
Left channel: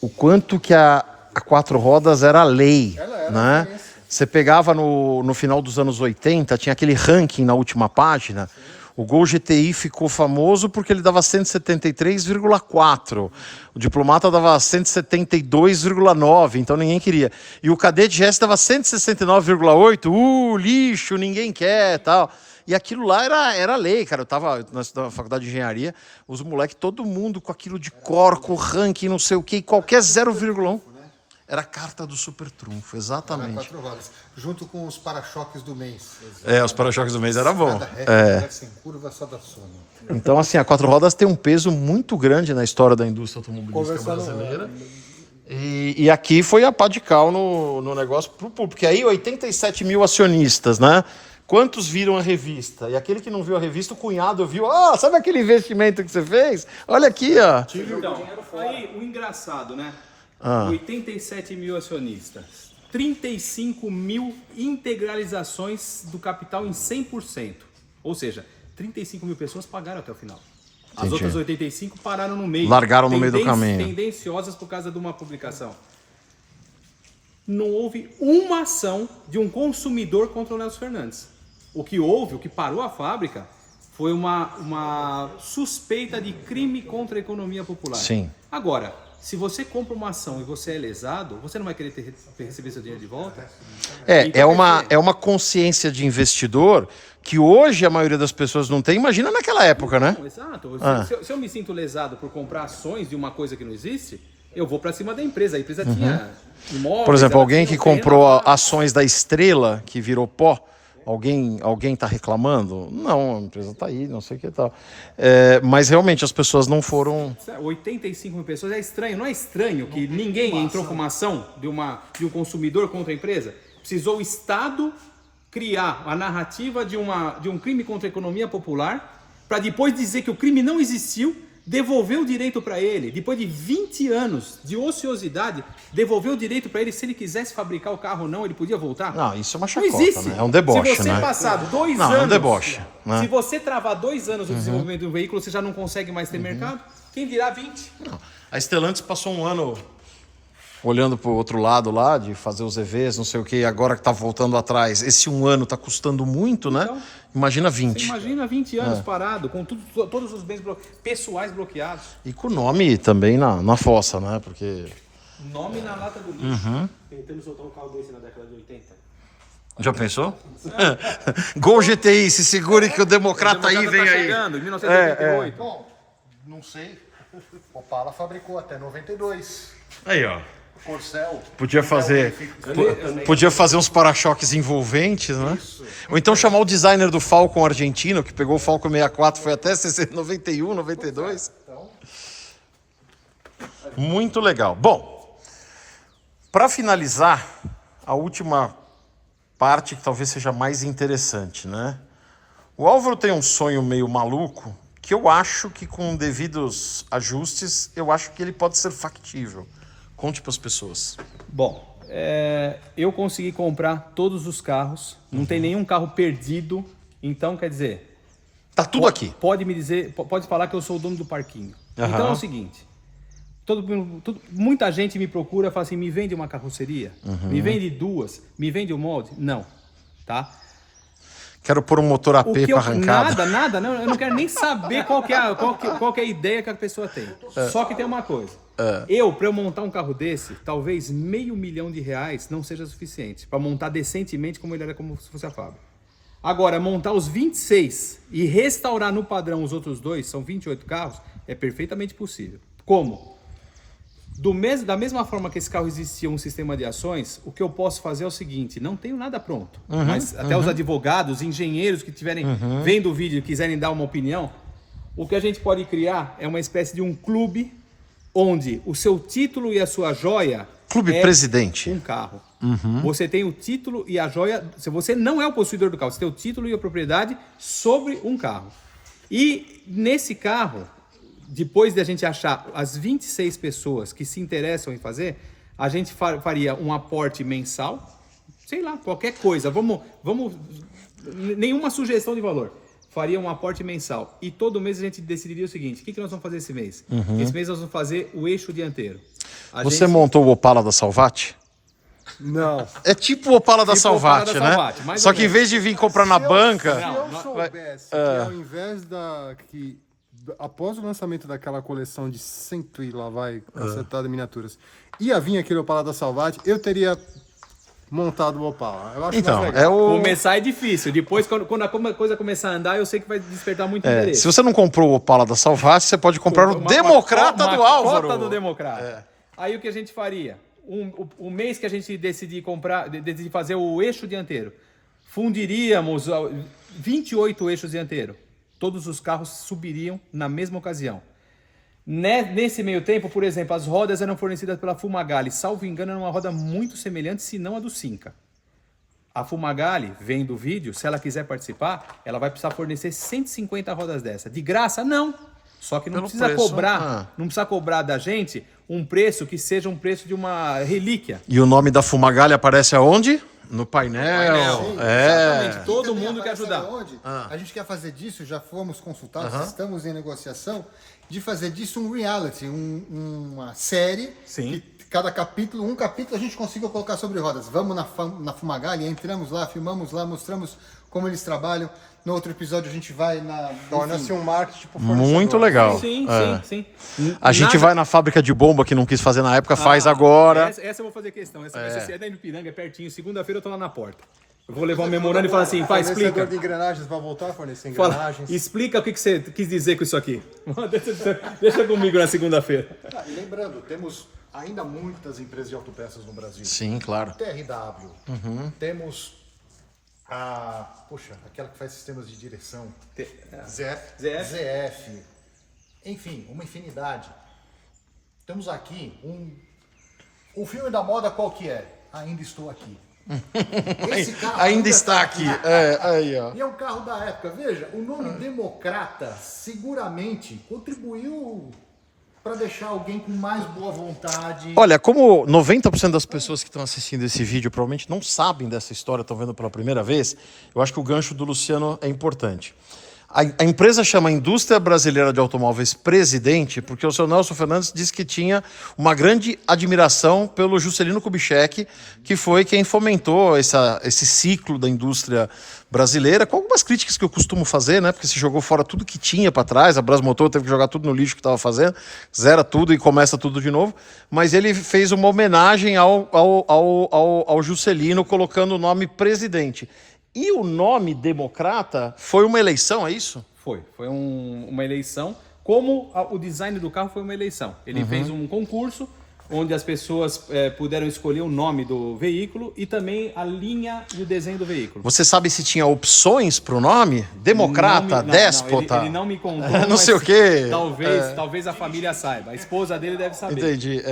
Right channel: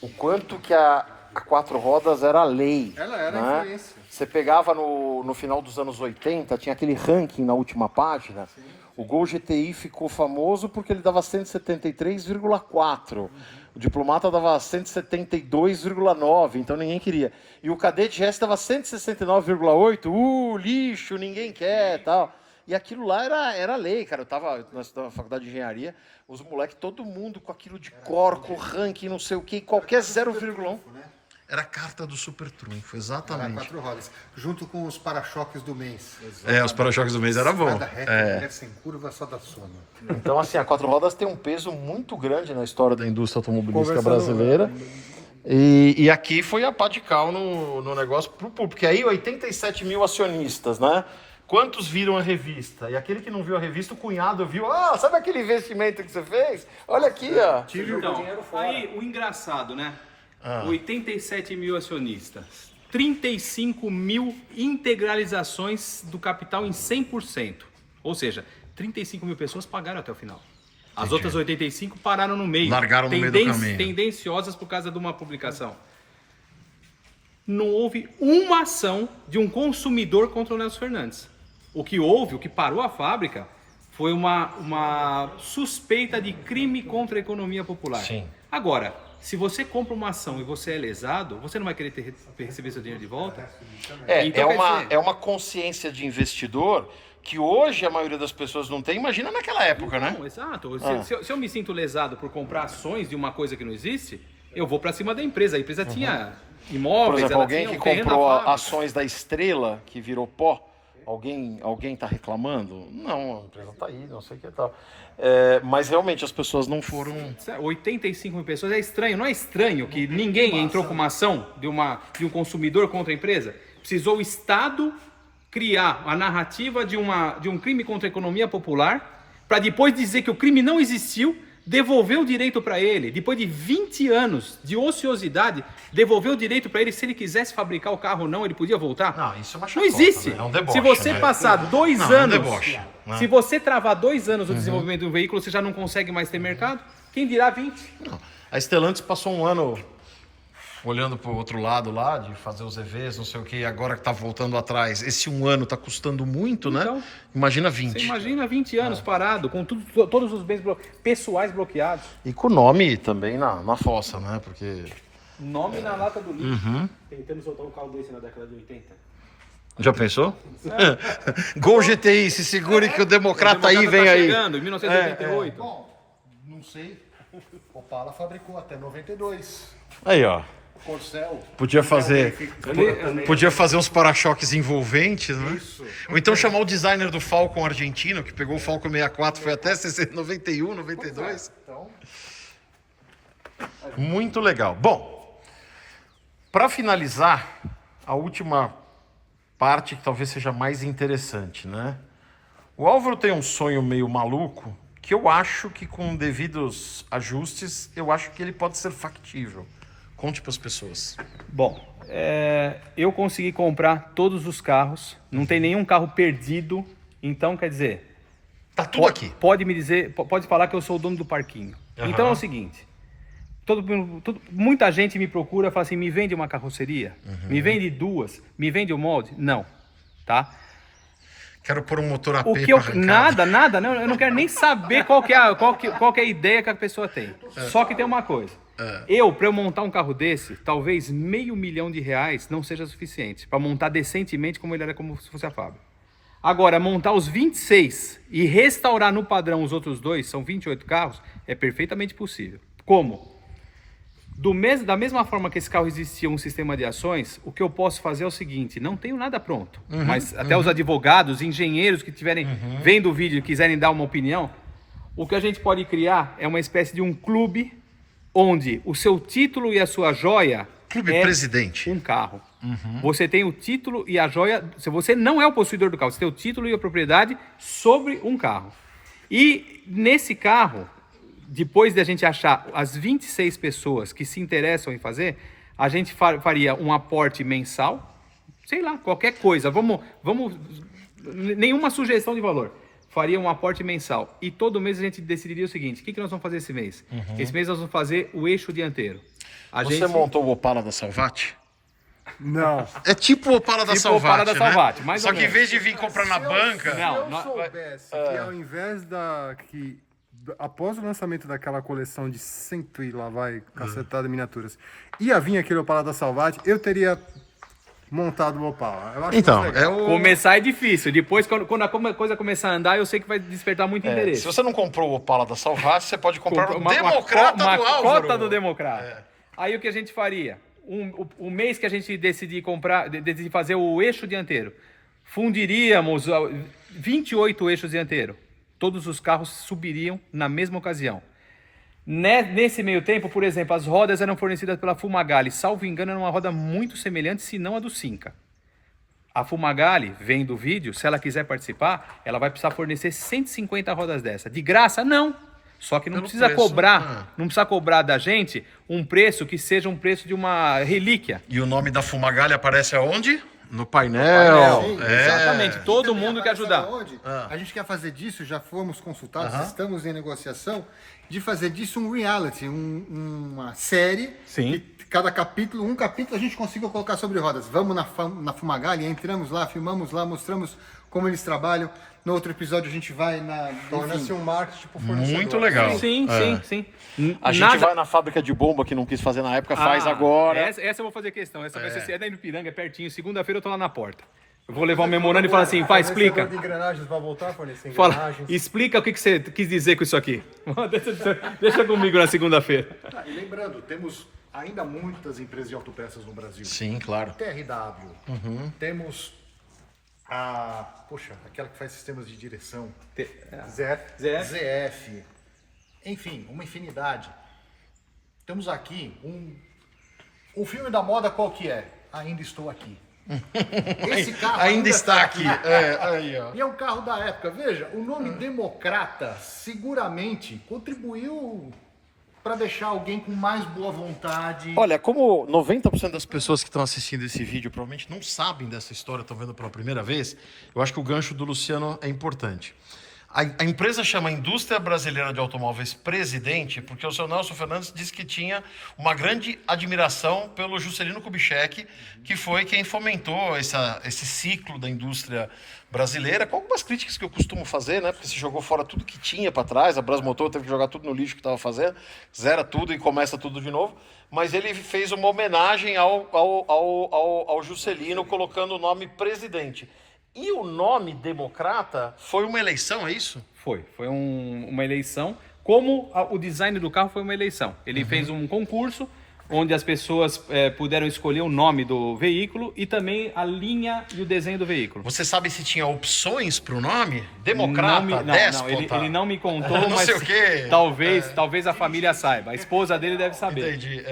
O quanto que a a 4 rodas era lei. Ela era né? referência. Você pegava no final dos anos 80, tinha aquele ranking na última página. Sim. O Gol GTI ficou famoso porque ele dava 173,4. O Diplomata dava 172,9, então ninguém queria. E o Cadete GS dava 169,8. Lixo, ninguém quer, tal. E aquilo lá era lei, cara. Eu tava na faculdade de engenharia, os moleques, todo mundo com aquilo de corco, ranking, não sei o quê, qualquer 0,1. Era a carta do super trunfo, exatamente. Era 4 rodas, junto com os para-choques do mês. Os para-choques do mês era bom. Deve sem curva, só da soma. Então, assim, a 4 rodas tem um peso muito grande na história da indústria automobilística brasileira. E aqui foi a pá de cal no negócio pro público. Porque aí 87 mil acionistas, né? Quantos viram a revista? E aquele que não viu a revista, o cunhado viu. Sabe aquele investimento que você fez? Olha aqui, ó. Então, aí o engraçado, né? 87 mil acionistas, 35 mil integralizações do capital em 100%. Ou seja, 35 mil pessoas pagaram até o final. As outras 85 pararam no meio. Largaram no meio do caminho. Tendenciosas por causa de uma publicação. Não houve uma ação de um consumidor contra o Nelson Fernandes. O que houve, o que parou a fábrica, foi uma suspeita de crime contra a economia popular. Sim. Agora, se você compra uma ação e você é lesado, você não vai querer receber seu dinheiro de volta? Então, é uma consciência de investidor que hoje a maioria das pessoas não tem. Imagina naquela época, né? Exato. Se eu me sinto lesado por comprar ações de uma coisa que não existe, eu vou para cima da empresa. A empresa tinha imóveis. Por exemplo, alguém que comprou ações da Estrela, que virou pó, alguém está reclamando? Não, a empresa está aí, não sei o que tal. Mas realmente as pessoas não foram... 85 mil pessoas é estranho. Não é estranho que ninguém entrou com uma ação de um consumidor contra a empresa? Precisou o Estado criar a narrativa de um crime contra a economia popular para depois dizer que o crime não existiu, devolver o direito para ele, depois de 20 anos de ociosidade, devolver o direito para ele, se ele quisesse fabricar o carro ou não, ele podia voltar? Não, isso é uma Não chacota, existe. né? É um deboche, se você né? passar 2 Não, anos... é um deboche, né? Se você travar 2 anos o desenvolvimento de um veículo, você já não consegue mais ter mercado? Quem dirá 20? Não. A Stellantis passou um ano olhando para o outro lado lá, de fazer os EVs, não sei o que, agora que está voltando atrás. Esse um ano está custando muito, né? Então, imagina 20. Você imagina 20 anos parado, com todos os bens pessoais bloqueados. E com o nome também na fossa, né? Porque... Nome na lata do lixo. Tentando soltar um carro desse na década de 80. Já pensou? Gol GTI, se segure que o Democrata aí vem aí. Chegando, em 1988. Bom, não sei. Opala fabricou até 92. Aí, ó. Corcel. Podia fazer uns para-choques envolventes, né? Isso. Ou então chamar o designer do Falcon argentino, que pegou o Falcon 64, foi até 91, 92. Então, muito legal. Bom, para finalizar, a última parte que talvez seja mais interessante, né? O Álvaro tem um sonho meio maluco, que eu acho que com devidos ajustes, eu acho que ele pode ser factível. Conte para as pessoas. Bom, eu consegui comprar todos os carros, não tem nenhum carro perdido, então quer dizer... Tá tudo aqui. Pode me dizer, pode falar que eu sou o dono do parquinho. Então é o seguinte, muita gente me procura e fala assim, me vende uma carroceria? Me vende 2? Me vende o molde? Não, tá? Quero pôr um motor AP para arrancada. Nada, não, eu não quero nem saber qual que é a ideia que a pessoa tem. Só que tem uma coisa. Para eu montar um carro desse, talvez R$500 mil não seja suficiente para montar decentemente como ele era, como se fosse a fábrica. Agora, montar os 26 e restaurar no padrão os outros 2, são 28 carros, é perfeitamente possível. Como? Da mesma forma que esse carro existia um sistema de ações, o que eu posso fazer é o seguinte, não tenho nada pronto, mas até os advogados, engenheiros que estiverem vendo o vídeo e quiserem dar uma opinião, o que a gente pode criar é uma espécie de um clube onde o seu título e a sua joia Clube presidente. Um carro. Você tem o título e a joia, se você não é o possuidor do carro, você tem o título e a propriedade sobre um carro. E nesse carro, depois de a gente achar as 26 pessoas que se interessam em fazer, a gente faria um aporte mensal, sei lá, qualquer coisa, nenhuma sugestão de valor. Faria um aporte mensal. E todo mês a gente decidiria o seguinte, o que nós vamos fazer esse mês? Esse mês nós vamos fazer o eixo dianteiro. Você montou o Opala da Salvati? Não. É tipo o Opala da Tipo o Opala Salvati, da né? Salvati, mais Só ou que em menos. vez de vir comprar na banca... Não, Se eu soubesse que ao invés após o lançamento daquela coleção de 100 e lá vai, cacetada miniaturas, ia vir aquele Opala da Salvati, eu teria montado o Opala. Eu acho Então, mais legal. é o... Começar é difícil. Depois, quando a coisa começar a andar, eu sei que vai despertar muito interesse. Se você não comprou o Opala da Salvati, você pode comprar o Uma Democrata do Álvaro. cota do Democrata. Aí o que a gente faria? O mês que a gente decidir comprar, decidir fazer o eixo dianteiro, fundiríamos 28 eixos dianteiros. Todos os carros subiriam na mesma ocasião. Nesse meio tempo, por exemplo, as rodas eram fornecidas pela Fumagalli. Salvo engano, era uma roda muito semelhante, se não a do Cinca. A Fumagalli, vendo o vídeo, se ela quiser participar, ela vai precisar fornecer 150 rodas dessa. De graça? Não. Só que não Pelo precisa preço, cobrar, não precisa cobrar da gente um preço que seja um preço de uma relíquia. E o nome da Fumagalli aparece aonde? No painel. Sim, Exatamente. Todo E também mundo quer aparece ajudar. aonde? A gente quer fazer disso, já fomos consultados, estamos em negociação, de fazer disso um reality, uma série. Sim. Que cada capítulo, um capítulo a gente consiga colocar sobre rodas. Vamos na Fumagalli, entramos lá, filmamos lá, mostramos como eles trabalham. No outro episódio a gente vai na... Torna-se um marketing tipo Muito legal. Sim, É. sim, sim. A gente vai na fábrica de bomba que não quis fazer na época, faz agora. Essa eu vou fazer questão. Essa vai ser da Ipiranga, é pertinho. Segunda-feira eu tô lá na porta. Eu vou levar o memorando e falar assim, pai, explica. de engrenagens vai voltar a fornecer Fala, engrenagens. explica o que você quis dizer com isso aqui. Deixa comigo na segunda-feira. E lembrando, temos ainda muitas empresas de autopeças no Brasil. Sim, claro. TRW, temos aquela que faz sistemas de direção, ZF, enfim, uma infinidade. Temos aqui o filme da moda qual que é? Ainda Estou Aqui. Esse carro Ainda está aqui. Aí, ó. E é um carro da época. Veja, o nome Democrata seguramente contribuiu para deixar alguém com mais boa vontade. Olha, como 90% das pessoas que estão assistindo esse vídeo provavelmente não sabem dessa história, estão vendo pela primeira vez, eu acho que o gancho do Luciano é importante. A empresa chama Indústria Brasileira de Automóveis Presidente porque o seu Nelson Fernandes disse que tinha uma grande admiração pelo Juscelino Kubitschek, que foi quem fomentou esse ciclo da indústria brasileira, com algumas críticas que eu costumo fazer, né? Porque se jogou fora tudo que tinha para trás, a Brasmotor teve que jogar tudo no lixo que estava fazendo, zera tudo e começa tudo de novo. Mas ele fez uma homenagem ao Juscelino, colocando o nome presidente. E o nome Democrata foi uma eleição, é isso? Foi uma eleição. Como o design do carro foi uma eleição. Ele fez um concurso onde as pessoas puderam escolher o nome do veículo e também a linha e o desenho do veículo. Você sabe se tinha opções para o nome? Democrata, déspota? Ele não me contou, Não mas sei o quê. Talvez a família saiba. A esposa dele deve saber. Entendi,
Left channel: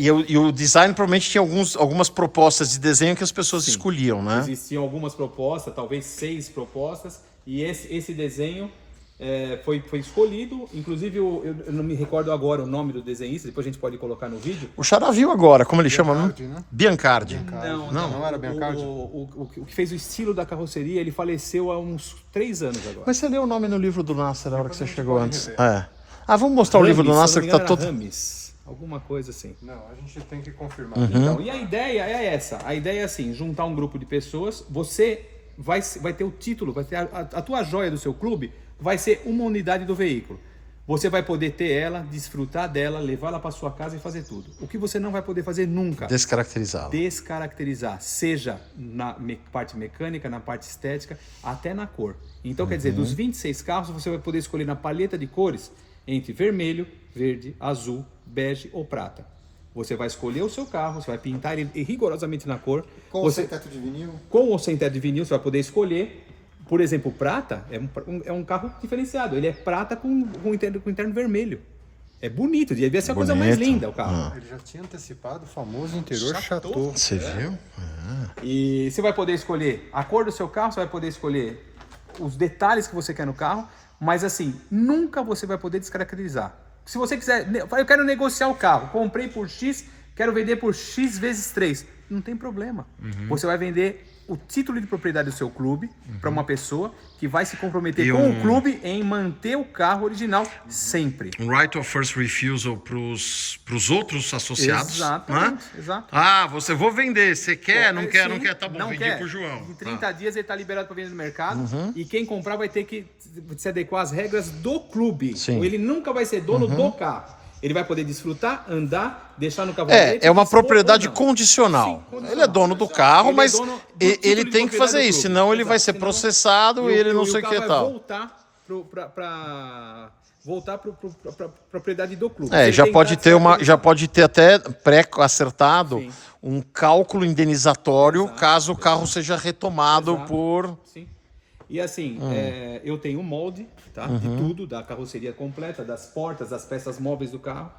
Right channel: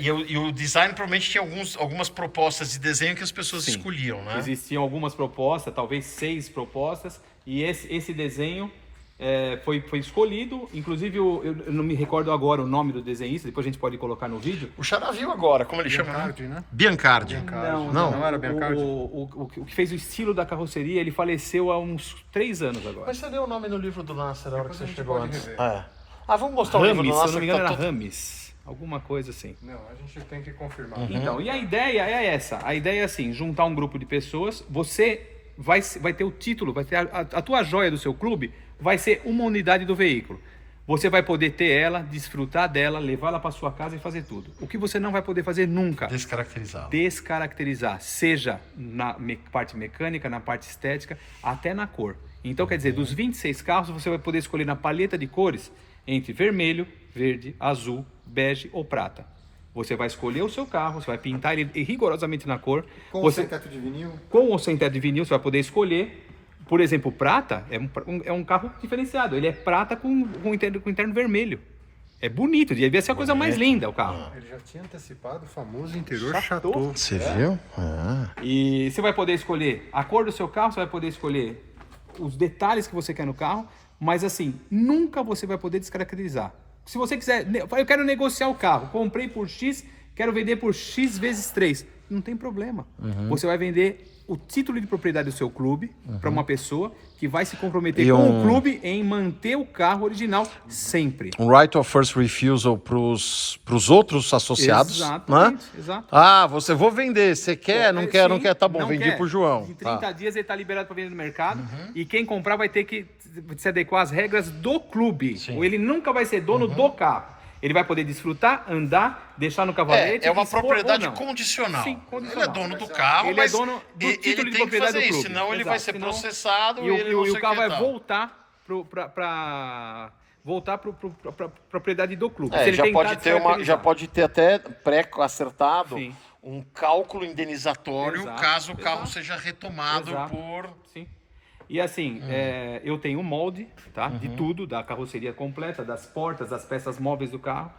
e o design provavelmente tinha algumas propostas de desenho que as pessoas escolhiam, né? Existiam algumas propostas, talvez 6 propostas, e esse desenho foi escolhido. Inclusive, eu não me recordo agora o nome do desenhista, depois a gente pode colocar no vídeo. O Xará viu agora, como ele chama? Biancardi, né? Biancardi. Não era Biancardi? O que fez o estilo da carroceria, ele faleceu há uns 3 anos agora. Mas você leu o nome no livro do Nasser na hora que você chegou antes. rever. Vamos mostrar o livro do Rames, se eu Nasser não me que engano, tá era todo... Rames. Alguma coisa assim. Não, a gente tem que confirmar. Então, e a ideia é essa. A ideia é assim, juntar um grupo de pessoas, você vai ter o título, vai ter a tua joia do seu clube, vai ser uma unidade do veículo. Você vai poder ter ela, desfrutar dela, levá-la para sua casa e fazer tudo. O que você não vai poder fazer nunca? Descaracterizado. Descaracterizar, seja na parte mecânica, na parte estética, até na cor. Então, quer dizer, dos 26 carros, você vai poder escolher na paleta de cores entre vermelho, verde, azul, bege ou prata. Você vai escolher o seu carro, você vai pintar ele rigorosamente na cor. Com ou sem teto de vinil? Com ou sem teto de vinil, você vai poder escolher. Por exemplo, prata é um carro diferenciado. Ele é prata com interno vermelho. É bonito, devia ser a coisa mais linda o carro. Ele já tinha antecipado o famoso interior Chateau. Você viu? E você vai poder escolher a cor do seu carro, você vai poder escolher os detalhes que você quer no carro, mas assim, nunca você vai poder descaracterizar. Se você quiser, eu quero negociar o carro, comprei por X, quero vender por X vezes 3. Não tem problema. Você vai vender o título de propriedade do seu clube para uma pessoa que vai se comprometer E com o clube em manter o carro original sempre. Um right of first refusal pros outros associados. Exatamente, Né? exato. Ah, vou vender. Você quer? Não quer? Sim, Não quer? Tá bom, não vendi quer. pro João. Em 30 Tá. dias ele está liberado para vender no mercado e quem comprar vai ter que se adequar às regras do clube. Sim. Ou ele nunca vai ser dono do carro. Ele vai poder desfrutar, andar, deixar no cavalete. É uma expor propriedade ou não. condicional. Sim, condicional. Ele é dono do carro, Ele é mas dono do título ele de tem que propriedade fazer do isso, clube. senão ele vai Exato, ser senão- processado E e ele não sei o o carro que vai tal. voltar para propriedade do clube. Se É, ele já tentar pode ter descaracterizar. já pode ter até pré-acertado Sim. um cálculo indenizatório Exato, caso o carro exato. seja retomado Exato. por... Sim. E assim, eu tenho um molde, tá? De tudo, da carroceria completa, das portas, das peças móveis do carro.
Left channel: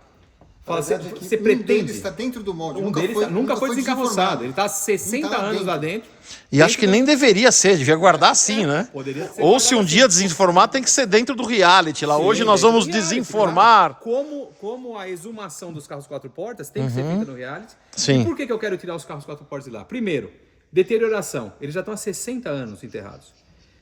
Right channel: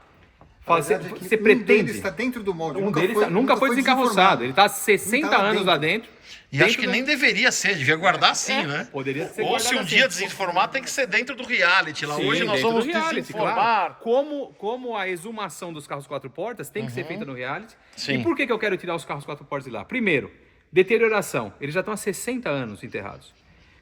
Você Um pretende... deles está dentro do molde. Um deles nunca foi desencarroçado. Ele está há 60 Não tá anos dentro. lá dentro. E acho que nem deveria ser, devia guardar assim, É, né? poderia ser Ou guardado se um assim. dia desinformar, tem que ser dentro do reality lá. Sim, Hoje nós dentro vamos do reality, desinformar. claro. Como a exumação dos carros 4 portas tem que ser feita no reality. Sim. E por que eu quero tirar os carros 4 portas de lá? Primeiro, deterioração. Eles já estão há 60 anos enterrados.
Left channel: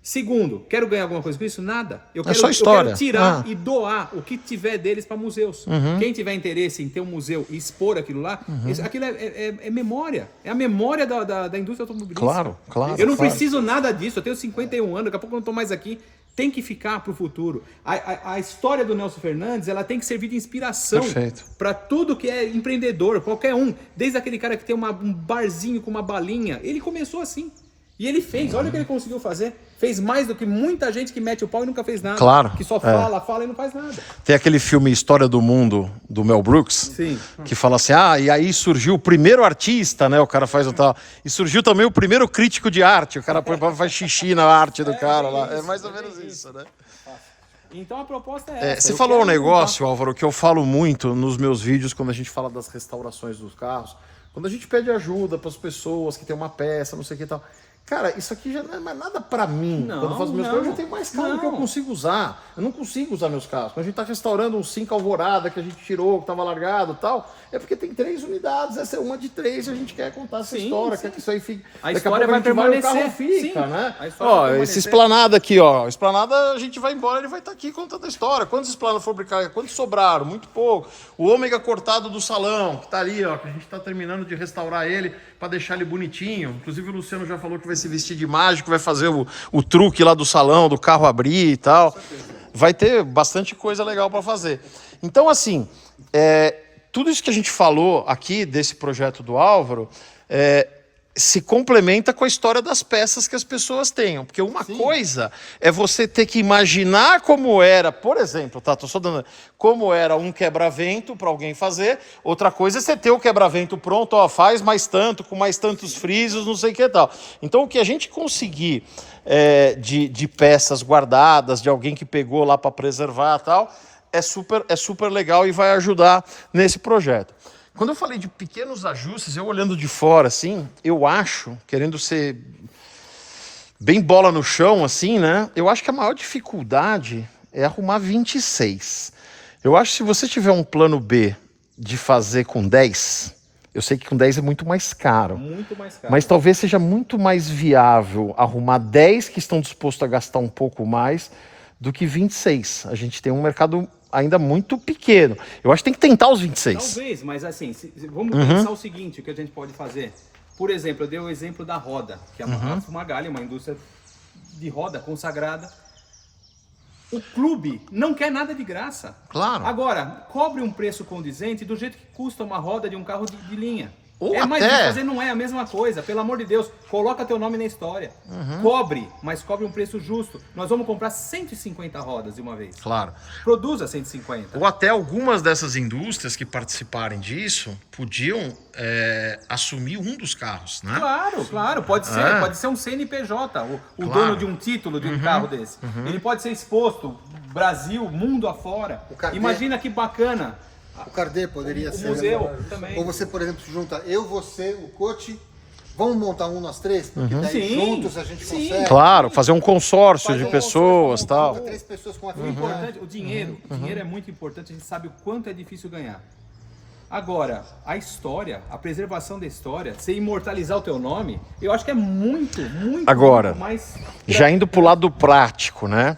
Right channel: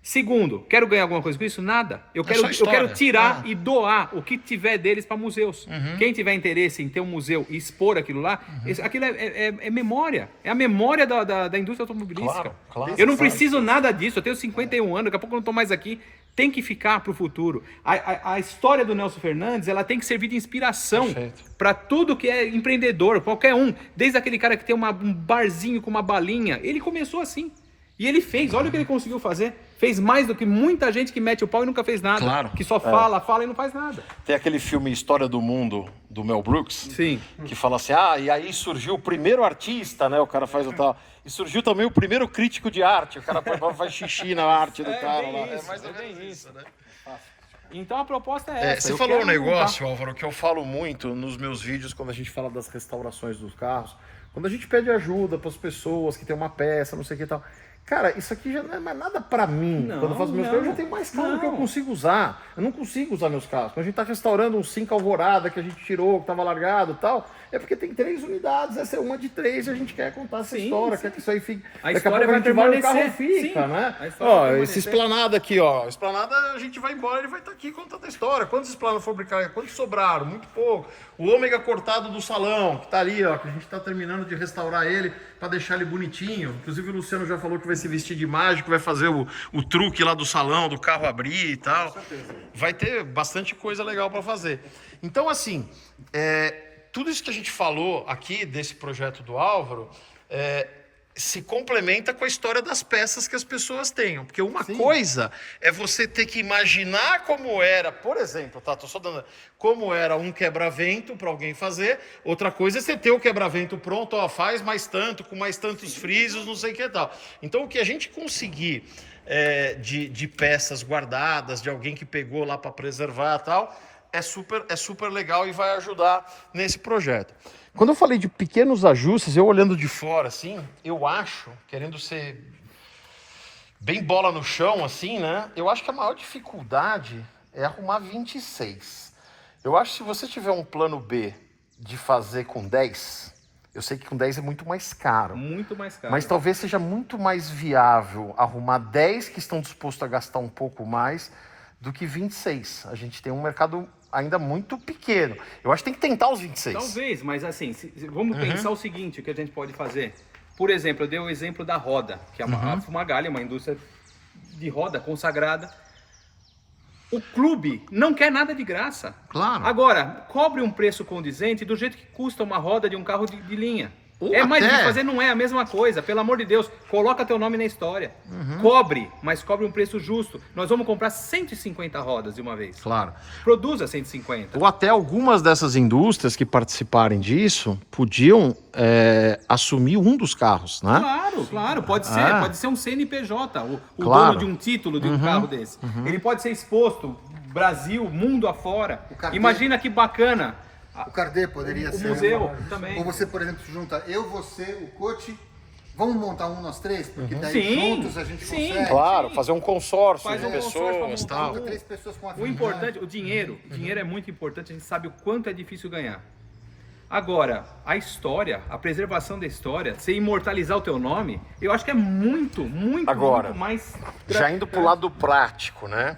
Segundo, quero ganhar alguma coisa com isso? Nada. Eu só história. quero tirar e doar o que tiver deles para museus. Quem tiver interesse em ter um museu e expor aquilo lá, aquilo é memória. É a memória da indústria automobilística. Claro, claro, eu não claro. preciso nada disso. Eu tenho 51 anos, daqui a pouco eu não estou mais aqui. Tem que ficar para o futuro. A história do Nelson Fernandes, ela tem que servir de inspiração Perfeito. para tudo que é empreendedor, qualquer um. Desde aquele cara que tem um barzinho com uma balinha. Ele começou assim. E ele fez. Olha o que ele conseguiu fazer. Fez mais do que muita gente que mete o pau e nunca fez nada. Claro, Que só fala e não faz nada. Tem aquele filme História do Mundo, do Mel Brooks, Sim. que fala assim, e aí surgiu o primeiro artista, né? O cara faz o tal. E surgiu também o primeiro crítico de arte. O cara faz xixi na arte do cara lá. É mais ou menos isso, né? Então a proposta é essa. Você Eu falou um quero negócio, Álvaro, que eu falo muito nos meus vídeos quando a gente fala das restaurações dos carros. Quando a gente pede ajuda para as pessoas que tem uma peça, não sei o que e tal. Cara, isso aqui já não é mais nada pra mim. Não, Quando eu faço meus não. carros, eu já tenho mais carro que eu Não. consigo usar. Eu não consigo usar meus carros. Quando a gente tá restaurando um 5 Alvorada que a gente tirou, que tava largado e tal, é porque tem 3 unidades, essa é uma de 3 e a gente quer contar essa Sim, história, sim. quer que isso aí fique... A Daqui a história pouco a vai gente vai e o carro permanecer. fica, Sim, né? a história vai Ó, esse permanecer. esplanada aqui, ó. Esplanada, a gente vai embora, ele vai estar aqui contando a história. Quantos esplanadas foram brincar? Quantos sobraram? Muito pouco. O ômega cortado do salão, que tá ali, ó, que a gente tá terminando de restaurar ele para deixar ele bonitinho. Inclusive o Luciano já falou que vai se vestir de mágico, vai fazer o truque lá do salão, do carro abrir e tal. Vai ter bastante coisa legal para fazer. Então, assim, tudo isso que a gente falou aqui desse projeto do Álvaro se complementa com a história das peças que as pessoas tenham. Porque uma coisa é você ter que imaginar como era, por exemplo, tô só dando, como era um quebra-vento para alguém fazer. Outra coisa é você ter o quebra-vento pronto, ó, faz mais tanto, com mais tantos frisos, não sei o que e tal. Então, o que a gente conseguir de peças guardadas, de alguém que pegou lá para preservar e tal, é super legal e vai ajudar nesse projeto. Quando eu falei de pequenos ajustes, eu olhando de fora, assim, eu acho, querendo ser bem bola no chão, assim, né? Eu acho que a maior dificuldade é arrumar 26. Eu acho que se você tiver um plano B de fazer com 10, eu sei que com 10 é muito mais caro. Muito mais caro. Mas talvez seja muito mais viável arrumar 10 que estão dispostos a gastar um pouco mais do que 26. A gente tem um mercado ainda muito pequeno. Eu acho que tem que tentar os 26. Talvez, mas assim, vamos pensar o seguinte, o que a gente pode fazer. Por exemplo, eu dei o exemplo da roda, que é a Fumagalli, uma indústria de roda consagrada. O clube não quer nada de graça. Claro. Agora, cobre um preço condizente do jeito que custa uma roda de um carro de linha. Ou Mais até- de fazer não é a mesma coisa, pelo amor de Deus, coloca teu nome na história. Cobre, mas cobre um preço justo. Nós vamos comprar 150 rodas de uma vez. Claro. Produza 150. Ou até algumas dessas indústrias que participarem disso podiam assumir um dos carros, né? Claro, pode ser um CNPJ, o Claro. dono de um título de um carro desse. Ele pode ser exposto, Brasil, mundo afora. carteiro. Imagina que bacana. O Cardê poderia O ser. museu também. Ou você, por exemplo, se junta você, o coach, vamos montar um nós três? Porque daí Sim, juntos a gente sim. consegue. Claro, fazer um consórcio Faz de um pessoas consórcio, tal. Junta 3 pessoas com a O importante, o dinheiro é muito importante, a gente sabe o quanto é difícil ganhar. Agora, a história, a preservação da história, você imortalizar o teu nome, eu acho que é muito, muito, Agora, muito mais... Já indo pro lado prático, né?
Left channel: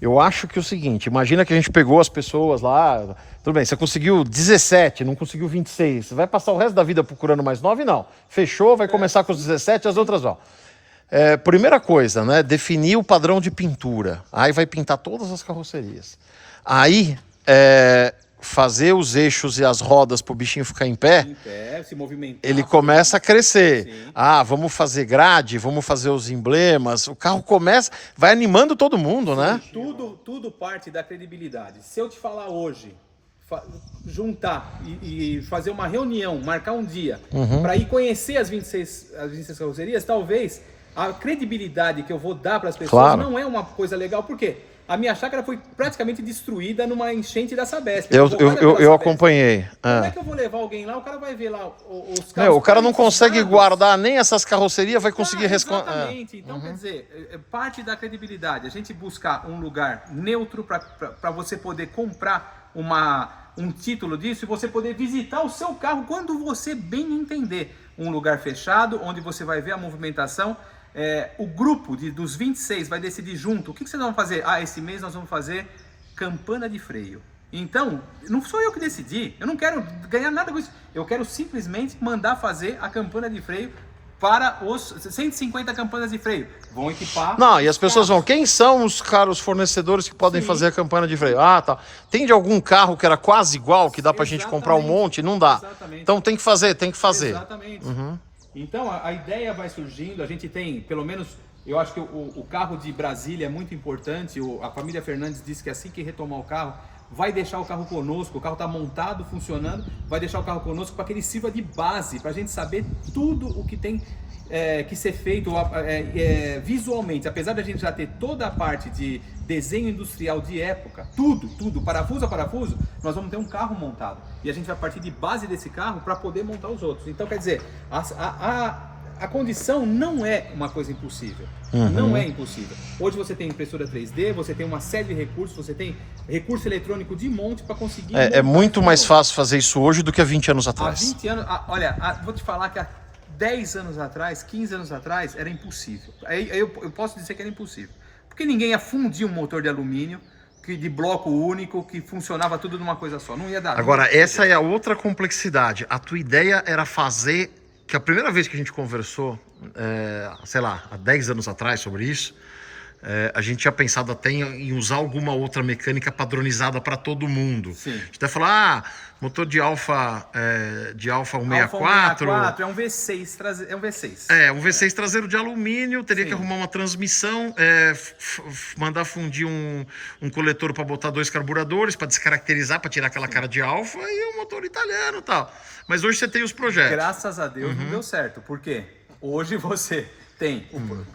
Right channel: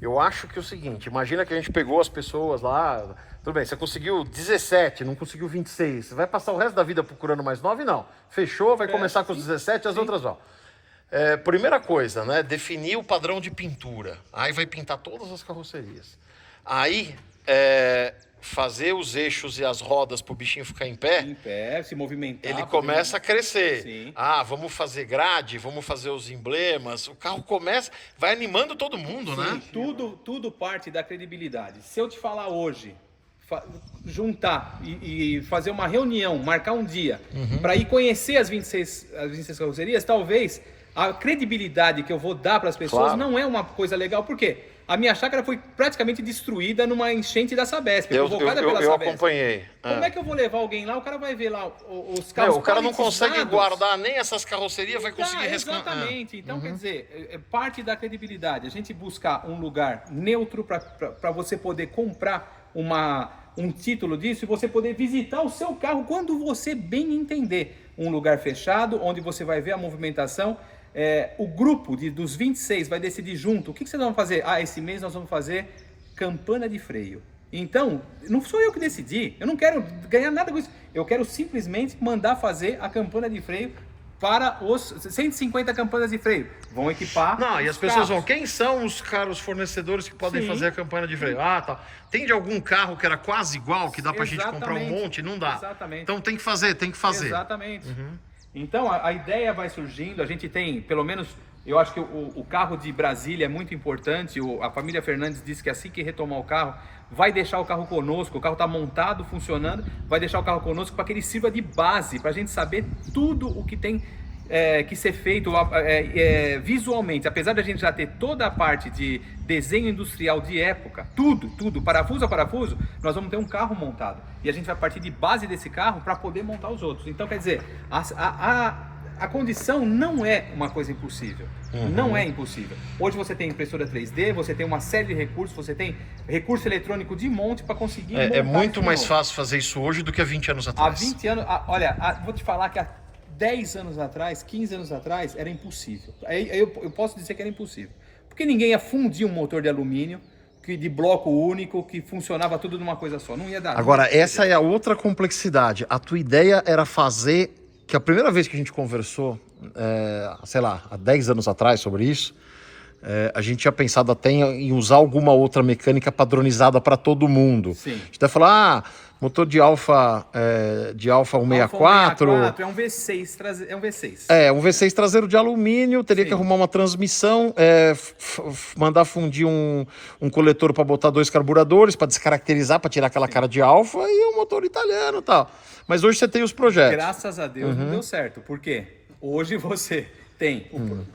Eu acho que é o seguinte, imagina que a gente pegou as pessoas lá, tudo bem, você conseguiu 17, não conseguiu 26, você vai passar o resto da vida procurando mais 9? Não. Fechou, vai começar com os 17, as outras vão. Primeira coisa, né? Definir o padrão de pintura. Aí vai pintar todas as carrocerias. Aí, fazer os eixos e as rodas para o bichinho ficar em pé, se movimentar. ele começa a crescer. Sim. Vamos fazer grade, vamos fazer os emblemas. O carro começa, vai animando todo mundo, né? Tudo parte da credibilidade. Se eu te falar hoje, juntar e fazer uma reunião, marcar um dia, para ir conhecer as 26 carrocerias, talvez a credibilidade que eu vou dar para as pessoas não é uma coisa legal. Por quê? A minha chácara foi praticamente destruída numa enchente da Sabesp. Eu acompanhei. Como é que eu vou levar alguém lá? O cara vai ver lá os carros. O cara não consegue guardar nem essas carrocerias, vai conseguir Exatamente. Então, quer dizer, parte da credibilidade. A gente buscar um lugar neutro para você poder comprar um título disso e você poder visitar o seu carro quando você bem entender. Um lugar fechado, onde você vai ver a movimentação. O grupo dos 26 vai decidir junto. O que vocês vão fazer? Esse mês nós vamos fazer campana de freio. Então, não sou eu que decidi. Eu não quero ganhar nada com isso. Eu quero simplesmente mandar fazer a campana de freio para os 150 campanas de freio. Vão equipar. Não, e as pessoas vão. Quem são os caros fornecedores que podem fazer a campana de freio? Tá. Tem de algum carro que era quase igual, que dá pra gente comprar um monte? Não dá. Exatamente. Então tem que fazer. Exatamente. Então a ideia vai surgindo, a gente tem, pelo menos, eu acho que o carro de Brasília é muito importante, a família Fernandes disse que assim que retomar o carro, vai deixar o carro conosco, o carro está montado, funcionando, vai deixar o carro conosco para que ele sirva de base, para a gente saber tudo o que tem que ser feito visualmente. Apesar da gente já ter toda a parte de desenho industrial de época, tudo, parafuso a parafuso, nós vamos ter um carro montado. E a gente vai partir de base desse carro para poder montar os outros. Então, quer dizer, a condição não é uma coisa impossível. Não é impossível. Hoje você tem impressora 3D, você tem uma série de recursos, você tem recurso eletrônico de monte para conseguir montar. É muito mais fácil fazer isso hoje do que há 20 anos atrás. Há 20 anos... vou te falar que há 10 anos atrás, 15 anos atrás, era impossível. Eu posso dizer que era impossível. Porque ninguém ia fundir um motor de alumínio de bloco único, que funcionava tudo numa coisa só. Não ia dar. Agora, essa é a outra complexidade. A tua ideia era fazer... Que a primeira vez que a gente conversou, sei lá, há 10 anos atrás sobre isso, a gente tinha pensado até em usar alguma outra mecânica padronizada para todo mundo. Sim. A gente até falar, motor de Alfa 164... é um V6, é um V6. Um V6 traseiro de alumínio, teria que arrumar uma transmissão, mandar fundir um coletor para botar 2 carburadores, para descaracterizar, para tirar aquela cara de Alfa, e um motor italiano e tal. Mas hoje você tem os projetos. Graças a Deus não deu certo. Por quê? Hoje você tem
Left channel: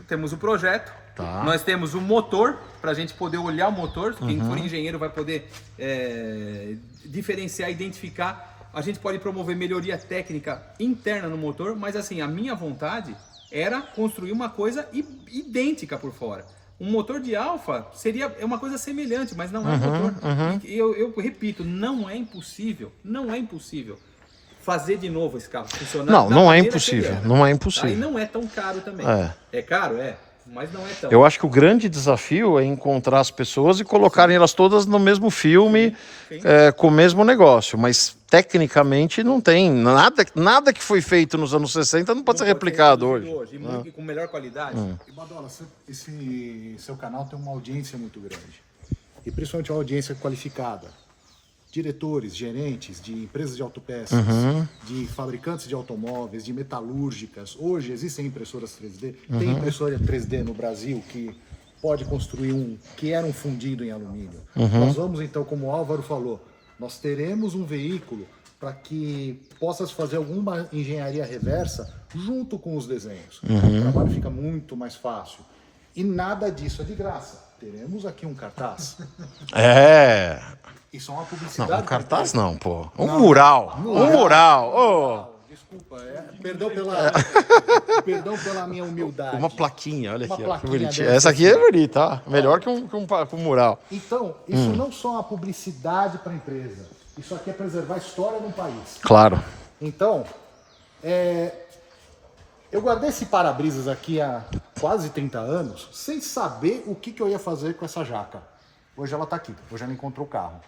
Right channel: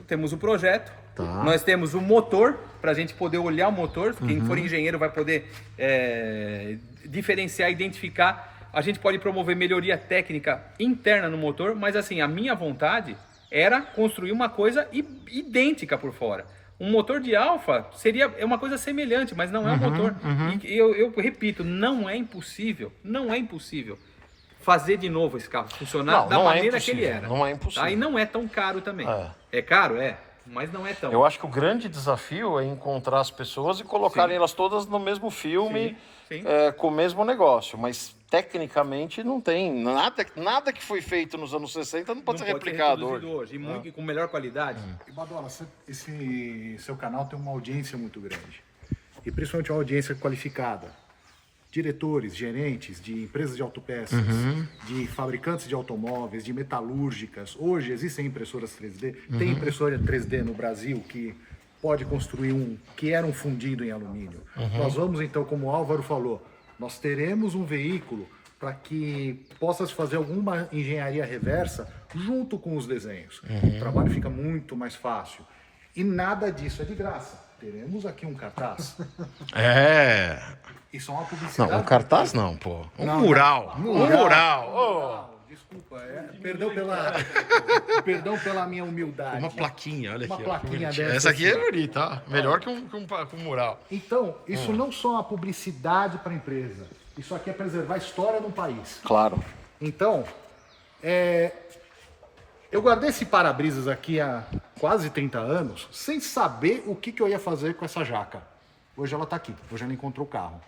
temos o projeto, nós temos o motor, para a gente poder olhar o motor. Quem for engenheiro vai poder diferenciar, identificar. A gente pode promover melhoria técnica interna no motor, mas assim, a minha vontade era construir uma coisa idêntica por fora. Um motor de Alfa é uma coisa semelhante, mas não é um motor. E eu repito, não é impossível fazer de novo esse carro funcionar da maneira que ele era. Não é impossível. Aí não é tão caro também. É caro? Mas não é tão. Eu acho que o grande desafio é encontrar as pessoas e colocarem elas todas no mesmo filme, com o mesmo negócio. Mas, tecnicamente, não tem. Nada que foi feito nos anos 60 não pode ser replicado hoje. E com melhor qualidade. E, Badola, esse seu canal tem uma audiência muito grande. E principalmente uma audiência qualificada. Diretores, gerentes de empresas de autopeças, de fabricantes de automóveis, de metalúrgicas. Hoje existem impressoras 3D. Tem impressora 3D no Brasil que pode construir que era um fundido em alumínio. Nós vamos então, como o Álvaro falou, nós teremos um veículo para que possa se fazer alguma engenharia reversa junto com os desenhos. O trabalho fica muito mais fácil. E nada disso é de graça. Teremos aqui um cartaz. Isso é uma publicidade. Não, um cartaz não, pô. Um mural. Um mural. Desculpa, perdão pela minha humildade. Uma plaquinha, olha aqui. Ó, essa aqui é bonita, ó. Melhor que um mural. Então, isso não só é uma publicidade para a empresa, Isso aqui é preservar a história de um país. Claro. Então, eu guardei esse para-brisas aqui há quase 30 anos, sem saber o que eu ia fazer com essa jaca. Hoje ela está aqui, hoje ela encontrou o carro.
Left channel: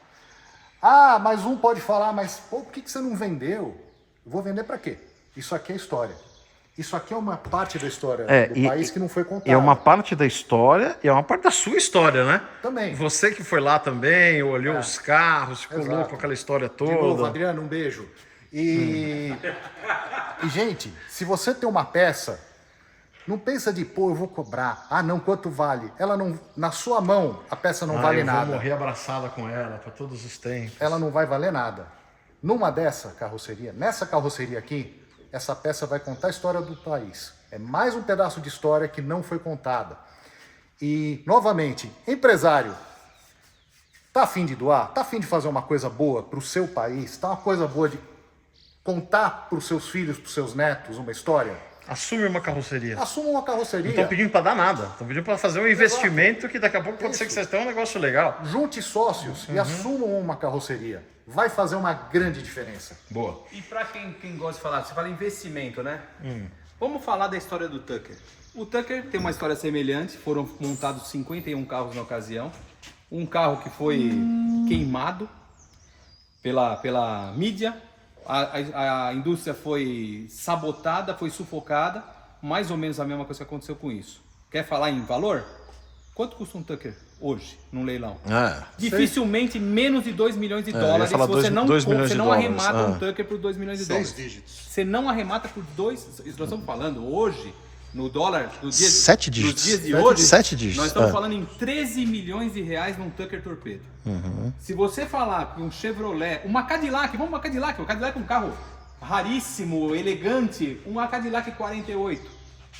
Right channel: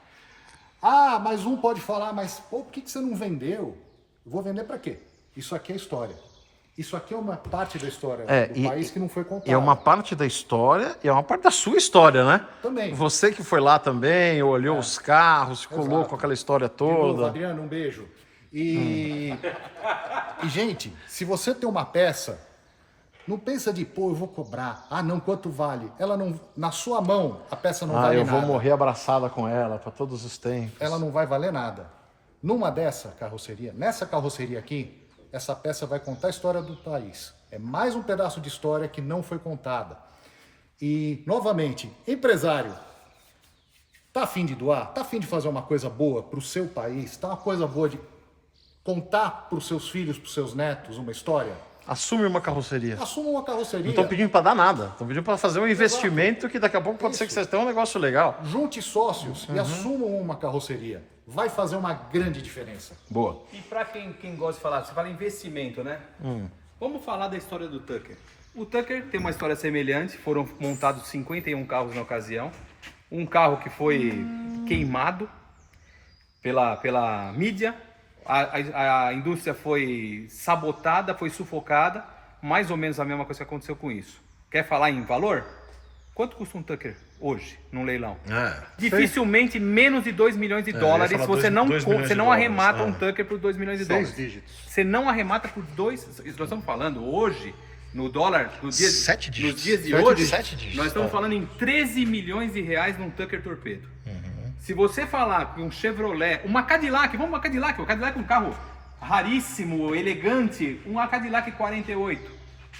Ah, mas um pode falar, mas pô, por que você não vendeu? Eu vou vender para quê? Isso aqui é história. Isso aqui é uma parte da história do país que não foi contada. É uma parte da história e é uma parte da sua história, né? Também. Você que foi lá também, olhou os carros, ficou Exato. louco com aquela história De novo, toda. Adriano, um beijo. E, gente, se você tem uma peça, não pensa de, pô, eu vou cobrar. Ah, não, quanto vale? Ela não, na sua mão, a peça não vale eu nada. vou morrer abraçada com ela para todos os tempos. Ela não vai valer nada. Numa dessa carroceria, nessa carroceria aqui, essa peça vai contar a história do país. É mais um pedaço de história que não foi contada. E, novamente, empresário, tá afim de doar? Tá afim de fazer uma coisa boa para o seu país? Tá uma coisa boa de contar para os seus filhos, para os seus netos uma história? Assume uma carroceria. Assuma uma carroceria. Não estão pedindo para dar nada. Estão pedindo para fazer um investimento que daqui a pouco pode ser que vocês tenham um negócio legal. Junte sócios e assumam uma carroceria. Vai fazer uma grande diferença. Boa. E para quem gosta de falar, você fala investimento, né? Vamos falar da história do Tucker. O Tucker tem uma história semelhante, foram montados 51 carros na ocasião. Um carro que foi queimado pela mídia, a indústria foi sabotada, foi sufocada, mais ou menos a mesma coisa que aconteceu com isso. Quer falar em valor? Quanto custa um Tucker hoje, num leilão? Dificilmente menos de 2 milhões de dólares. Você não arremata um Tucker por 2 milhões de dólares. Você não arremata por 2. Nós estamos falando hoje, no dólar, nos dias, 7 dígitos. nos dias de hoje, 7 dígitos. nós estamos falando em 13 milhões de reais num Tucker Torpedo. Se você falar que um Chevrolet, uma Cadillac, vamos uma Cadillac, o Cadillac é um carro raríssimo, elegante, uma Cadillac 48.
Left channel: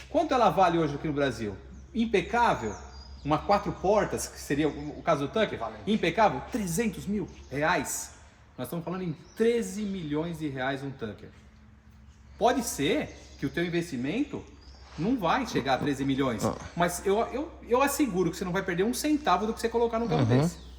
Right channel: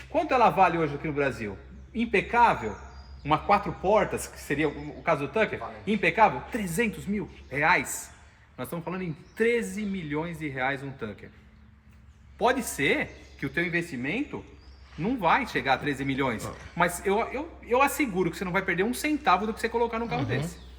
Quanto ela vale hoje aqui no Brasil? Impecável. Uma 4 portas, que seria o caso do Tucker, impecável, 300 mil reais. Nós estamos falando em 13 milhões de reais um Tucker. Pode ser que o teu investimento não vai chegar a 13 milhões, mas eu asseguro que você não vai perder um centavo do que você colocar num carro desse.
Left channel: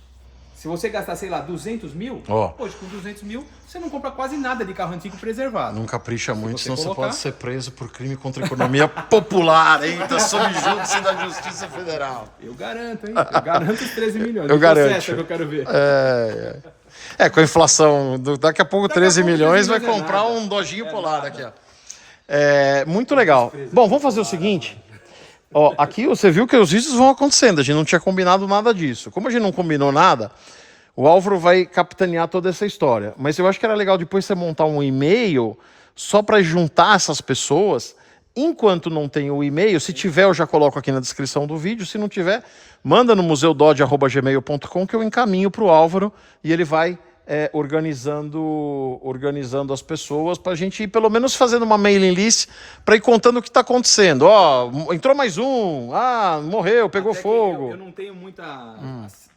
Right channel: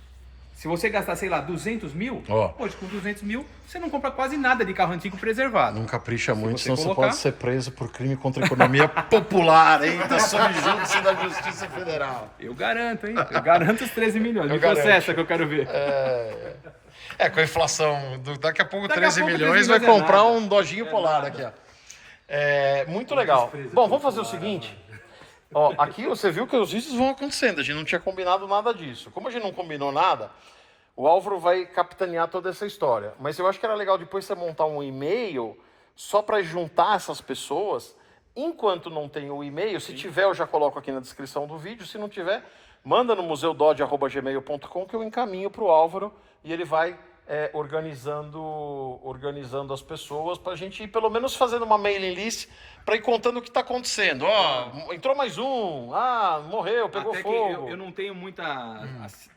Se você gastar, sei lá, 200 mil, hoje com 200 mil, você não compra quase nada de carro antigo preservado. Não capricha muito, senão colocar... você pode ser preso por crime contra a economia popular, hein? Tá sob júdice da Justiça Federal. Eu garanto, hein? Eu garanto os 13 milhões. Eu garanto. Processa que eu quero ver. Com a inflação, daqui a pouco 13 milhões vai comprar um Dojinho Polar aqui, ó. Muito legal. Bom, vamos fazer o seguinte. Ó, aqui você viu que os vídeos vão acontecendo, a gente não tinha combinado nada disso. Como a gente não combinou nada, o Álvaro vai capitanear toda essa história. Mas eu acho que era legal depois você montar um e-mail só para juntar essas pessoas. Enquanto não tem o e-mail, se tiver eu já coloco aqui na descrição do vídeo, se não tiver, manda no museudod@gmail.com que eu encaminho para o Álvaro e ele vai organizando as pessoas para a gente ir pelo menos fazendo uma mailing list para ir contando o que está acontecendo. Ó, entrou mais um, morreu, pegou Até fogo. Eu não tenho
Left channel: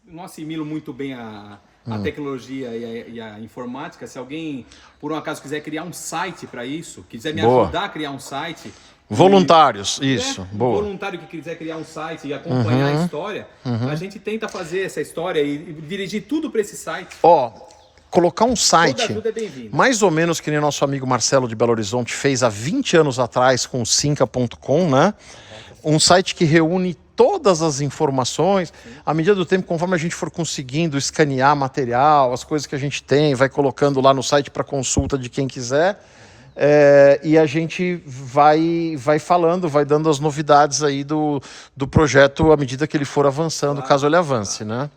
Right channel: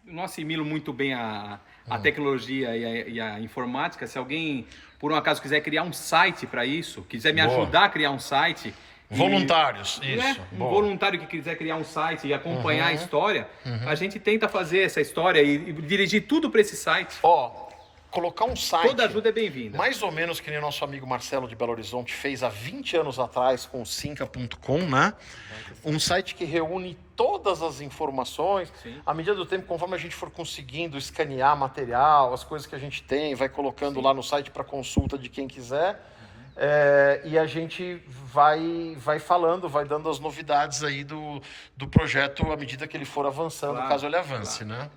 não assimilo muito bem a tecnologia e a informática. Se alguém, por um acaso, quiser criar um site para isso, quiser me ajudar a criar um site... Voluntários, isso. Um voluntário que quiser criar um site e acompanhar a história, a gente tenta fazer essa história e dirigir tudo para esse site. Colocar um site, toda ajuda é bem-vinda. Mais ou menos que nem nosso amigo Marcelo de Belo Horizonte fez há 20 anos atrás com o Cinca.com, né? Um site que reúne todas as informações. À medida do tempo, conforme a gente for conseguindo escanear material, as coisas que a gente tem, vai colocando lá no site para consulta de quem quiser. E a gente vai falando, vai dando as novidades aí do projeto à medida que ele for avançando, caso ele avance, né?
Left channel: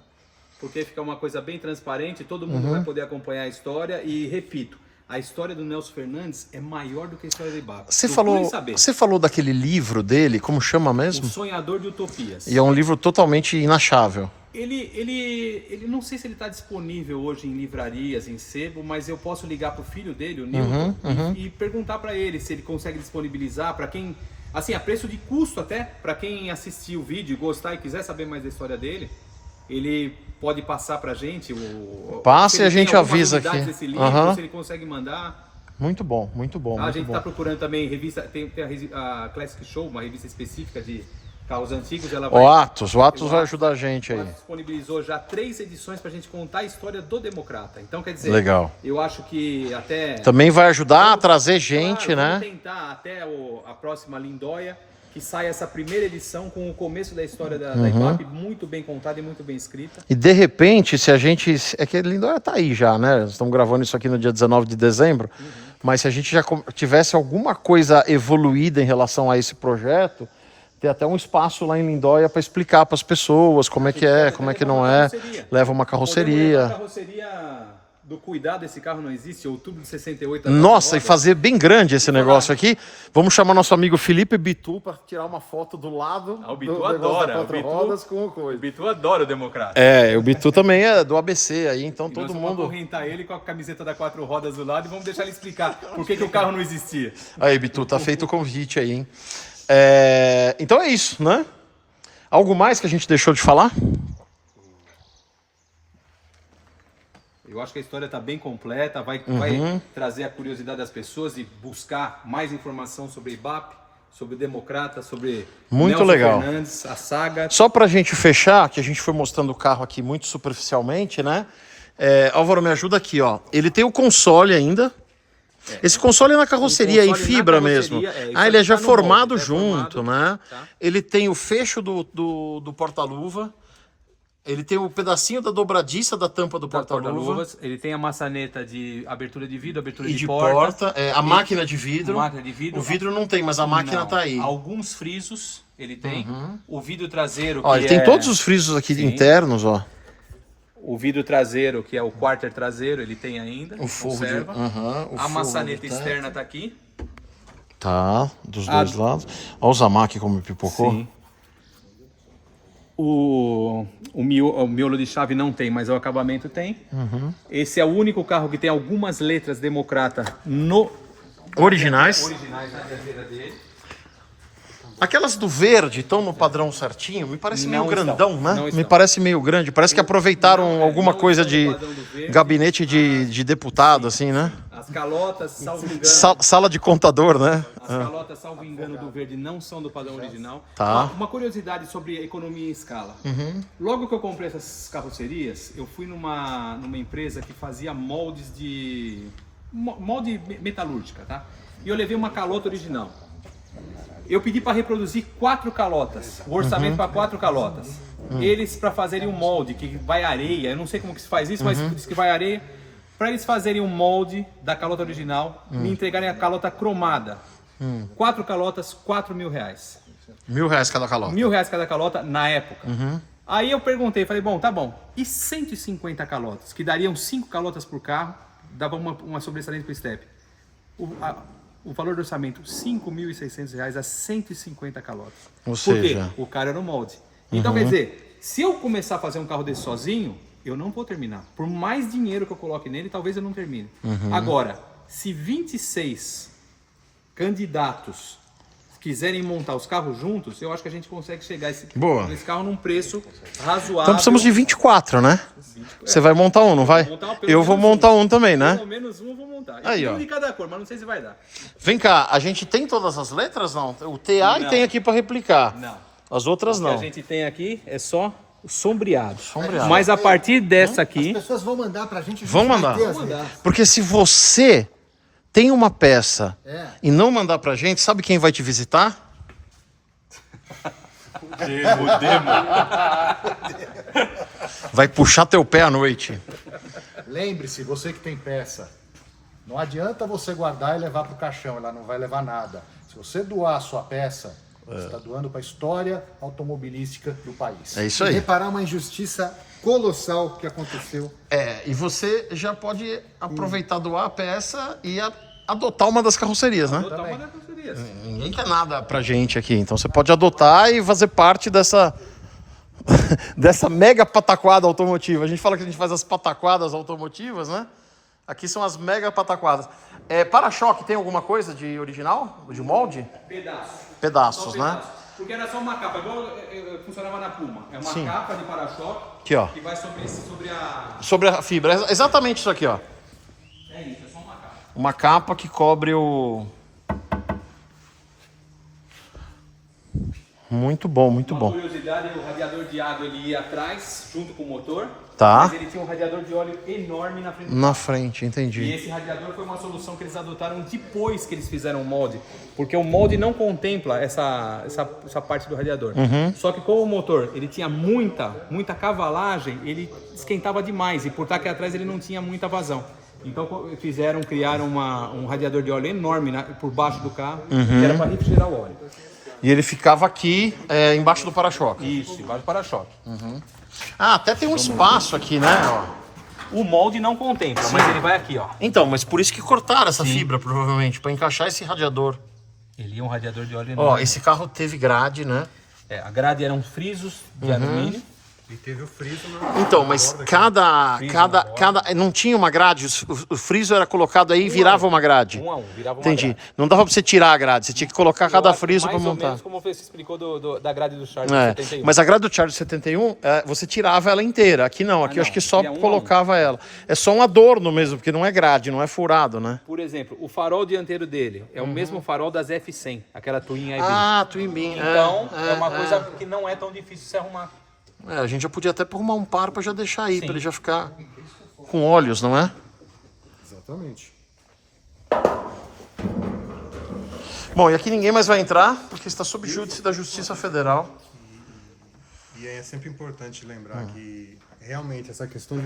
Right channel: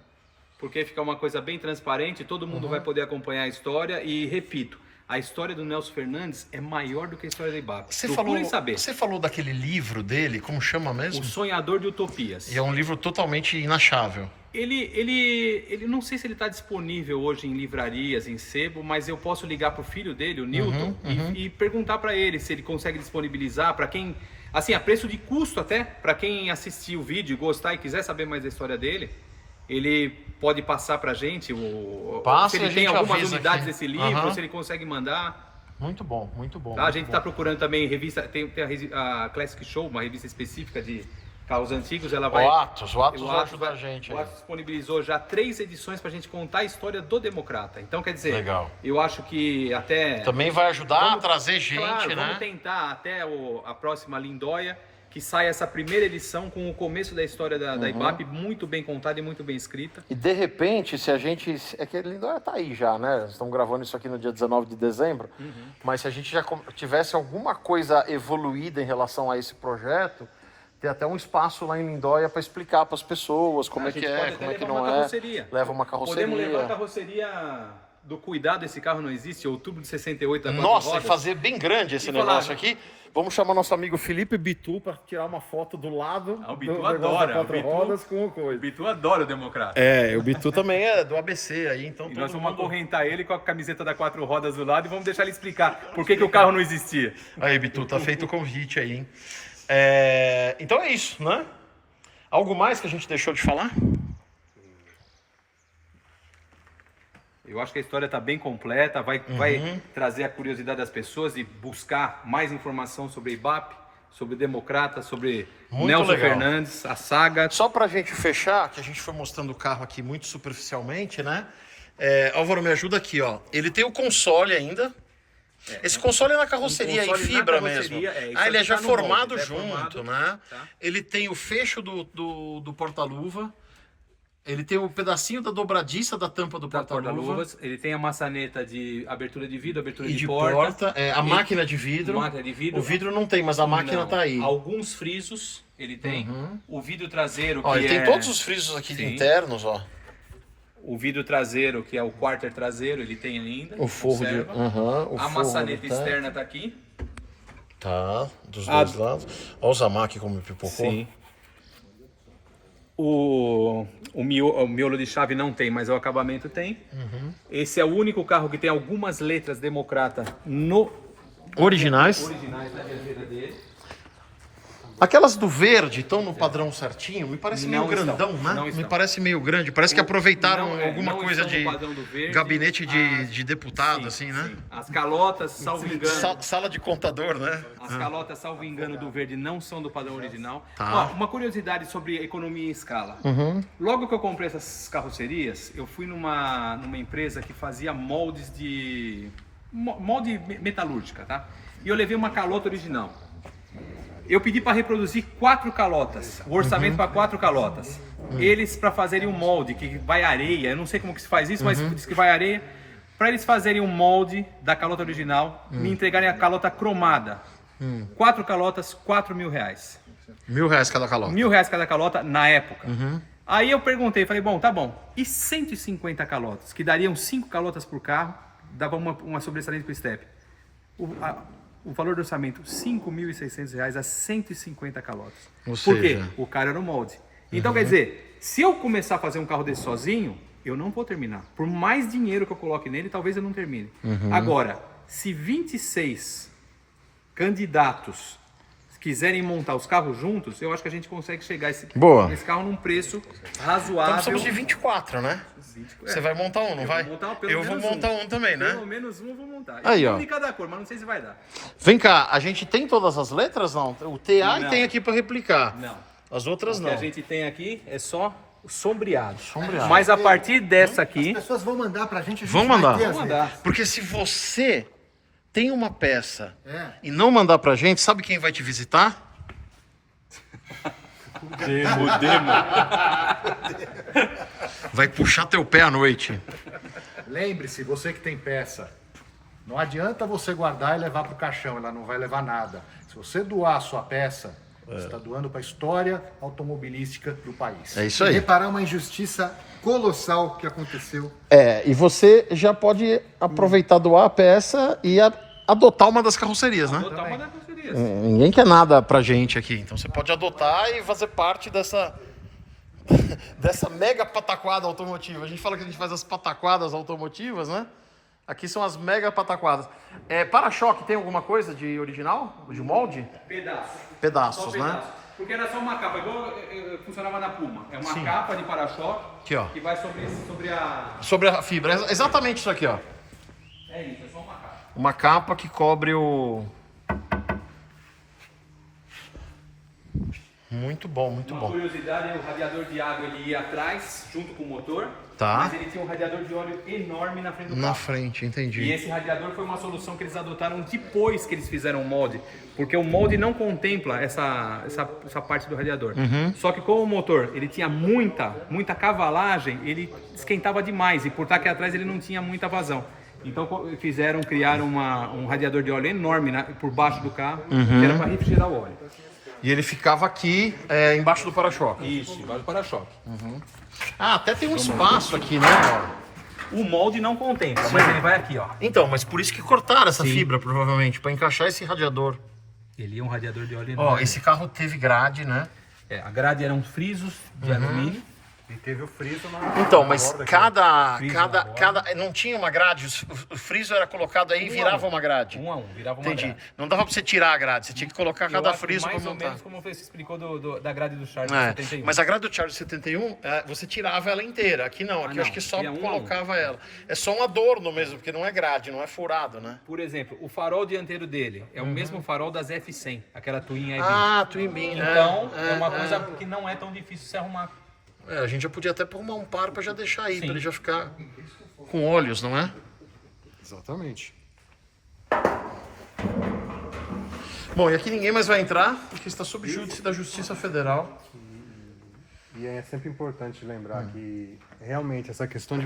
Porque fica uma coisa bem transparente, todo mundo vai poder acompanhar a história e, repito, a história do Nelson Fernandes é maior do que a história da Ibape. Você falou daquele livro dele, como chama mesmo? O Sonhador de Utopias. E é um livro totalmente inachável. Ele não sei se ele está disponível hoje em livrarias, em sebo, mas eu posso ligar para o filho dele, o Newton, e perguntar para ele se ele consegue disponibilizar para quem, assim, a preço de custo até, para quem assistir o vídeo, gostar e quiser saber mais da história dele, ele pode passar para a gente, passe e a gente avisa aqui. Desse livro, se ele consegue mandar. Muito bom, muito bom. A gente está procurando também revista, tem a Classic Show, uma revista específica de carros antigos, ela vai... O Atos vai o ajudar a gente O aí. Atos disponibilizou já 3 edições para a gente contar a história do Democrata. Então, quer dizer, Legal. eu acho que até... Também vai ajudar a Vamos- trazer gente, claro, né? Vamos tentar até a próxima Lindóia, que saia essa primeira edição com o começo da história da Uhum. IBAP, muito bem contada e muito bem escrita. E de repente, se a gente. É que Lindóia tá aí já, né? Estamos gravando isso aqui no dia 19 de dezembro. Mas se a gente já tivesse alguma coisa evoluída em relação a esse projeto, ter até um espaço lá em Lindóia para explicar para as pessoas como A é que gente é, pode como é até que levar não uma é. carroceria. Leva uma Podemos levar a carroceria. carroceria do cuidado desse carro não existe, outubro de 68. a quatro Nossa, e rodas. fazer bem grande esse E falar- negócio aqui. Vamos chamar nosso amigo Felipe Bitu para tirar uma foto do lado Ah, o Bitu do negócio adora, da quatro o Bitu- rodas com o O coisa. Bitu adora o Democrata. É, o Bitu também é do ABC aí, então E nós todo vamos mundo... acorrentar ele com a camiseta da 4 rodas do lado e vamos deixar ele explicar por que o carro não existia. Aí, Bitu, tá feito o convite aí, hein? Então é isso, né? Algo mais que a gente deixou de falar? Eu acho que a história está bem completa, vai trazer a curiosidade das pessoas e buscar mais informação sobre a IBAP, sobre o Democrata, sobre Muito Nelson legal. Fernandes, a saga. Só pra gente fechar, que a gente foi mostrando o carro aqui muito superficialmente, né? Álvaro, me ajuda aqui, ó. Ele tem o console ainda. Esse console é na carroceria, em console na fibra carroceria, mesmo. isso Ele é aqui já tá no formado molde, junto, formado, né? tá. Ele tem o fecho do porta-luva. Ele tem o pedacinho da dobradiça da tampa do porta-luva. Porta-luvas, ele tem a maçaneta de abertura de vidro, abertura E de de porta. porta, a máquina de vidro. Máquina de vidro. O vidro não tem, mas a máquina Não, tá aí. Alguns frisos ele tem. O vidro traseiro, que Ó, ele tem é- todos os frisos aqui Sim. internos, ó. O vidro traseiro, que é o quarter traseiro, ele tem ainda. O forro de. conserva. O A forro maçaneta de teto. externa tá aqui. Tá, dos dois lados. Olha o Zamaki como pipocou. Sim. O miolo de chave não tem, mas o acabamento tem. Esse é o único carro que tem algumas letras Democrata no Originais. originais na dianteira dele. Aquelas do verde estão no padrão certinho. Me parece meio Não grandão, estão, né? não Me estão. parece meio grande. Parece que aproveitaram não, alguma não coisa estão de no padrão do verde. gabinete de deputado, assim, né? As calotas, salvo engano. Sala de contador, né? As calotas, salvo engano, do verde não são do padrão original. Tá. Uma curiosidade sobre economia em escala. Logo que eu comprei essas carrocerias, eu fui numa empresa que fazia moldes de... molde metalúrgica, tá? E eu levei uma calota original. Eu pedi para reproduzir 4 calotas, o orçamento para 4 calotas. Eles, para fazerem um molde que vai areia, eu não sei como que se faz isso, mas diz que vai areia. Para eles fazerem um molde da calota original, me entregarem a calota cromada. 4 calotas, 4 mil reais. R$1.000 cada calota. R$1.000 cada calota na época. Aí eu perguntei, falei, bom, tá bom. E 150 calotas, que dariam 5 calotas por carro, dava uma sobressalente para o step. O valor do orçamento, R$5.600 a 150 calotas. Ou Por quê? seja- O cara era no molde. Então, quer dizer, se eu começar a fazer um carro desse sozinho, eu não vou terminar. Por mais dinheiro que eu coloque nele, talvez eu não termine. Agora, se 26 candidatos quiserem montar os carros juntos, eu acho que a gente consegue chegar Boa. nesse carro num preço razoável. Então precisamos de 24, né? Você vai montar um, não vai? Montar pelo Eu vou menos montar um também, né? Pelo menos um eu vou montar. Aí, E ó. um de cada cor, mas não sei se vai dar. Vem cá, a gente tem todas as letras? Não. O TA Não. tem aqui para replicar. Não. As outras O que a não. gente tem aqui é só o sombreado. Sombreado. Mas a partir dessa aqui, As pessoas vão mandar pra gente. Vão mandar. mandar. Porque se você tem uma peça É. e não mandar pra gente, sabe quem vai te visitar? Vai puxar teu pé à noite. Lembre-se, você que tem peça, não adianta você guardar e levar pro caixão, ela não vai levar nada. Se você doar a sua peça, você está doando para a história automobilística do país. É isso aí. Reparar uma injustiça colossal que aconteceu. E você já pode aproveitar, doar a peça e adotar uma das carrocerias, né? botar uma das carrocerias. Ninguém quer nada pra gente aqui, então você pode adotar e fazer parte dessa dessa mega pataquada automotiva. A gente fala que a gente faz as pataquadas automotivas, né? Aqui são as mega pataquadas. Para-choque tem alguma coisa de original? De molde? Pedaço. Pedaços, Só né? pedaço. Porque era só uma capa, igual funcionava na Puma. É uma capa de para-choque Aqui, ó. que vai sobre a... Sobre a fibra. Exatamente isso aqui, ó. É isso, é só uma capa. Uma capa que cobre o... Muito bom, muito Uma bom. curiosidade, o radiador de água ele ia atrás, junto com o motor, Tá. mas ele tinha um radiador de óleo enorme na frente do Na carro. frente, E entendi. esse radiador foi uma solução que eles adotaram depois que eles fizeram o molde, porque o molde não contempla essa parte do radiador. Só que como o motor ele tinha muita cavalagem, ele esquentava demais e por estar aqui atrás ele não tinha muita vazão. Então criaram um radiador de óleo enorme por baixo do carro, que era para refrigerar o óleo. E ele ficava aqui embaixo do para-choque. Isso, embaixo do para-choque. Ah, até tem um espaço aqui, né? Ó. O molde não contempla, mas ele vai aqui, ó. Então, mas por isso que cortaram essa fibra, provavelmente, para encaixar esse radiador. Ele é um radiador de óleo Ó, enorme. esse carro teve grade, né? A grade eram frisos de alumínio. E teve o friso na... Então, mas borda aqui. cada não tinha uma grade, o friso era colocado aí e virava uma grade. 1 a 1, virava uma Entendi. grade. Não dava pra você tirar a grade, você tinha que colocar cada Eu acho friso para mais ou montar. menos como você explicou da grade do Charge É, 71. mas a grade do Charge 71, você tirava ela inteira. Aqui não, aqui eu acho que só Ia 1 a 1. colocava ela. É só um adorno mesmo, porque não é grade, não é furado, né? Por exemplo, o farol dianteiro dele é o mesmo farol das F100, aquela Twin EV. Ah, Twin Beam. Então, é uma coisa que não é tão difícil se arrumar. A gente já podia até arrumar um par para já deixar aí, Sim. para ele já ficar com óleos, não é? Exatamente. Bom, e aqui ninguém mais vai entrar, porque está sob júdice da Justiça Federal. E é sempre importante lembrar que realmente essa questão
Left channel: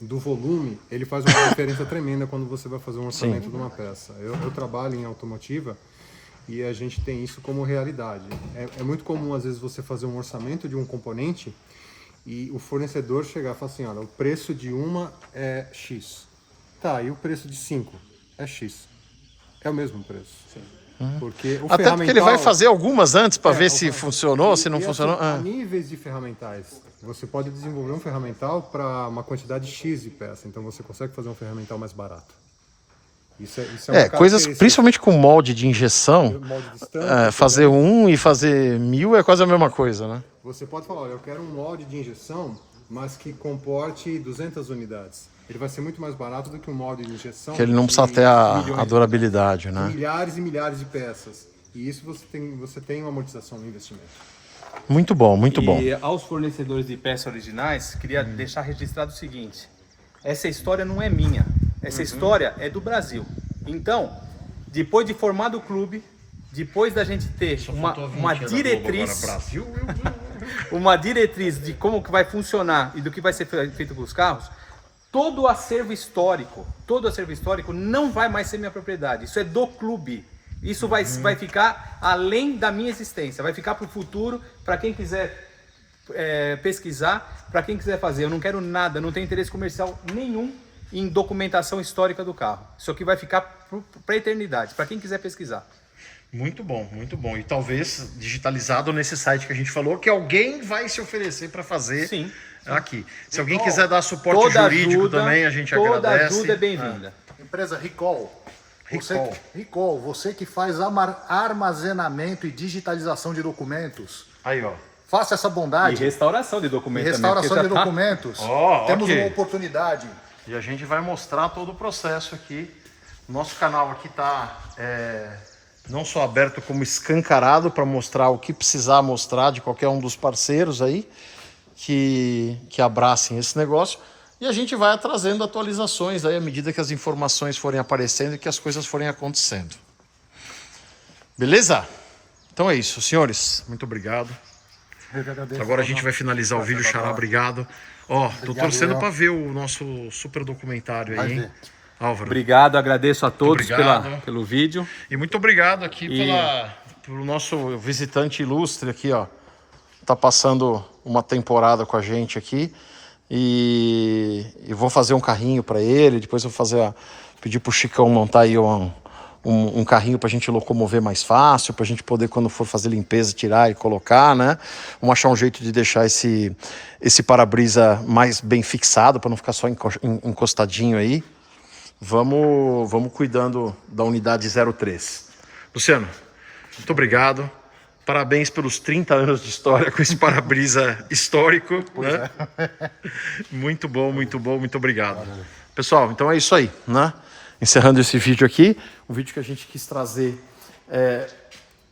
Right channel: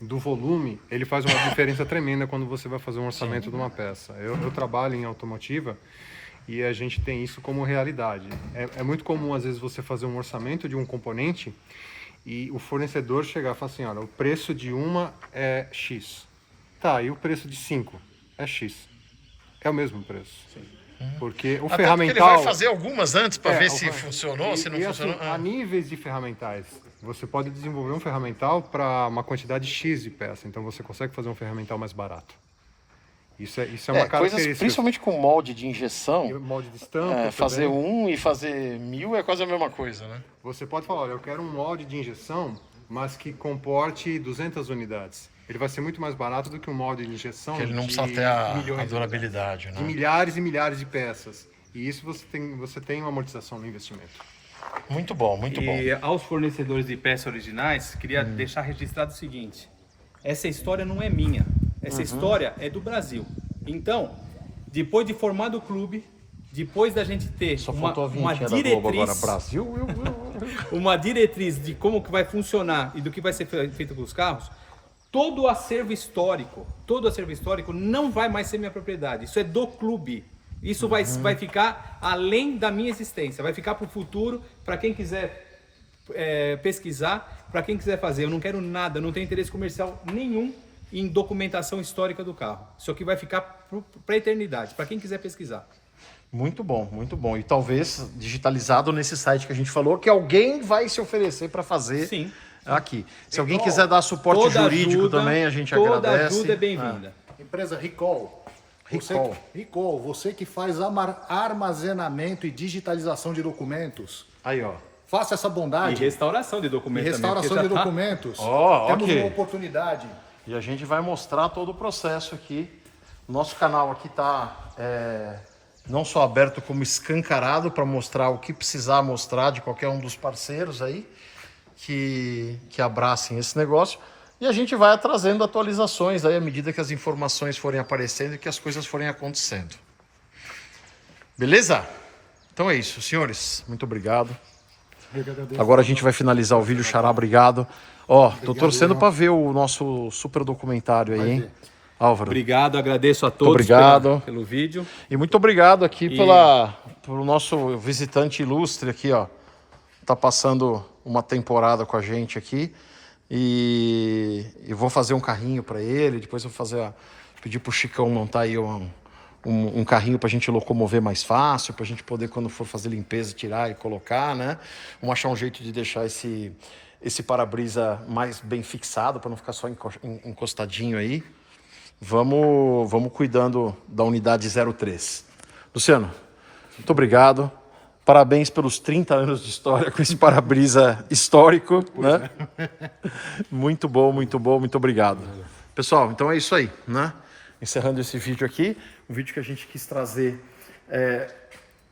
do volume, ele faz uma diferença tremenda quando você vai fazer um orçamento de uma peça. Eu trabalho em automotiva e a gente tem isso como realidade. É muito comum, às vezes, você fazer um orçamento de um componente e o fornecedor chegar e falar assim, olha, o preço de uma é X. Tá, e o preço de 5 é X. É o mesmo preço. Porque o Até ferramental... porque ele vai fazer algumas antes para ver se o- funcionou, se não assim, funcionou. a níveis de ferramentais, você pode desenvolver um ferramental para uma quantidade X de peça. Então você consegue fazer um ferramental mais barato. Isso é uma Coisas, característica. principalmente com molde de injeção, Molde de estampa, fazer também. e fazer 1000 é quase a mesma coisa, né? Você pode falar, olha, eu quero um molde de injeção, mas que comporte 200 unidades. Ele vai ser muito mais barato do que um molde de injeção. Que ele não de precisa ter a milhões durabilidade, de né? milhares e milhares de peças. E isso você tem uma amortização no investimento. Muito bom, muito bom. E aos fornecedores de peças originais, queria deixar registrado o seguinte: essa história não é minha, essa história é do Brasil. Então, depois de formado o clube, depois da gente ter uma diretriz, Brasil. uma diretriz de como que vai funcionar e do que vai ser feito com os carros, todo o acervo histórico não vai mais ser minha propriedade. Isso é do clube. Isso vai ficar além da minha existência. Vai ficar para o futuro, para quem quiser pesquisar, para quem quiser fazer. Eu não quero nada, não tenho interesse comercial nenhum em documentação histórica do carro. Isso aqui vai ficar para a eternidade, para quem quiser pesquisar. Muito bom, muito bom. E talvez digitalizado nesse site que a gente falou, que alguém vai se oferecer para fazer Sim. aqui. Se alguém quiser dar suporte jurídico também, a gente agradece. Toda ajuda é bem-vinda. Empresa Recall. Recall. Você que faz armazenamento e digitalização de documentos, Aí, ó. faça essa E bondade. restauração de E documentos. restauração de documentos. Ó, Temos ok. uma oportunidade. E a gente vai mostrar todo o processo aqui. Nosso canal aqui está não só aberto, como escancarado para mostrar o que precisar mostrar de qualquer um dos parceiros aí que abracem esse negócio. E a gente vai trazendo atualizações aí à medida que as informações forem aparecendo e que as coisas forem acontecendo. Beleza? Então é isso, senhores. Muito obrigado. Eu que agradeço. Agora a gente vai finalizar o vídeo. Xará, obrigado. Ó, tô Obrigado, torcendo João. para ver o nosso super documentário aí, hein? Álvaro. Obrigado, agradeço a todos Obrigado. pelo vídeo. E muito obrigado aqui pelo nosso visitante ilustre aqui, ó. Tá passando uma temporada com a gente aqui. E vou fazer um carrinho para ele. Depois eu vou pedir pro Chicão montar aí um carrinho pra gente locomover mais fácil, pra gente poder, quando for fazer limpeza, tirar e colocar, né? Vamos achar um jeito de deixar esse para-brisa mais bem fixado, para não ficar só encostadinho aí. Vamos cuidando da unidade 03. Luciano, muito obrigado. Parabéns pelos 30 anos de história com esse para-brisa histórico, né? Muito bom, muito obrigado. Pessoal, então é isso aí, né? Encerrando esse vídeo aqui, um vídeo que a gente quis trazer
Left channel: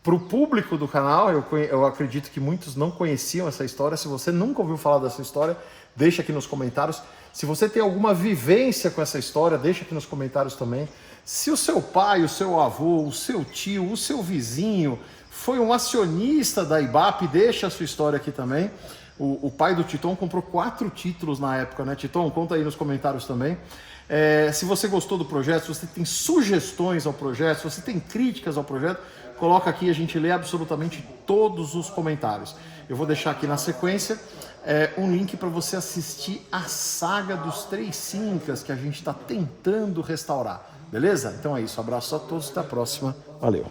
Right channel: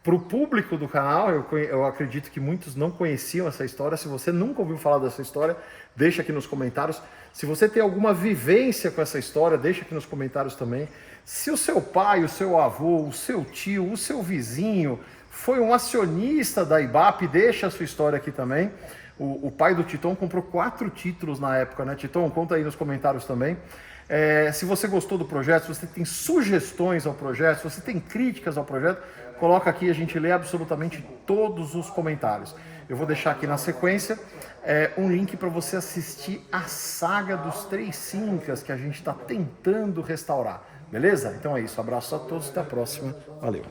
Para o público do canal, eu acredito que muitos não conheciam essa história. Se você nunca ouviu falar dessa história, deixa aqui nos comentários. Se você tem alguma vivência com essa história, deixa aqui nos comentários também. Se o seu pai, o seu avô, o seu tio, o seu vizinho foi um acionista da IBAP, deixa a sua história aqui também. O pai do Titon comprou 4 títulos na época, né? Titon, conta aí nos comentários também. Se você gostou do projeto, se você tem sugestões ao projeto, se você tem críticas ao projeto, coloca aqui, a gente lê absolutamente todos os comentários. Eu vou deixar aqui na sequência um link para você assistir a saga dos 3 Sincas que a gente está tentando restaurar. Beleza? Então é isso. Abraço a todos, até a próxima. Valeu!